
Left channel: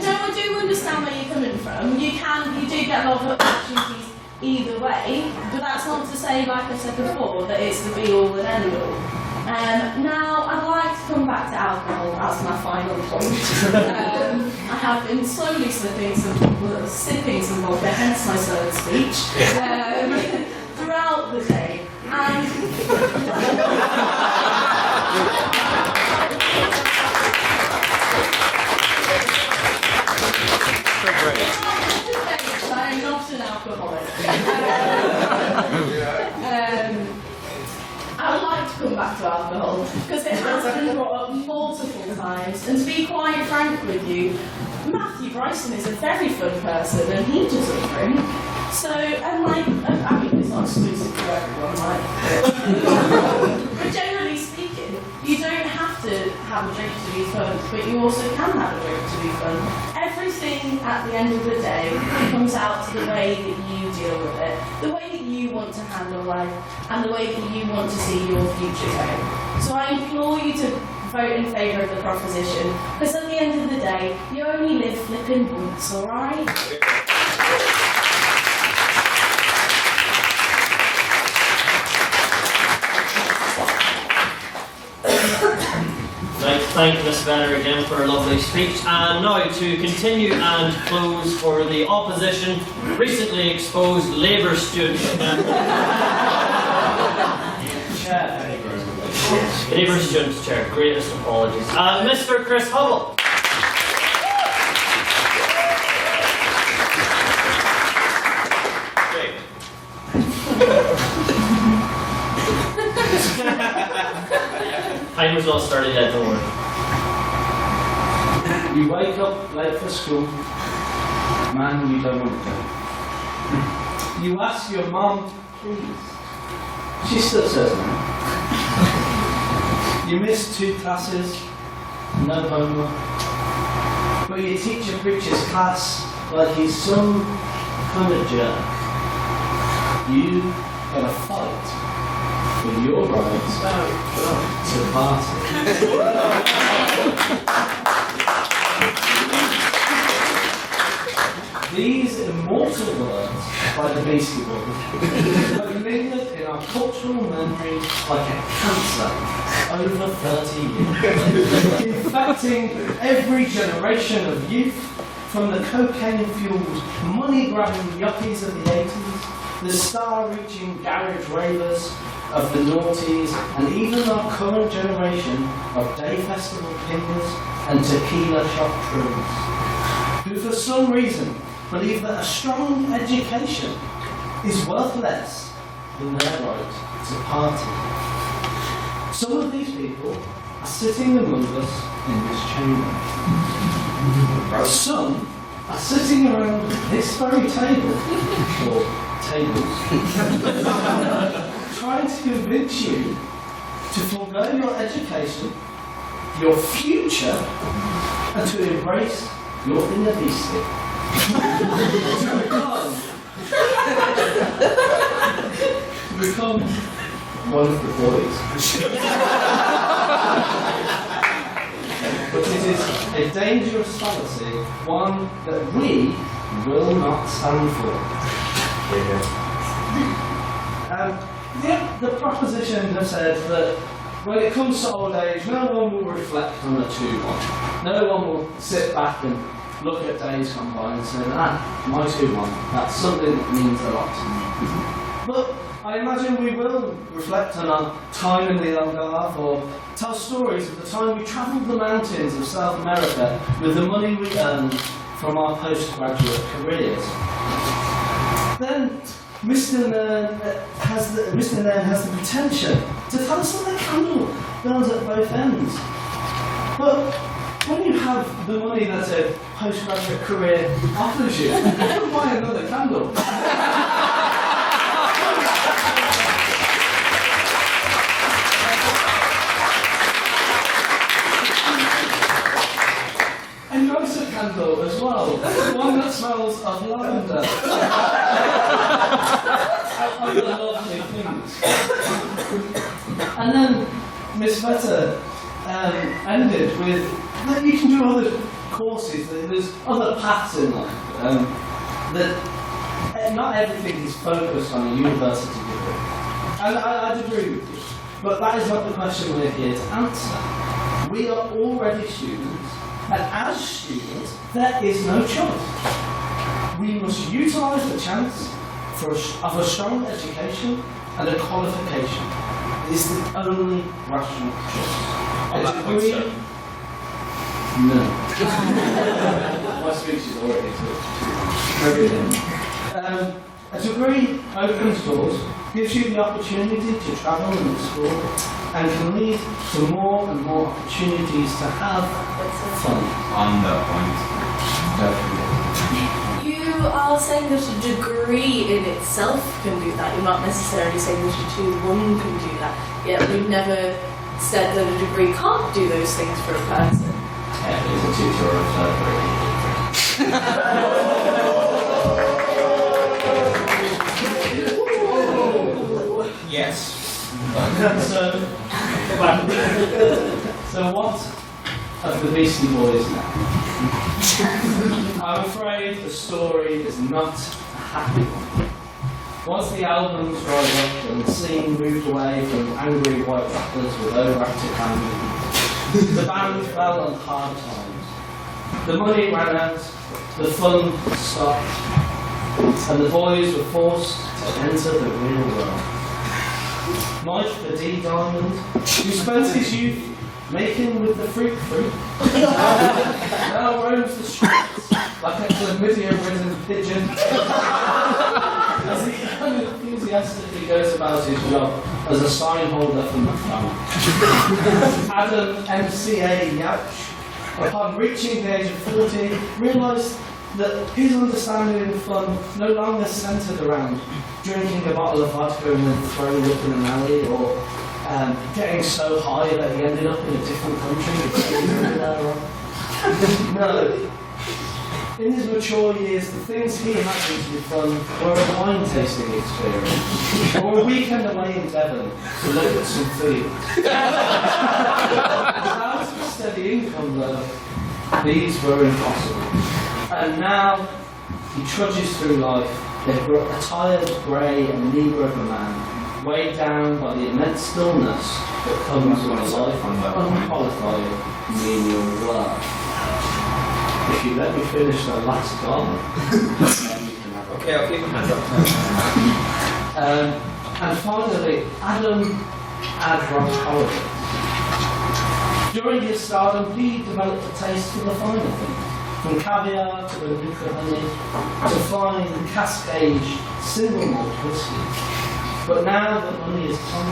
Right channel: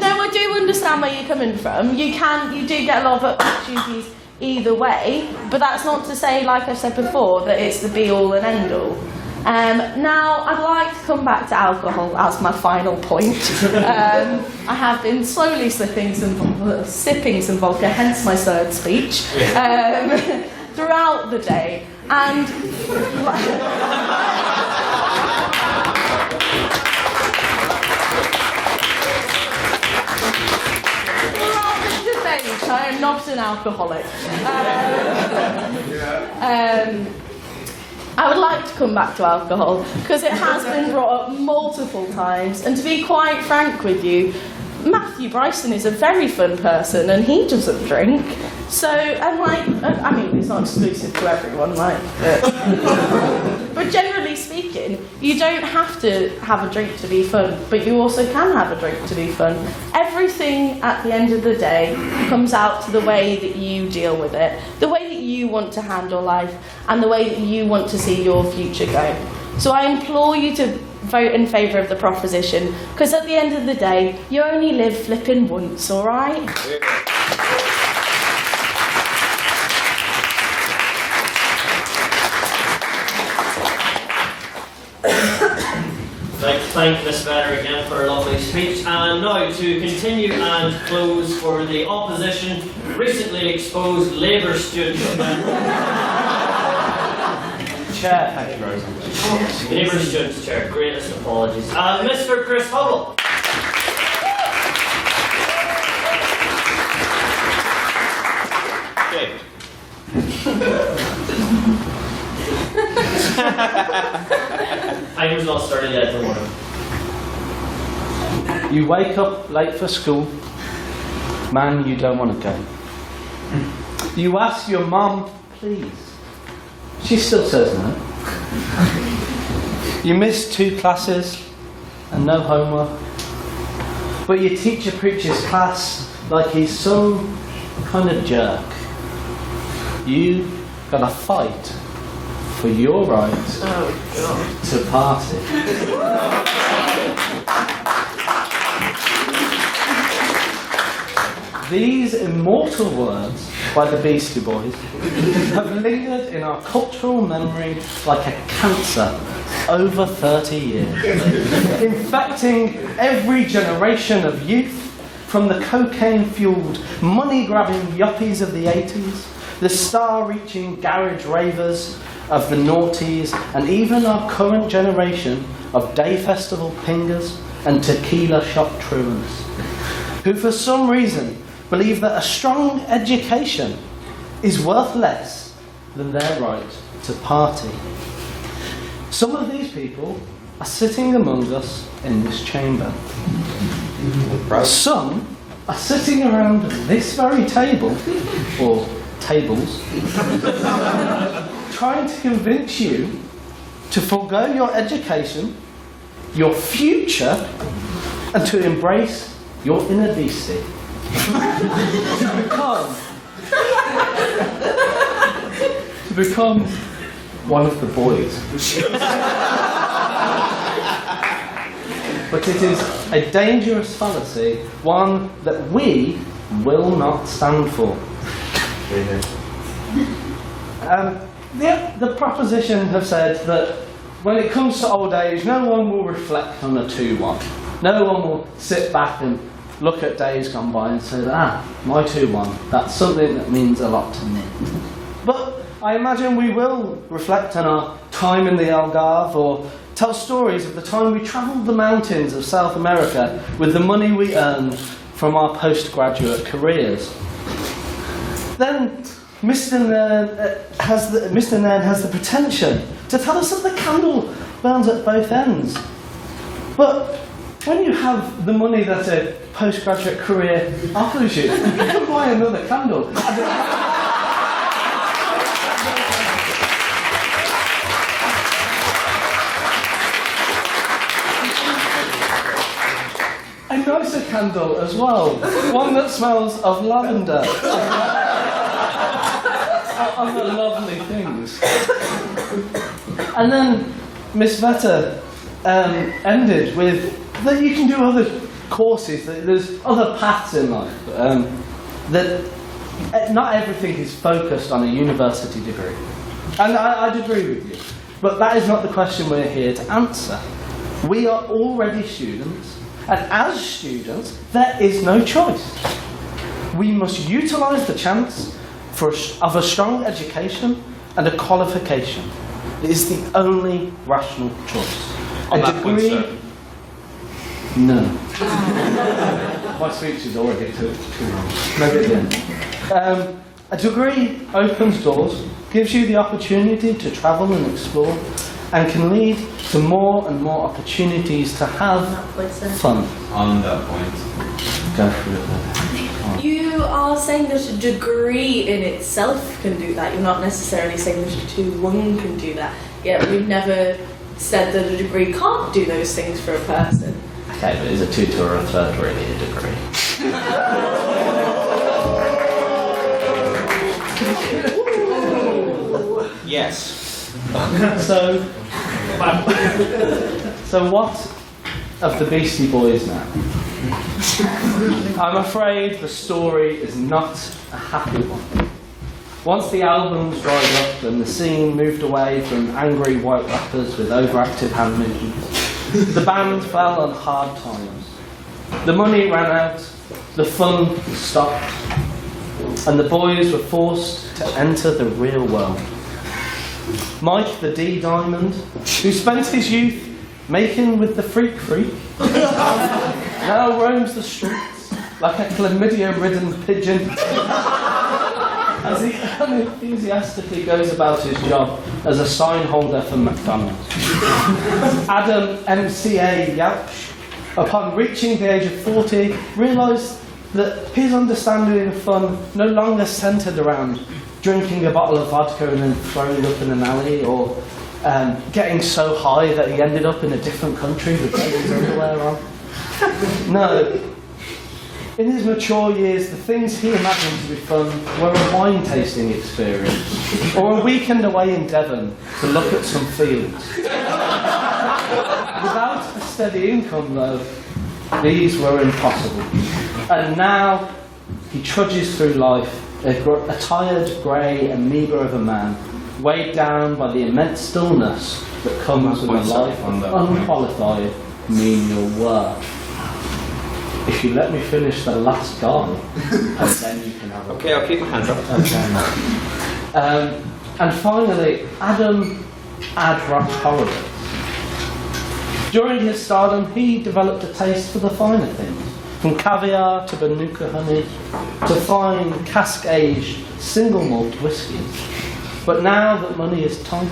No, I do understand where you're coming from. You do get a lot of opportunities either way, but that's not to say, like I said before, that it's the be-all and end-all. Now, I'd like to come back to alcohol as my final point. I have been slowly sipping some vodka, hence my third speech, throughout the day. And I'm not an alcoholic. I would like to come back to alcohol because it has been brought up multiple times, and to be quite frank with you, Matthew Bryson is a very fun person and he doesn't drink. So, I mean, it's not exclusive to everyone, but generally speaking, you don't have to have a drink to be fun, but you also can have a drink to be fun. Everything at the end of the day comes out to the way that you deal with it, the way that you want to handle life, and the way that you want to see your future go. So I implore you to vote in favour of the proposition, because at the end of the day, you only live flipping once, alright? I'd like to thank Miss Vetter again for a lovely speech. And now to continue and close for the opposition, recently exposed Labour student. Chair. Labour students chair, greatest apologies. Mr. Chris Hubble. Timer's not started yet, don't worry. You wake up late for school, man, you don't want to go. You ask your mum, please. She still says no. You miss 2 classes and no homework. But your teacher preaches class like he's some kind of jerk. You gotta fight for your right to party. These immortal words by the Beastie Boys have lingered in our cultural memory like a cancer over 30 years, infecting every generation of youth, from the cocaine-fueled, money-grabbing yuppies of the 80s, the star-reaching garage ravers of the noughties, and even our current generation of day festival pingers and tequila shop trooms, who for some reason believe that a strong education is worth less than their right to party. Some of these people are sitting among us in this chamber. Some are sitting around this very table, or tables, trying to convince you to forego your education, your future, and to embrace your inner beastie. to become one of the boys. But it is a dangerous fallacy, one that we will not stand for. The proposition have said that when it comes to old age, no one will reflect on a 2-1. No one will sit back and look at days gone by and say, my 2-1, that's something that means a lot to me. But I imagine we will reflect on our time in the Algarve, or tell stories of the time we travelled the mountains of South America with the money we earned from our postgraduate careers. then Mr. Nairn has the pretension to tell us that the candle burns at both ends. But when you have the money that a postgraduate career offers you, you can buy another candle. A nicer candle as well, one that smells of lavender. Other lovely things. And then Miss Vetter ended with that you can do other courses, that there's other paths in life, that not everything is focused on a university degree. And I'd agree with you. But that is not the question we're here to answer. We are already students, and as students, there is no choice. We must utilise the chance of a strong education and a qualification. It is the only rational choice. On that point, sir. No. My speech is already too long. A degree opens doors, gives you the opportunity to travel and explore, and can lead to more and more opportunities to have fun. On that point. Definitely. You are saying that a degree in itself can do that. You're not necessarily saying that a 2-1 can do that. Yet we've never said that a degree can't do those things for a person. Okay, but is a 2-2 or a 3-3 in a degree? Yes. So what of the Beastie Boys now? I'm afraid the story is not a happy one. Once the albums dried up and the scene moved away from angry white rappers with overactive hand movements, the band fell on hard times. The money ran out, the fun stopped, and the boys were forced to enter the real world. Mike the D Diamond, who spent his youth making with the freak, now roams the streets like a chlamydia-ridden pigeon as he unenthusiastically goes about his job as a sign holder for McDonald's. Adam MCA Yauch, upon reaching the age of 40, realised that his understanding of fun no longer centred around drinking a bottle of vodka and then throwing up in an alley, or getting so high that he ended up in a different country with everywhere on. No. In his mature years, the things he imagined to be fun were a wine tasting experience, or a weekend away in Devon to look at some fields. Without a steady income, though, these were impossible. And now he trudges through life, a tired, grey and meagre of a man, weighed down by the immense stillness that comes with a life of unqualified menial work. If you let me finish the last guy, then you can have it. Okay, I'll keep my hands up. And finally, Adam Adrock Horowitz. During his stardom, he developed a taste for the finer things, from caviar to Manuka honey, to fine cask-aged single malt whiskies. But now that money is tight,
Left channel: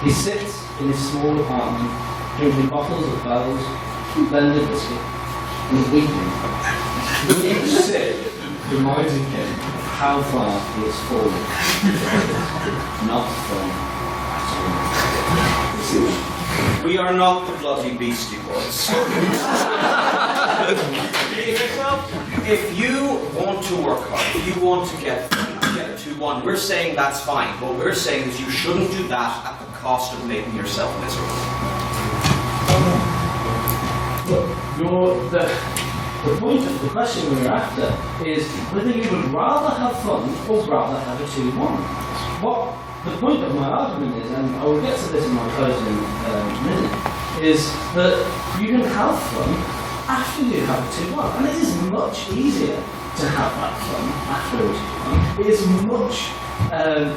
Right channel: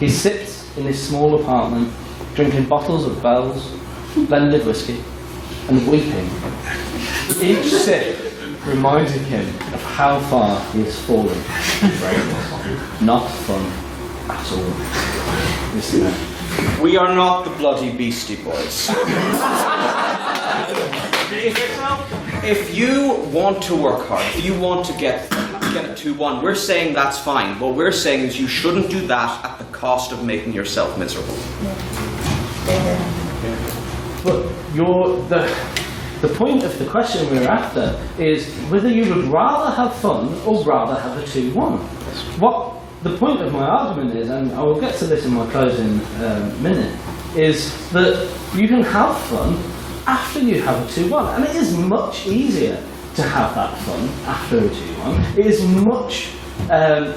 he sits in his small apartment, drinking bottles of Bell's, blended whiskey, and weeping. Each sip reminding him of how far he has fallen. Not fun at all. We are not the bloody Beastie Boys. If you want to work hard, if you want to get a 2-1, we're saying that's fine. What we're saying is you shouldn't do that at the cost of making yourself miserable. But the point of the question we're after is whether you would rather have fun or rather have a 2-1. What the point of my argument is, and I will get to this in my closing minute, is that you can have fun after you have a 2-1. And it is much easier to have that fun after a 2-1. It is much,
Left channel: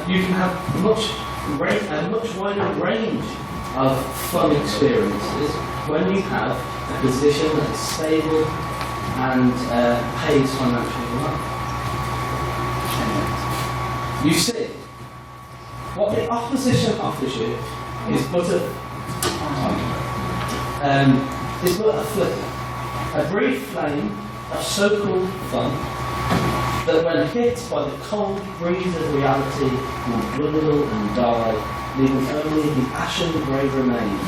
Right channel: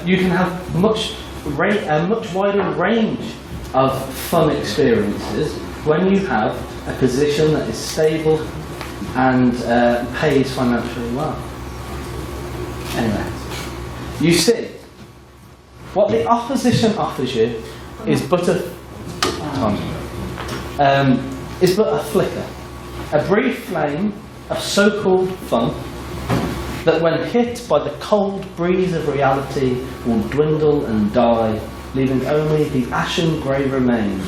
you can have a much wider range of fun experiences when you have a position that is stable and pays financially well. Anyway. You see, what the opposition offers you is but a flicker, a brief flame of so-called fun that when hit by the cold breeze of reality will dwindle and die, leaving only the ashen grey remains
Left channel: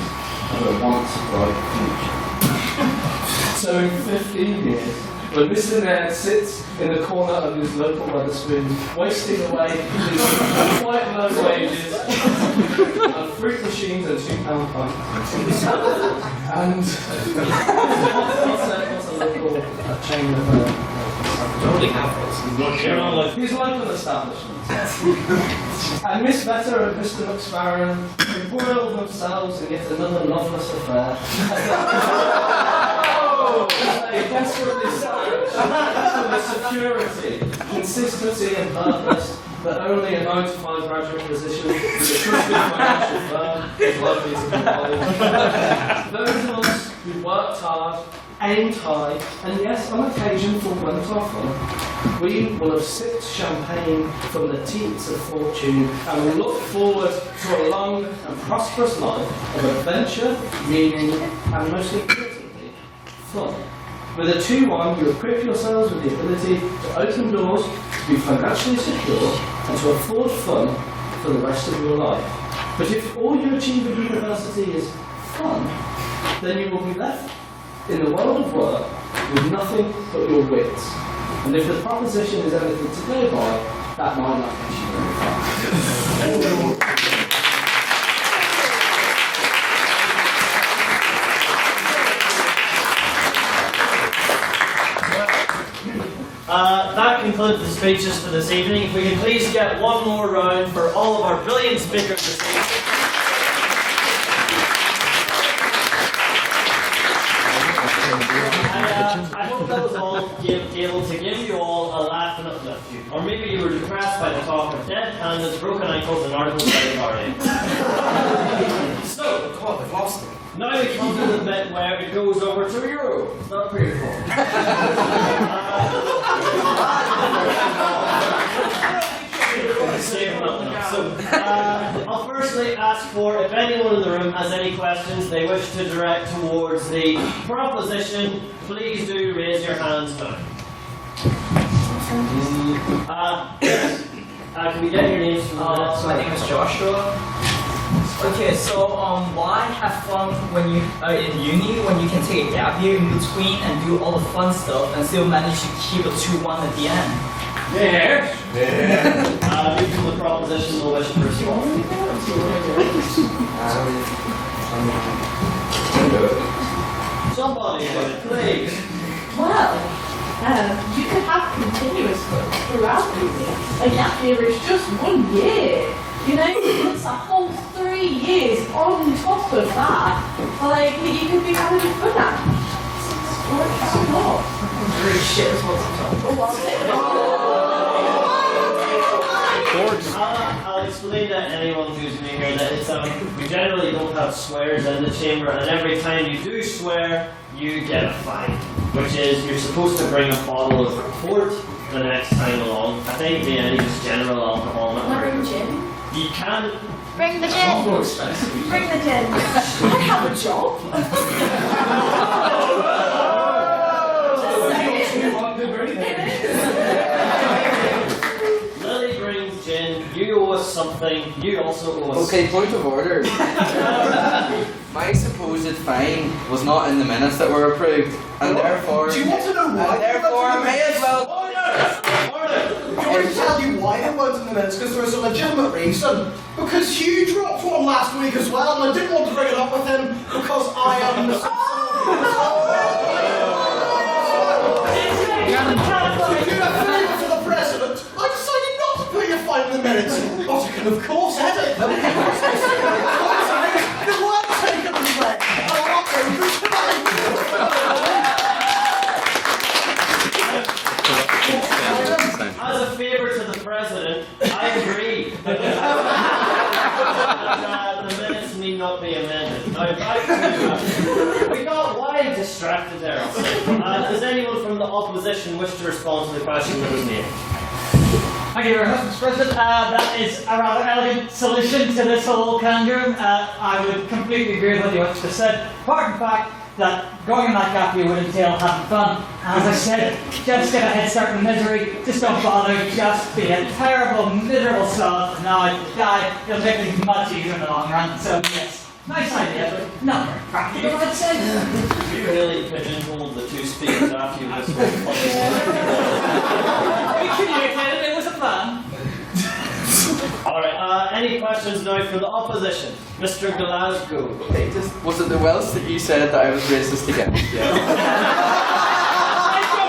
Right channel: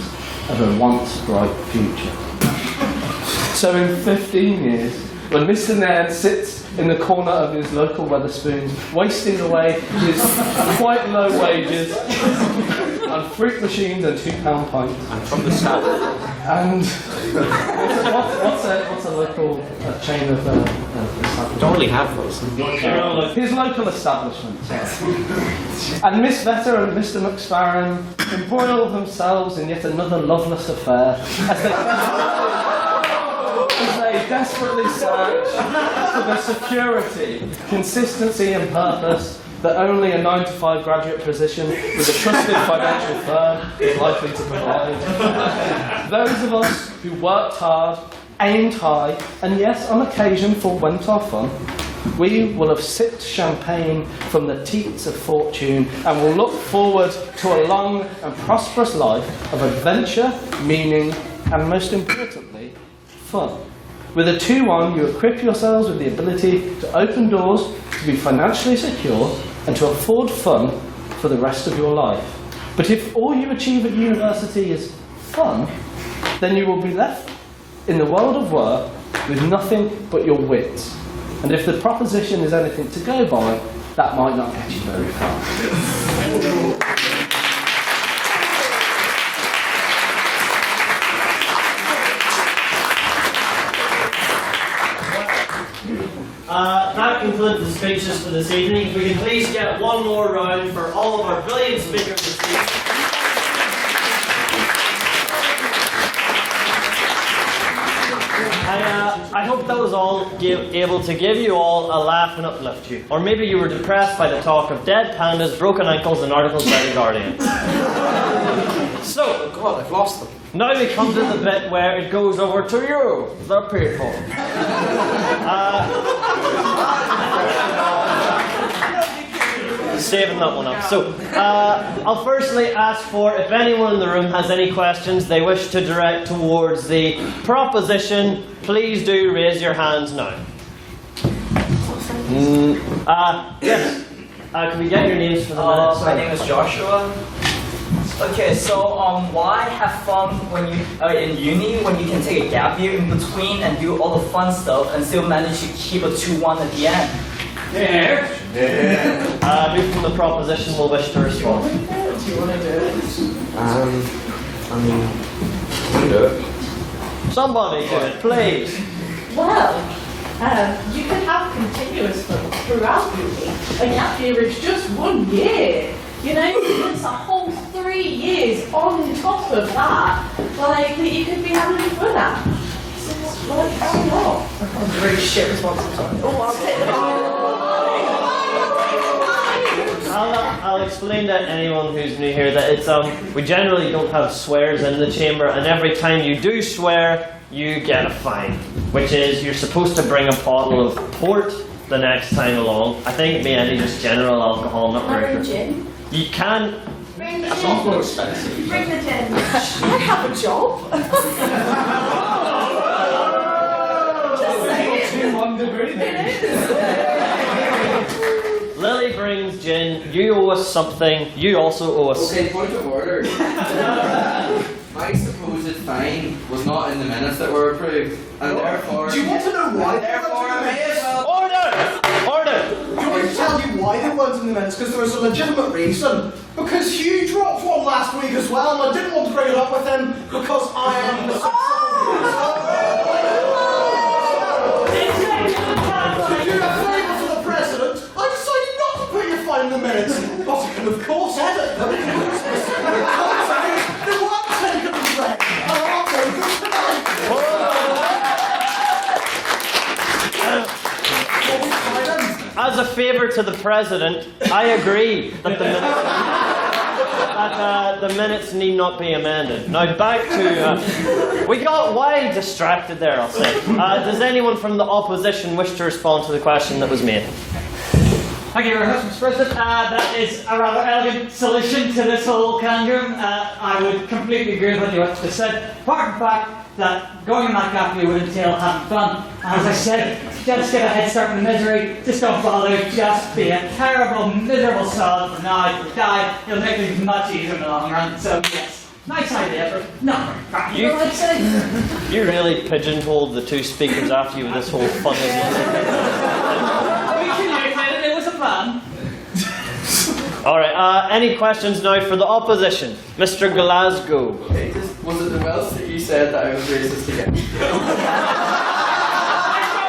of a once bright future. So in 15 years, when Mr. Nairn sits in the corner of his local Wetherspoons, wasting away his quite low wages on fruit machines and £2 pints. And what's a local chain of don't really have those. his local establishment. And Miss Vetter and Mr. McSparren embroil themselves in yet another loveless affair as they desperately search for the security, consistency and purpose that only a 9-to-5 graduate position with a trusted financial firm is likely to provide. Those of us who worked hard, aimed high, and yes, on occasion forewent our fun, we will have sipped champagne from the teats of fortune and will look forward to a long and prosperous life of adventure, meaning, and most importantly, fun. With a 2-1, you equip yourselves with the ability to open doors, to be financially secure, and to afford fun for the rest of your life. But if all you achieve at university is fun, then you will be left in the world of work with nothing but your wits. And if the proposition is anything to go by, that might not get you very far. That concludes the speeches for this evening. If we can please get one more round for all of our brilliant speakers this evening. I hope that was all able to give you all a laugh and uplift you. Or maybe you were depressed by the talk of dead pandas, broken ankles and articles by the Guardian. So, God, I've lost them. Now we come to the bit where it goes over to you, the people. Saving that one up. So, I'll firstly ask for if anyone in the room has any questions they wish to direct towards the proposition, please do raise your hands now. Yes. Can we get your names for the minutes? My name is Joshua. Okay, so why have fun when you are in uni when you can take a gap year in between and do all the fun stuff and still manage to keep a 2-1 at the end? Who from the proposition will wish to respond? Somebody could, please. Well, you can have continuous fun throughout uni. A gap year is just 1 year. You know, it's a whole 3 years on top of that. Like, you could be having fun at. So, why not? That's a really shit response. I'll explain to anyone who's new here that it's we generally don't have swears in the chamber, and every time you do swear, you get a fine, which is you're supposed to bring a bottle of port the next time along. I think it may be just general alcohol, not very good. Gin. You can. Bring the It's gin. more expensive. Bring the gin. I have a job. Lily brings gin. You owe us something. You also owe us. Okay, point of order. My supposed fine was not in the minutes that were approved, and therefore. Do you want to know why? And therefore, I may as well. Order! Do you want me to tell you why they weren't in the minutes? Because there was a legitimate reason. Because Hugh dropped one last week as well, and I didn't want to bring it up with him because I am the to do a favour to the president, I decided not to put your fine in the minutes. But I can of course edit them. They weren't taken as read, and I'll upload them today. As a favour to the president, I agree that the minutes need not be amended. Now back to... we got wide distracted there, I'll say. Does anyone from the opposition wish to respond to the question that was made? Thank you very much, Mr. President. That is a rather elegant solution to this whole conundrum. I would completely agree with what you just said. Apart from the fact that going in that gap year would entail having fun. As I said, just get a head start in misery. Just don't bother. Just be a terrible, miserable sod from now to die. You'll make things much easier in the long run. So yes. Nice idea, but not very practical, I'd say. You really pigeonholed the two speakers after you in this whole fun. We communicated, it was a plan. Alright, any questions now for the opposition? Mr. Glasgow. Okay, was it the Welsh that you said that I was racist again? I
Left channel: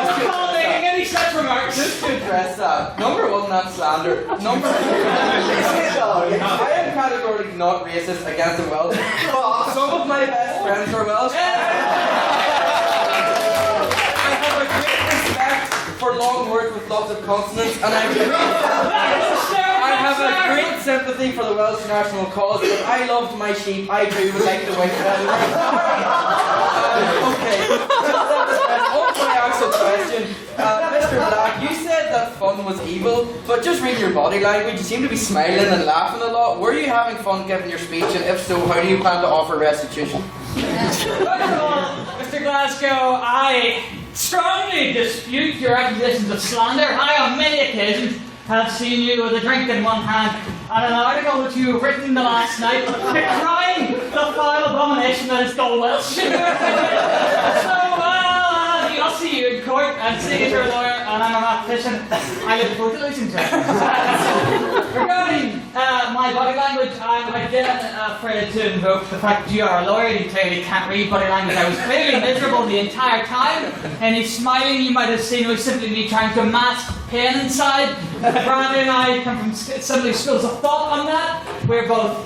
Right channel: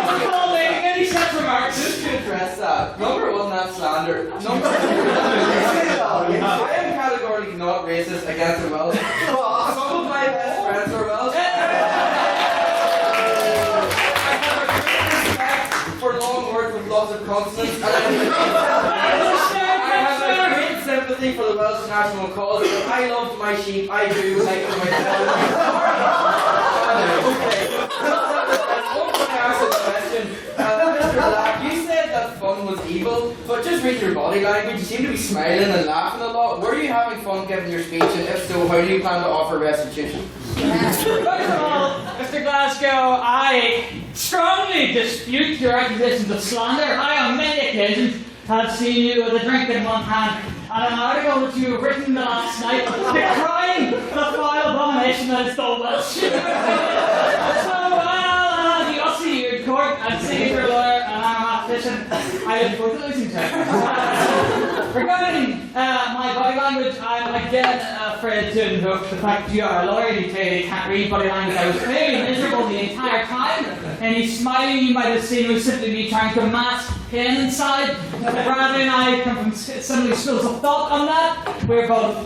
don't recall making any such remarks. Just to address that, number one, that's slander. Number two, I am categorically not racist against the Welsh, but some of my best friends are Welsh. I have a great respect for long words with lots of consonants, and I have a great sympathy for the Welsh national cause. If I loved my sheep, I do like the white feathers. Okay. On my actual question, Mr. Black, you said that fun was evil, but just reading your body language, you seem to be smiling and laughing a lot. Were you having fun giving your speech, and if so, how do you plan to offer restitution? First of all, Mr. Glasgow, I strongly dispute your accusations of slander. I, on many occasions, have seen you with a drink in one hand and an article which you have written last night decrying the foul abomination that is the Welsh. So, I'll see you in court and see your lawyer, and I'm a mathematician. I look forward to losing to it. Regarding my body language, I'm again afraid to invoke the fact you are a lawyer. You clearly can't read body language. I was clearly miserable the entire time. Any smiling you might have seen was simply me trying to mask pain inside. Bradley and I come from similar schools of thought on that. We're both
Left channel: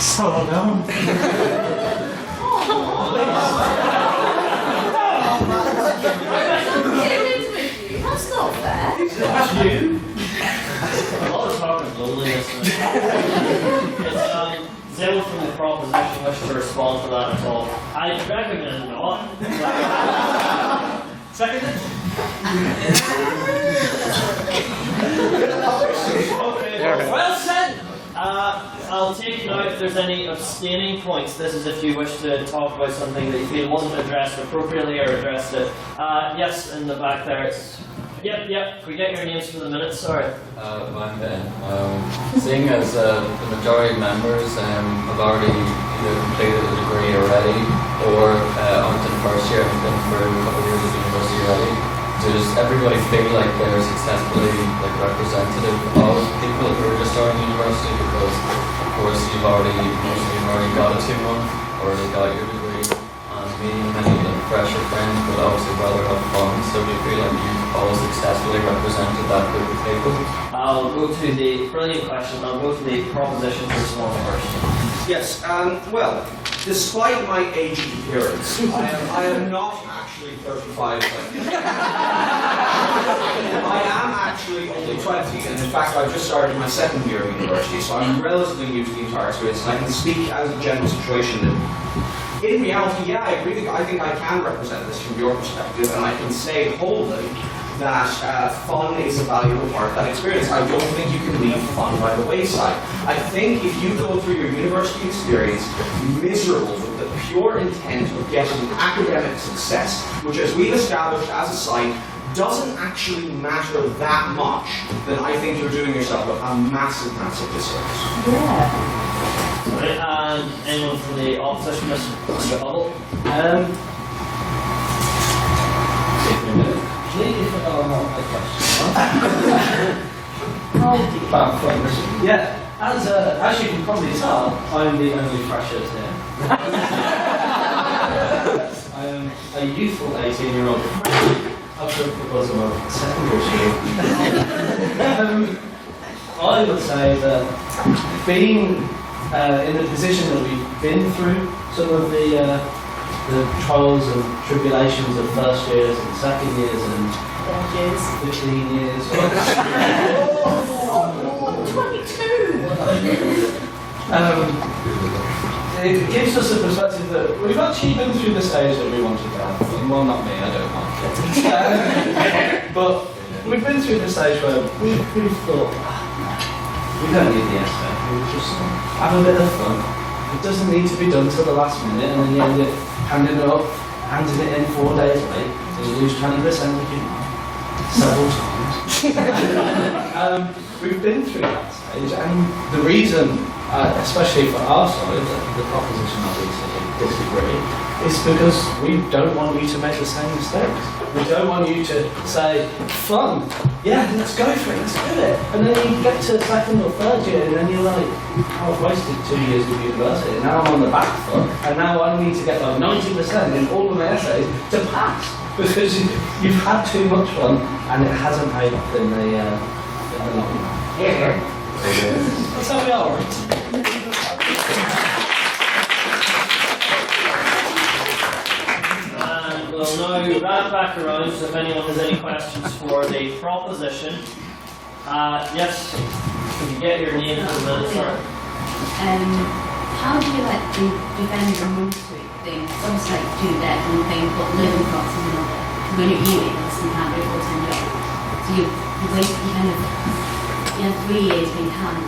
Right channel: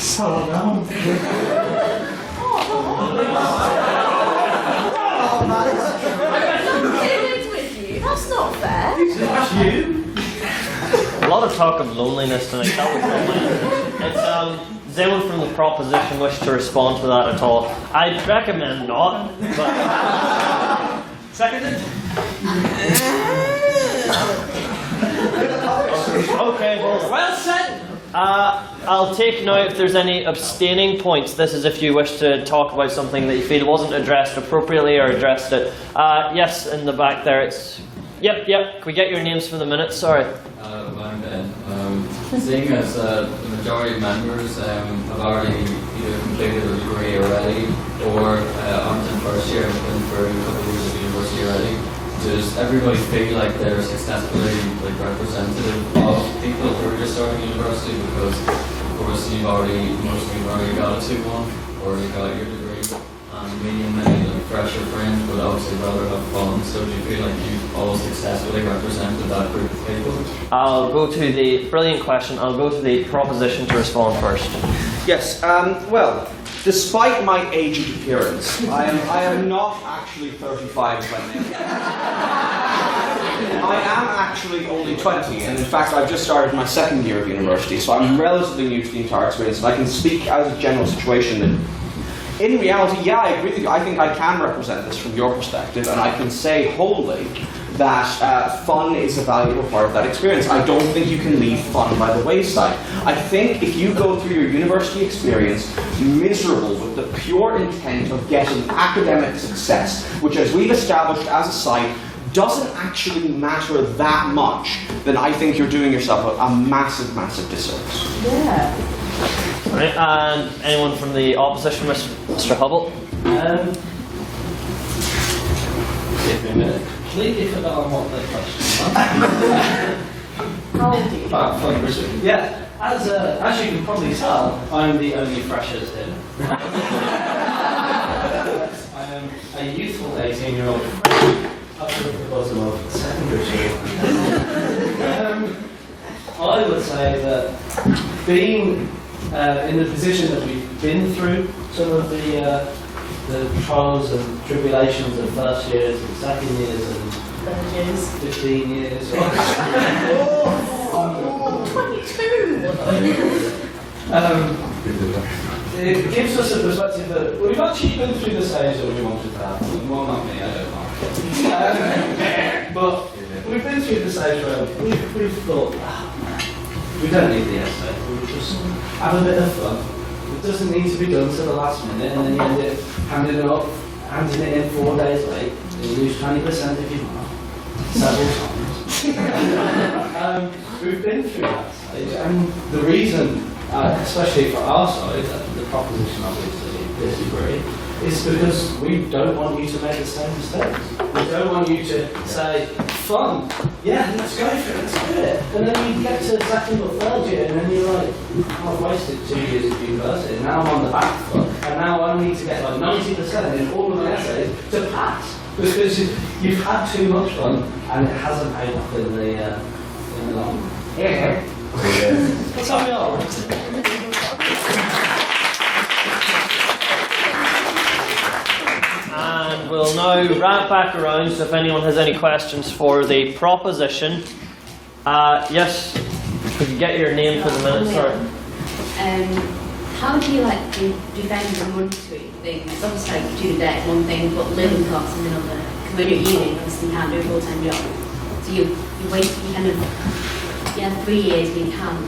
so alone. That's not fair. That's you. A lot of talk of loneliness tonight. It's, does anyone from the proposition wish to respond to that at all? I'd recommend not. But... Seconded? Okay, well said. I'll take now if there's any abstaining points. This is if you wish to talk about something that you feel wasn't addressed appropriately or addressed it. Yes, in the back there. It's. Yep. Can we get your names for the minutes? Sorry. I'm Ben. Seeing as the majority of members have already either completed a degree already or aren't in first year and have been for a couple of years of university already, does everybody feel like they're successfully representative of people who are just starting university? Because of course most of you have already got a 2-1, already got your degree, and meeting many fresher friends would obviously rather have fun. So do you feel like you've all successfully represented that group of people? I'll go to the brilliant question. I'll go to the proposition to respond first. Yes, well, despite my aged appearance, I am not actually 35 by I am actually only 20, and in fact I've just started my second year of university, so I'm relatively new to the entire experience, and I can speak as a general situation that in reality, yeah, I agree with you. I think I can represent this from your perspective, and I can say wholly that fun is a valuable part of that experience. I don't think you can leave fun by the wayside. I think if you go through your university experience miserable with the pure intent of getting academic success, which as we've established as a site, doesn't actually matter that much, then I think you're doing yourself a massive, massive disservice. Yeah. Right, and anyone from the opposition, Mr. Hubble? Completely forgot what the question was. About fundraising. Yeah, as you can probably tell, I'm the only freshers here. I am a youthful 18-year-old up at the bottom of secondary school. I would say that being in the position that we've been through, some of the trials and tribulations of first years and second years and 15 years. 22! It gives us a perspective that we've actually been through the stage that we wanted to have. Well, not me, I don't want it. But we've been through the stage where we've thought, we don't need the essay, we'll just have a bit of fun. It doesn't need to be done till the last minute, and then you end up handing it in 4 days late, and you lose 20% of your mark several times. We've been through that stage, and the reason, especially for our side, the proposition of this degree, is because we don't want you to make the same mistakes. We don't want you to say, fun, yeah, let's go for it, let's do it. And then you get to second or third year and then you're like, oh, I've wasted 2 years of university, now I'm on the back foot, and now I need to get like 90% in all of my essays to pass. Because you've had too much fun and it hasn't paid off in the long run. Yeah. That's how we are. And we'll now wrap back around, so if anyone has any questions for the proposition. Yes, could you get your name for the minute, sorry? How do you defend your monetary thing? It's obviously student debt one thing, but living costs is another. Because when you're at uni, obviously you can't do a full-time job. So you wait, you have 3 years when you can't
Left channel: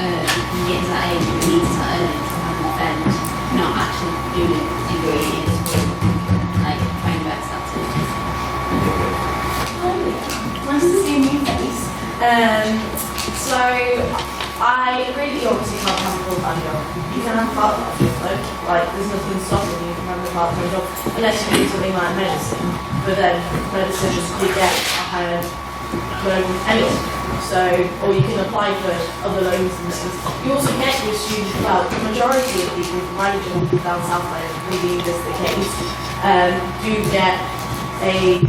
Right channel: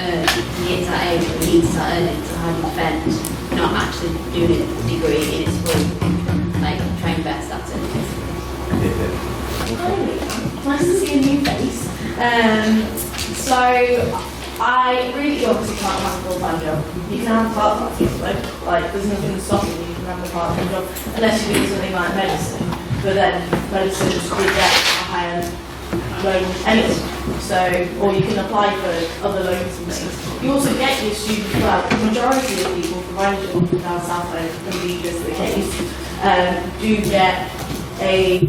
earn, you get to that age where you need to start earning, so how do you defend not actually doing a degree in school? Like, try and invest that in. Nice to see a new face. So, I really obviously can't have a full-time job. You can have a part-time job though. Like, there's nothing stopping you from having a part-time job unless you do something like medicine. But then medicine you get a higher loan anyway. So, or you can apply for other loans and things. You also get your student, well, the majority of people, provided you're not from down south, I believe this is the case, do get a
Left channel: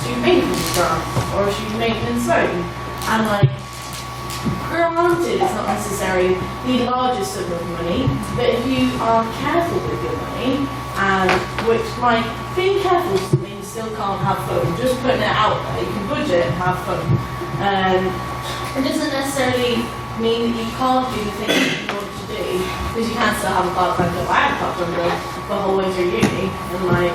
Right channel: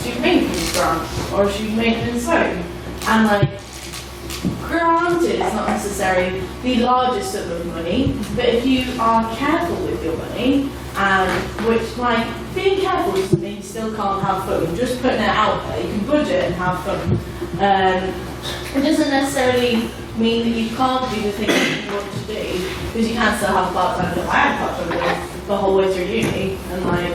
student maintenance grant or a student maintenance loan. And like, granted, it's not necessarily the largest sum of money, but if you are careful with your money, and which, like, being careful doesn't mean you still can't have fun, just putting it out there, you can budget and have fun. It doesn't necessarily mean that you can't do the things that you want to do, because you can still have a part-time job. I had a part-time job the whole way through uni, and like,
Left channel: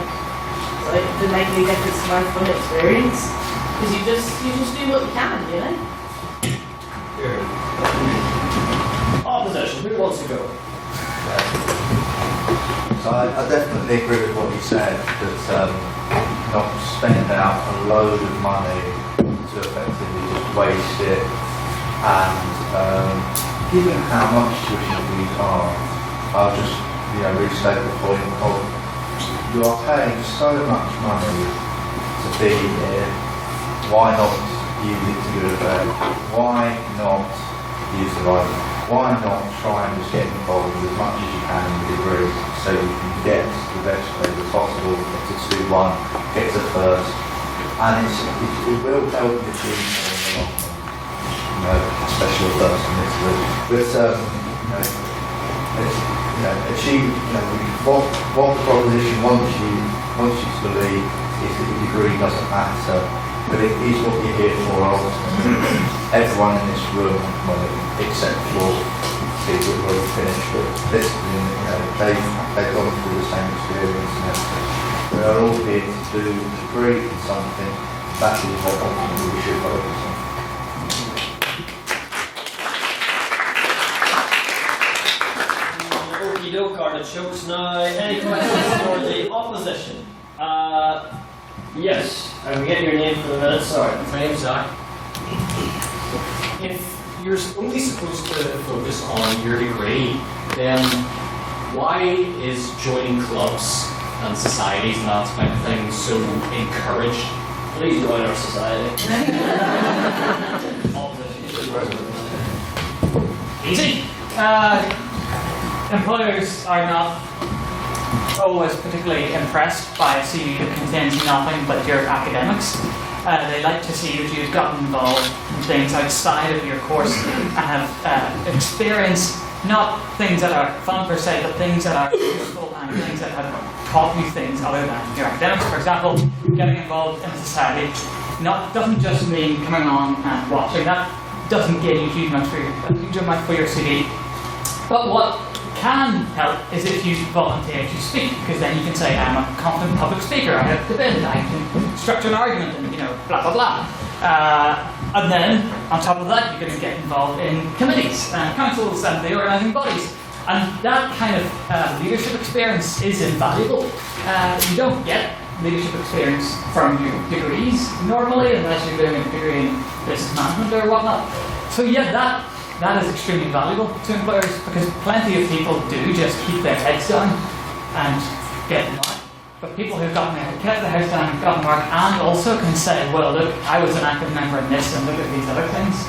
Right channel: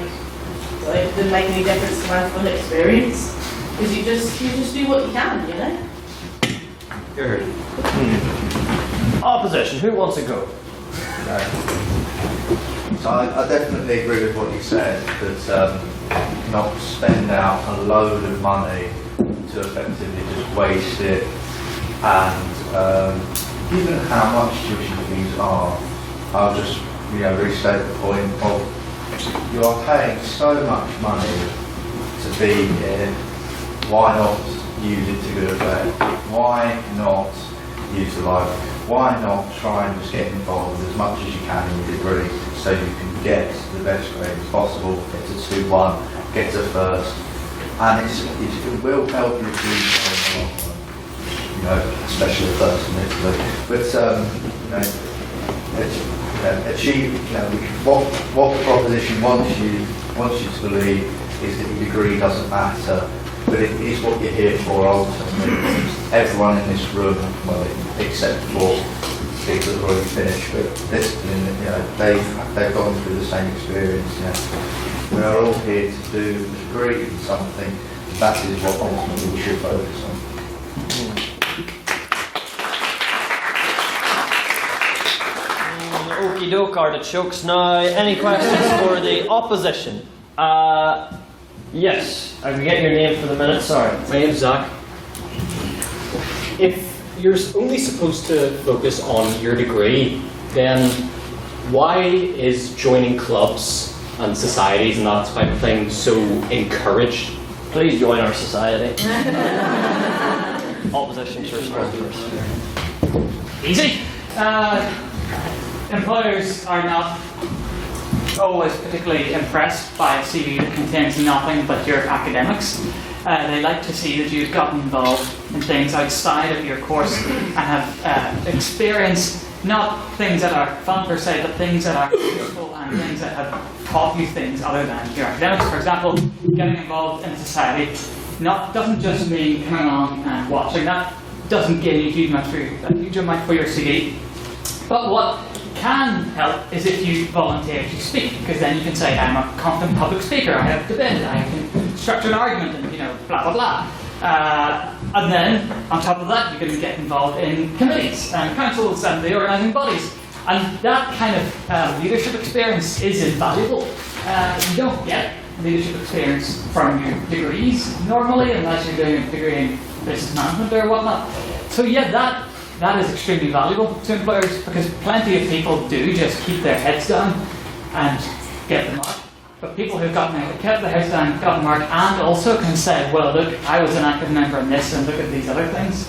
so it didn't make any difference to my fun experience, because you just do what you can, you know? Good. Opposition, who wants to go? So I definitely agree with what you said, that not spend out a load of money to effectively just waste it, and given how much tuition fees are, I'll just restate the point of you are paying so much money to be here, why not use it to good effect? Why not utilise it? Why not try and just get involved with as much as you can in the degree so you can get the best grade as possible, get to 2-1, get to first, and it will help you achieve more in the long run, especially the first admittedly. But achieve, what the proposition wants you to believe is that your degree doesn't matter, but it is what you're here for ultimately. Everyone in this room, well, except for people who've already finished, but they've gone through the same experience now. We are all here to do a degree in something. That is what ultimately we should focus on. Okie doke, artichokes. Now, any questions for the opposition? Yes, I can get your name for the minute, sorry. My name's Zach. If you're only supposed to focus on your degree, then why is joining clubs and societies and that kind of thing so encouraged? Please join our society. Opposition. Easy. Employers are not always particularly impressed by a CV that contains nothing but your academics. They like to see that you've gotten involved in things outside of your course and have experienced not things that are fun per se, but things that are useful and things that have taught you things other than your academics. For example, getting involved in society doesn't just mean coming along and watching. That doesn't gain you a huge amount for your CV. But what can help is if you volunteer to speak, because then you can say, I'm a confident public speaker, I have debated, I can structure an argument, and blah blah blah. And then, on top of that, you can get involved in committees and councils and the organising bodies. And that kind of leadership experience is invaluable. You don't get leadership experience from your degrees normally, unless you're doing a degree in business management or whatnot. So yeah, that is extremely valuable to employers, because plenty of people do just keep their heads down and get the mark. But people who've kept their heads down, got the mark, and also can say, well, look, I was an active member in this, and look at these other things.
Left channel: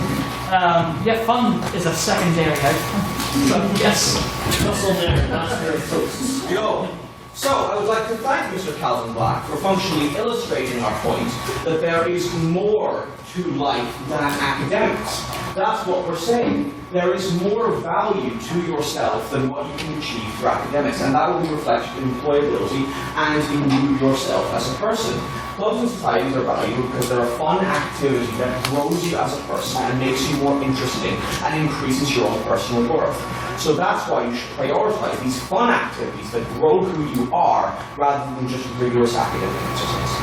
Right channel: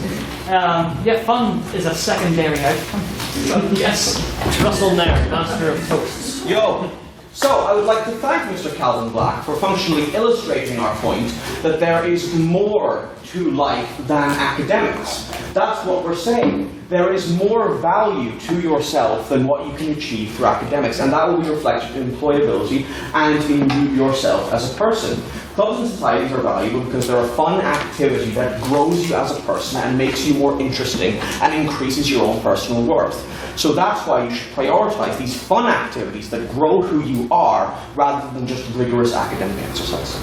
Yeah, fun is a secondary outcome. So yes, Russell Nairn, Master of Toasts. Yo! So, I would like to thank Mr. Calvin Black for functionally illustrating our point that there is more to life than academics. That's what we're saying. There is more value to yourself than what you can achieve through academics, and that will be reflected in employability and in you yourself as a person. Clubs and societies are valuable because they're a fun activity that grows you as a person and makes you more interesting and increases your own personal worth. So that's why you should prioritise these fun activities that grow who you are rather than just rigorous academic exercise.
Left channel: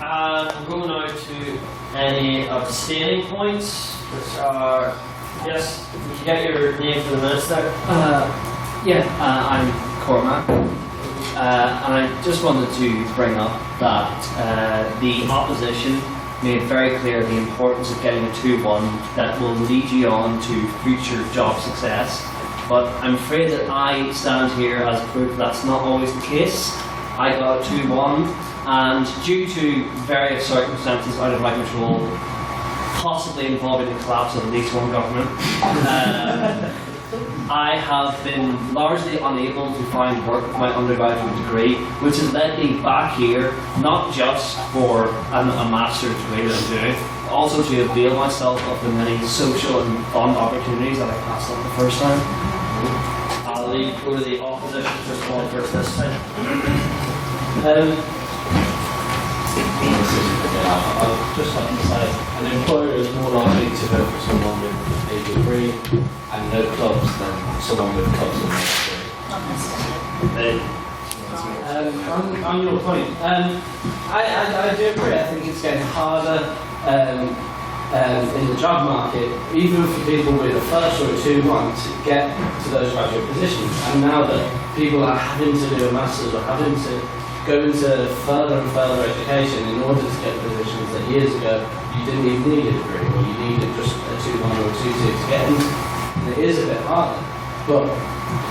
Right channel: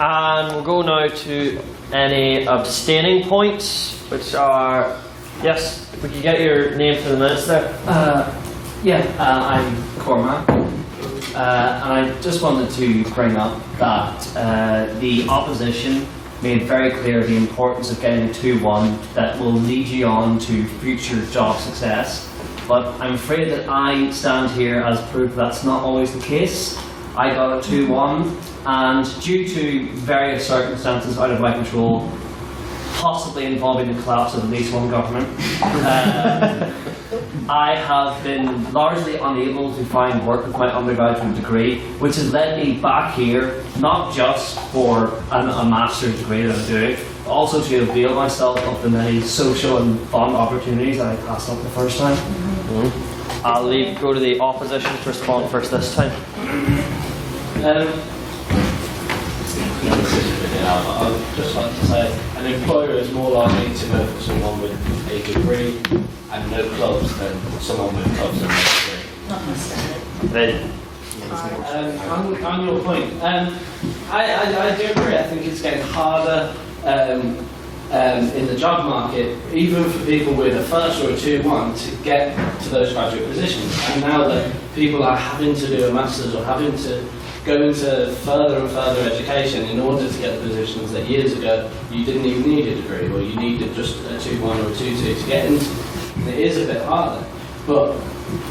And we'll go now to any abstaining points, which are, yes, we can get your name for the minutes there. I'm Cormac. And I just wanted to bring up that the opposition made very clear the importance of getting a 2-1 that will lead you on to future job success. But I'm afraid that I stand here as proof that's not always the case. I got a 2-1, and due to various circumstances out of my control, possibly involving the collapse of at least one government, I have been largely unable to find work with my undergraduate degree, which has led me back here, not just for a master's degree that I'm doing, but also to avail myself of the many social and fun opportunities that I passed up the first time. I'll go to the opposition to respond first this time. I'd just like to say an employer is more likely to vote for someone with a degree and no clubs than someone with clubs and no degree. On your point, I do agree. I think it's getting harder in the job market, even for people with a first or a 2-1, to get to those graduate positions. And now that people are having to do a master's or having to go into further and further education in order to get positions that years ago you didn't even need a degree, or you needed just a 2-1 or a 2-2 to get into. And it is a bit harder, but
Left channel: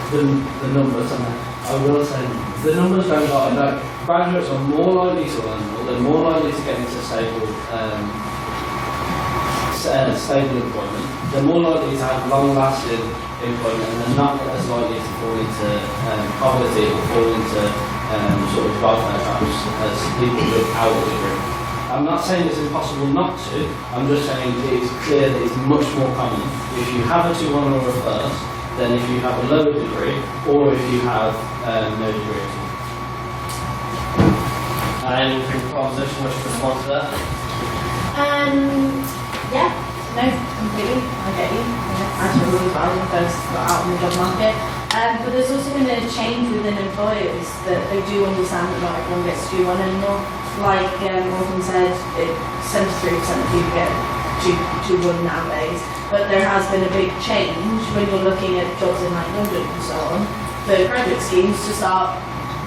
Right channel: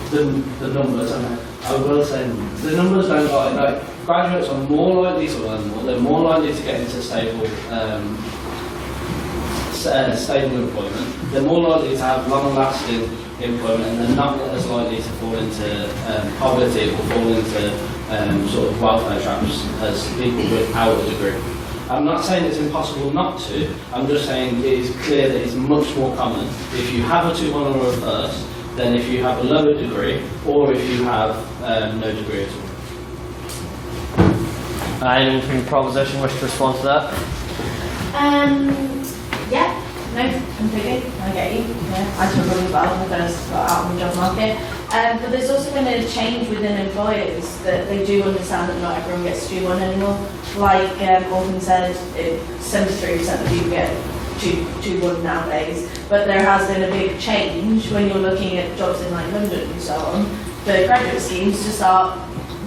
the numbers, I will say, the numbers don't lie. Like, graduates are more likely to earn more, they're more likely to get into stable employment, they're more likely to have long-lasting employment, and they're not as likely to fall into poverty or fall into sort of welfare traps as people without a degree. I'm not saying it's impossible not to, I'm just saying it is clear that it's much more common if you have a 2-1 or a first than if you have a lower degree or if you have no degree at all. Anything proposition wish to respond to that? Yeah, no, completely. I get you. Yeah, I took really bad when I first got out on the job market. But there's also been a change within employers that they do understand that not everyone gets to do one anymore. Like Morgan said, 73% of people get 2-1 nowadays. But there has been a big change when you're looking at jobs in like London and so on, for graduate schemes to start.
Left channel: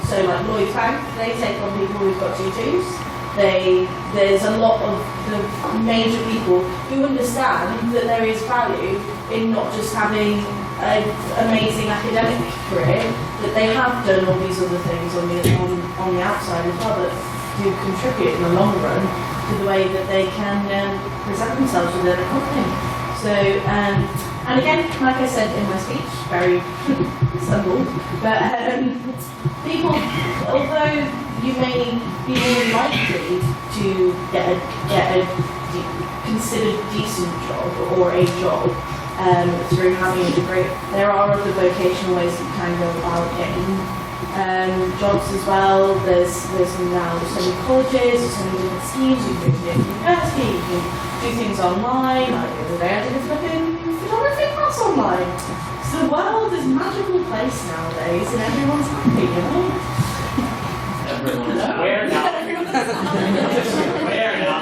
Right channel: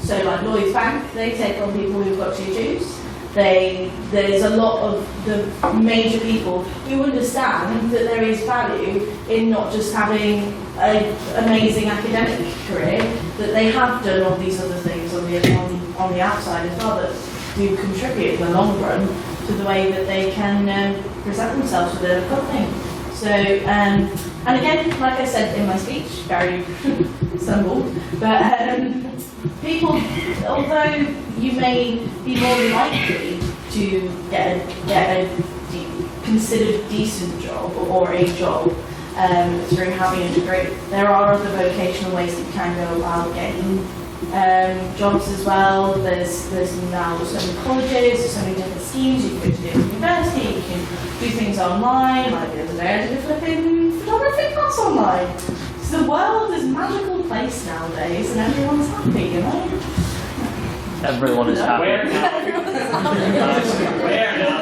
So like Lloyds Bank, they take on people who've got 2-2s. There's a lot of the major people who understand that there is value in not just having an amazing academic career, that they have done all these other things on the outside as well that do contribute in the long run to the way that they can present themselves within a company. So, and again, like I said in my speech, very stumbled, but people, although you may be more likely to get a considered decent job or a job through having a degree, there are other vocational ways that you can go about getting jobs as well. There's now so many colleges, there's so many different schemes. You can go to different university, you can do things online. Like the other day I did a flipping photography class online. So the world is a magical place nowadays and everyone's happy, you know? Everyone is happy. Where now? Where now?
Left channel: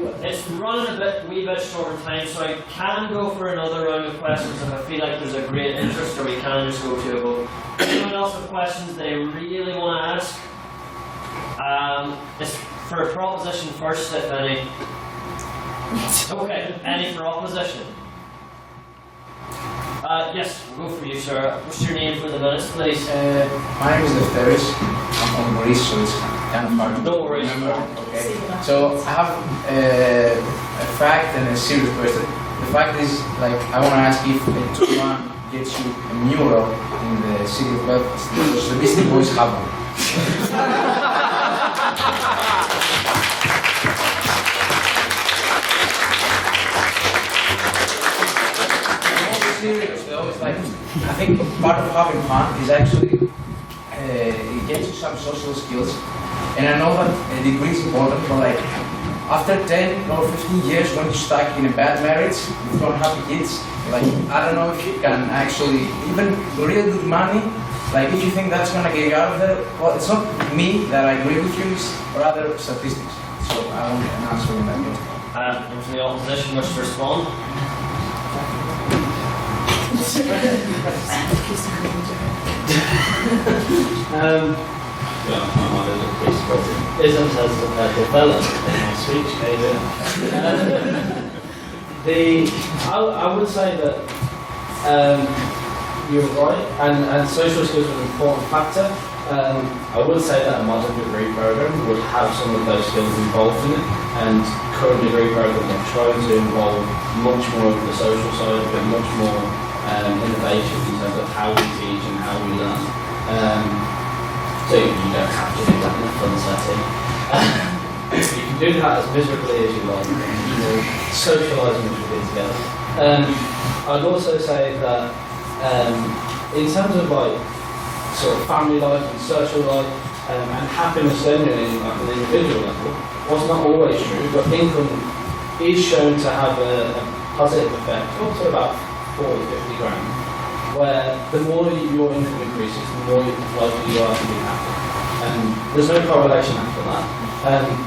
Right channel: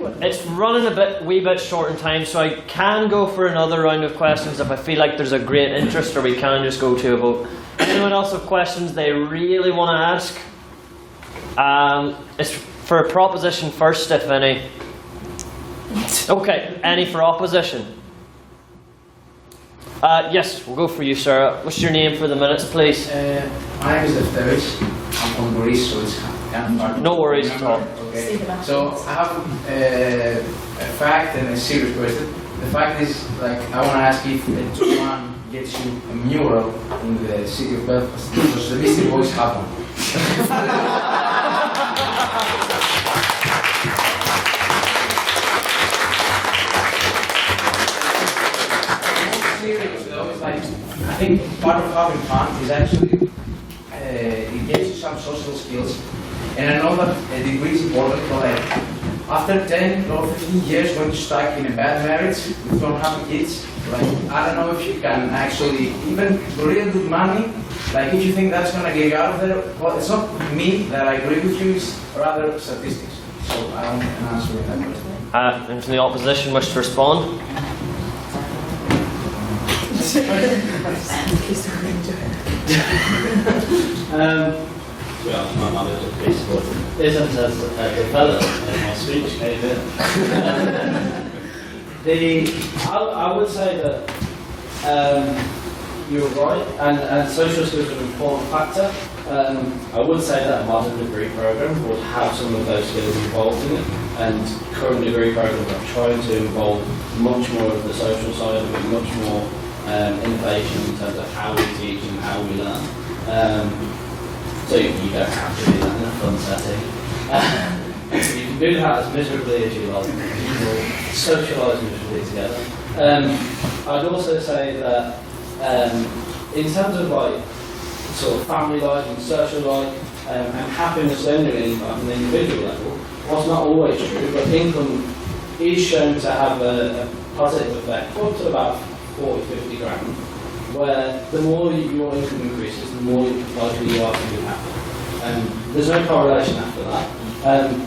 It's running wee bit short in time, so I can go for another round of questions if I feel like there's a great interest, or we can just go to a vote. Anyone else have questions they really want to ask? It's for proposition first, if any. Okay, any for opposition? Yes, we'll go for you, sir. What's your name for the minutes, please? My name is Lefteris. I'm from Greece, so it's kind of hard to No worries. remember. Okay. So I have a fact and a serious question. The fact is, like, I want to ask if a 2-1 gets you a mural in the city of Belfast, because the Beastie Boys have one. Serious though, it's like, I think part of having fun is actually it gets you some social skills, and I know that a degree is important, but like after 10 or 15 years when you're stuck in a bad marriage with unhappy kids, like I don't know if you can actually even really good money, like if you think that's gonna get you out of there. Well, it's not me that I agree with you, it's rather statistics. So I want an answer on that question. Anyone from the opposition wish to respond? Isn't as developed in my speech, David. I would say that you're right, and social skills are an important factor. I would say that a modern degree program would have some of those skills involved in it, and current degree programs are trying to involve much more of the social side of it, much more innovation in terms of how we teach and how we learn. So you don't have to do that in a fun setting. You can do that as miserably as you like. You will socialise miserably together. I'd also say that in terms of like sort of family life and social life and happiness generally in like an individual level, was not always true, but income is shown to have a positive effect up to about 40, 50 grand, where the more your income increases, the more likely you are to be happy. And there's no correlation after that.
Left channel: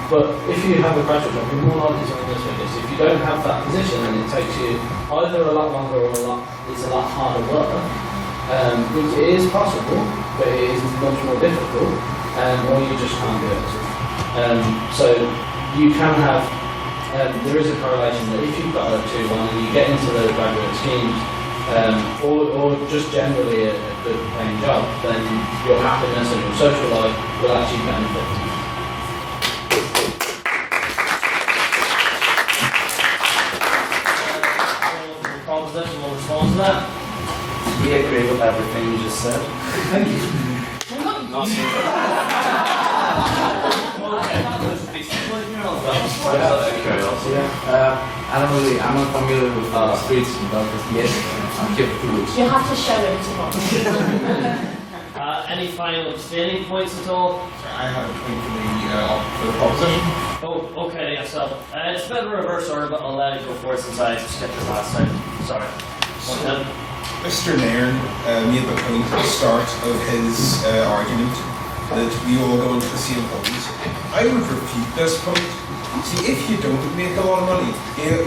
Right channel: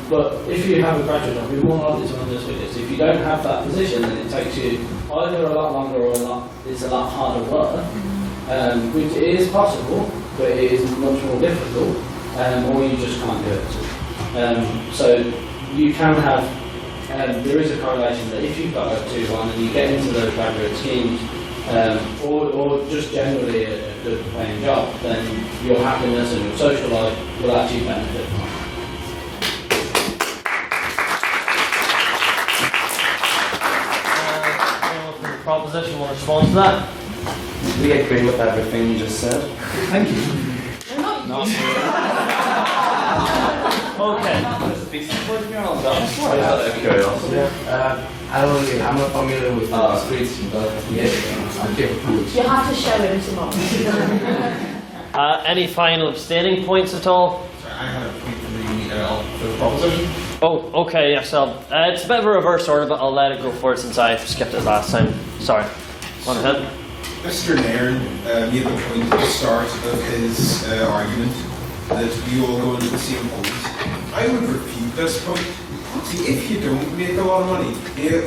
But if you have a graduate job, you're more likely to earn those figures. If you don't have that position, then it takes you either a lot longer or it's a lot harder work, which is possible, but it is much more difficult, or you just can't do it. So you can have there is a correlation that if you've got a 2-1 and you get into those graduate schemes, or just generally a good paying job, then your happiness and your social life will actually benefit from that. Proposition will respond to that. We agree with everything you just said. Thank you. I don't really, I'm not familiar with streets in Belfast yet. I'm here for 2 weeks. You have to show him tomorrow. Any final stating points at all? Sorry, I had a point for the proposition. Oh, okay, yes. It's a bit of a reverse order, but I'll let it go for it since I skipped it last time. Sorry. Go ahead. Mr. Nairn made the point at the start of his argument that we all go into the same holes. I would refute this point. See, if you don't make a lot of money,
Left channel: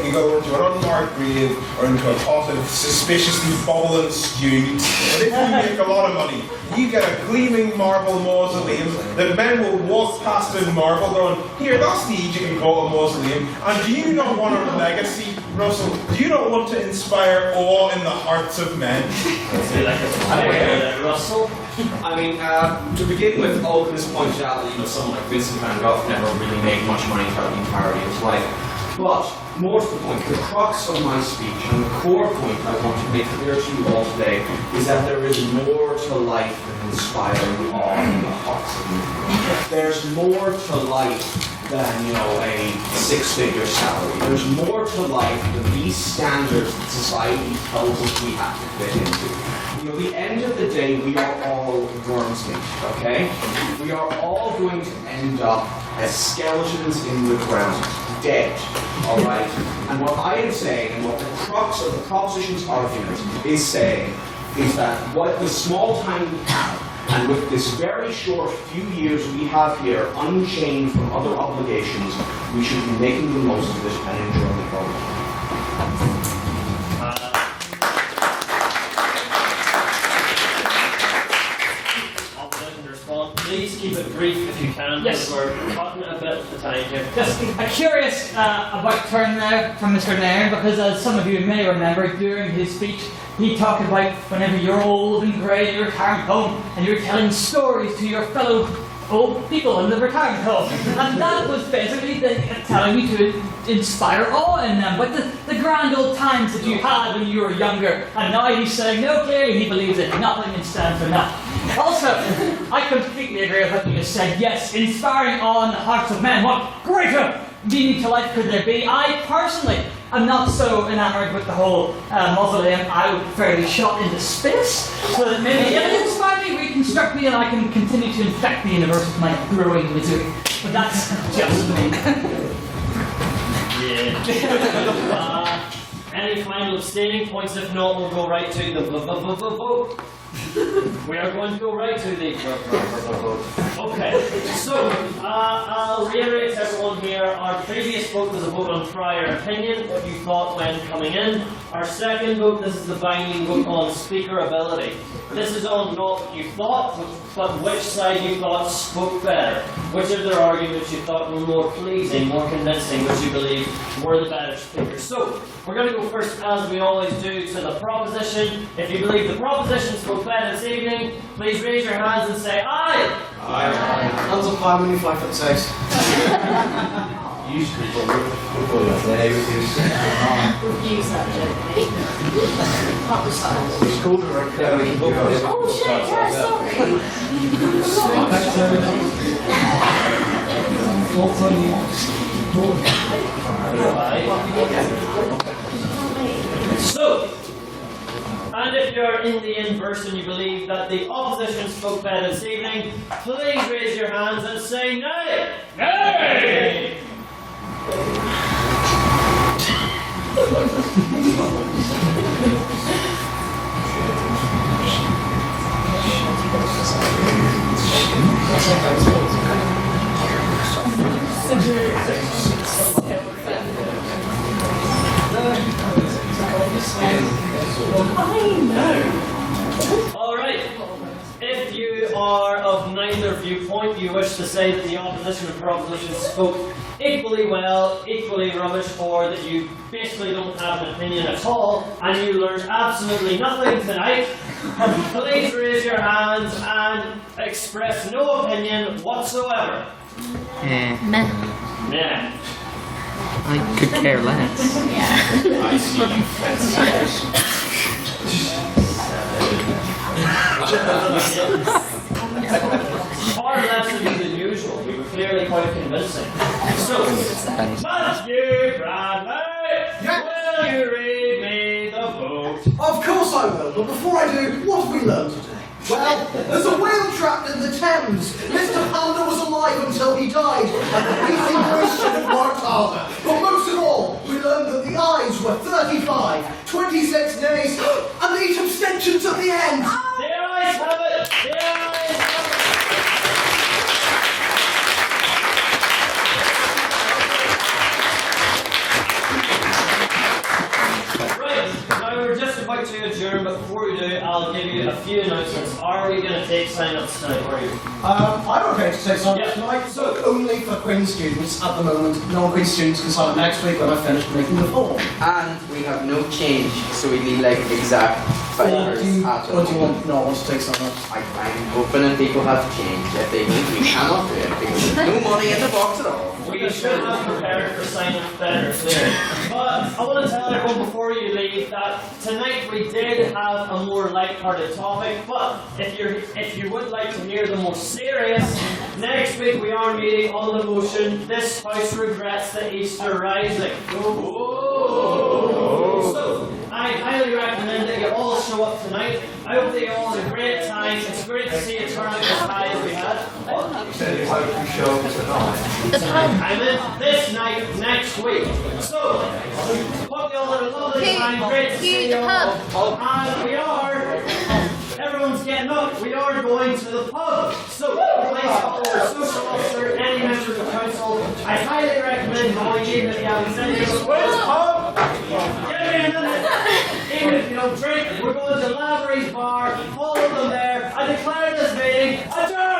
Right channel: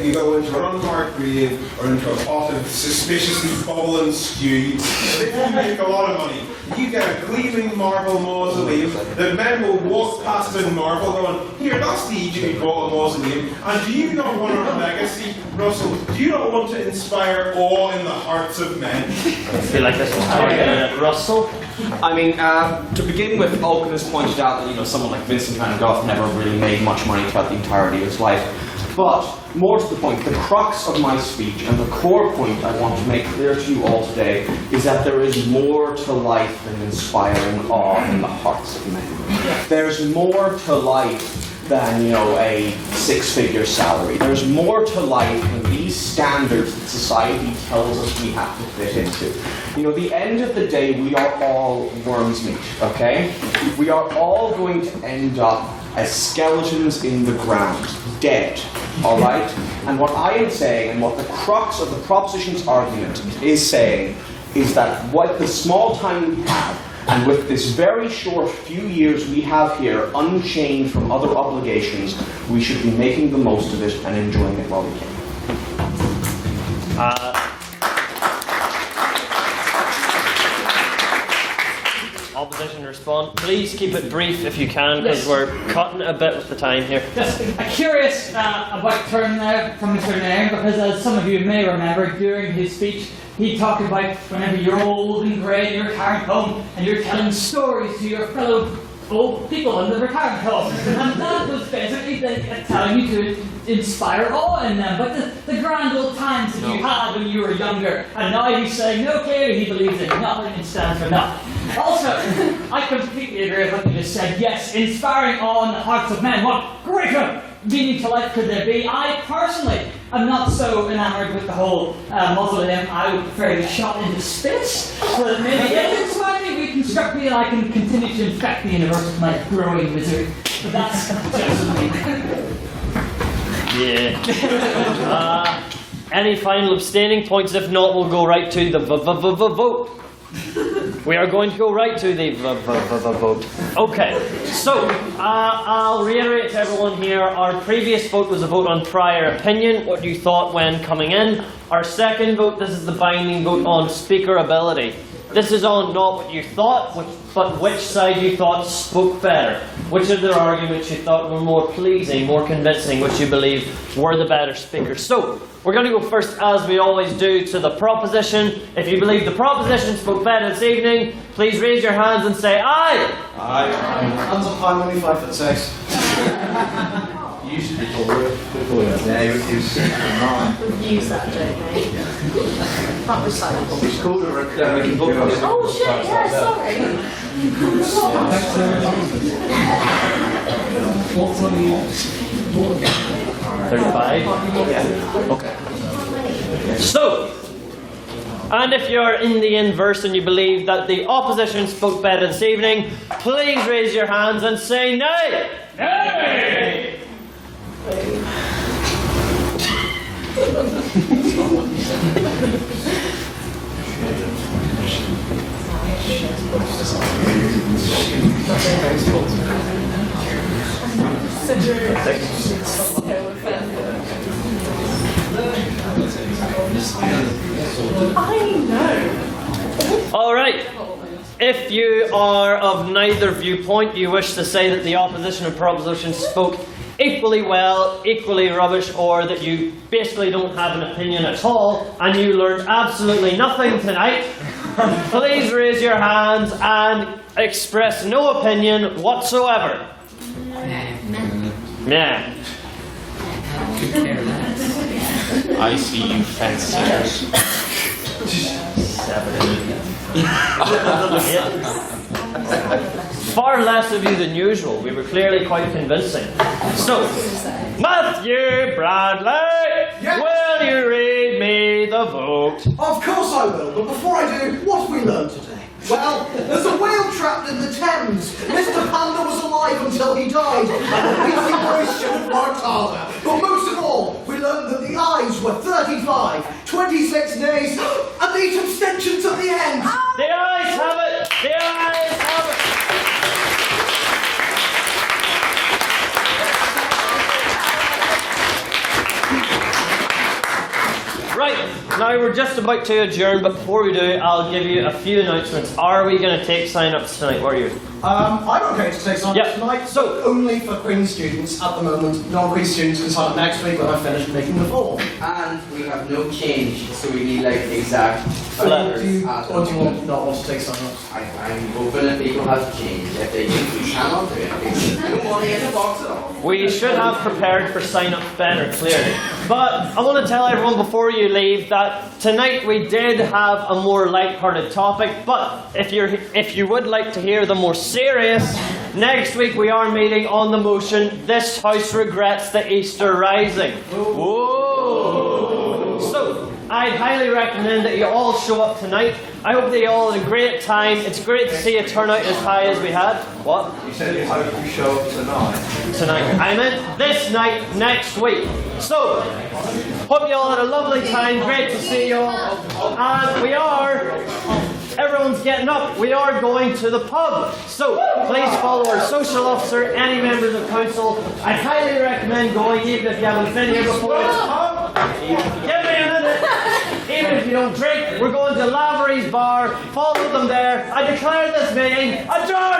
you go into an unmarked grave or into a pot of suspiciously bubbling stew. But if you make a lot of money, you get a gleaming marble mausoleum that men will walk past in marble going, here, that's the Egypt mausoleum. And do you not want a legacy, Russell? Do you not want to inspire awe in the hearts of men? I feel like there's a Russell? I mean, to begin with, Alchemist pointed out that someone like Vincent van Gogh never really made much money throughout the entirety of his life. But more to the point, the crux of my speech and the core point I want to make clear to you all today is that there is more to life than inspiring awe in the hearts of men. There's more to life than a 6-figure salary. There's more to life than these standards that society tells us we have to fit into. At the end of the day, we are all worms meat, okay? We are all going to end up as skeletons in the ground, dead, all right? And what I am saying, and what the crux of the proposition's argument is saying, is that what the small time we have And with this very short few years we have here, unchained from other obligations, we should be making the most of it and enjoying it all. Opposition respond. Please keep it brief if you can, because Yes. we're cutting a bit of the time here. Just a curious about turn there from Mr. Nairn, because as some of you may remember, during his speech, he talked about whenever you're old and grey and you're retiring home and you're telling stories to your fellow old people in the retirement home. And that was basically telling you to inspire awe in them, but the grand old times that you had when you were younger. And now he's saying, no, clearly he believes in nothing and stands for nothing. Also, I completely agree with what you just said. Yes, inspiring awe in the hearts of men. What greater meaning to life could there be? I personally am not so enamoured with the whole mausoleum. I would prefer to be shot into space, so that maybe if it inspired me, reconstruct me, and I can continue to infect the universe with my growing misery. But that's just me. Yeah. Any final abstaining points? If not, we'll go right to the vote. We are going to go right to the vote. Okay, so I'll reiterate to everyone here, our previous vote was a vote on prior opinion, what you thought when coming in. Our second vote, this is the binding vote on speaker ability. This is on not what you thought, but which side you thought spoke better. Which of their arguments you thought were more pleasing, more convincing, which you believe were the better speakers. So, we're going to go first, as we always do, to the proposition. If you believe the proposition spoke better this evening, please raise your hands and say aye. Aye. Hands up high when you're 5'6". Used to be called yeah, Use that joke. That was like. It's called a recurring joke. Oh shit, yeah, So, and if you're in the inverse and you believe that the opposition spoke better this evening, please raise your hands and say nay. Nay! I know. All right. If you are of neither viewpoint, you wish to say that the opposition and proposition spoke equally well, equally rubbish, or that you basically don't have an opinion at all, and you learned absolutely nothing tonight, please raise your hands and express no opinion whatsoever. Yeah. I could care less. I see you fancy. Far less of you than usual. We were clearly quite convincing. So, Matthew Bradley, will you read me the vote? Of course I will, but before I do, what have we learned today? Well, there's a whale trapped in the Thames. Mr. Panda was alive until he died, and the beefy boys should have worked harder. But most of all, we learned that the ayes were 35, 26 days, and 8 abstentions at the end. The ayes have it! The ayes have it! Right, now we're just about to adjourn, but before we do, I'll give you a few announcements. Are we going to take sign-ups tonight, or are you? I'm okay to take sign-ups tonight, so only for Queen's students at the moment. Non-Queen's students can sign up next week when I finish making the form. And we have no change, so we need like exact figures. Do you not want to take sign-ups? I'm hoping that people have change. If they do, we cannot do it because there's no money in the box at all. We should have prepared for sign-ups better, clearly. But I want to tell everyone before you leave that tonight we did have a more light-hearted topic, but if you would like to hear the more serious, next week we are meeting on the motion, this House regrets the Easter Rising. Whoa. So, I highly recommend that you all show up tonight. I hope that you all had a great time. It's great to see a turnout as high as we had. What? You said you hope you show up tonight. Tonight. I meant this night next week. So, hope you all had a lovely time. Great to see you all. And we are Everyone's getting up. We are going to the pub. So please follow our social officer, any members of council. I highly recommend going, even if you haven't been here before. Where's the pub? Give me a minute. Even if you don't drink, we're going to Lavery's bar. Follow them there. I declare this meeting adjourned.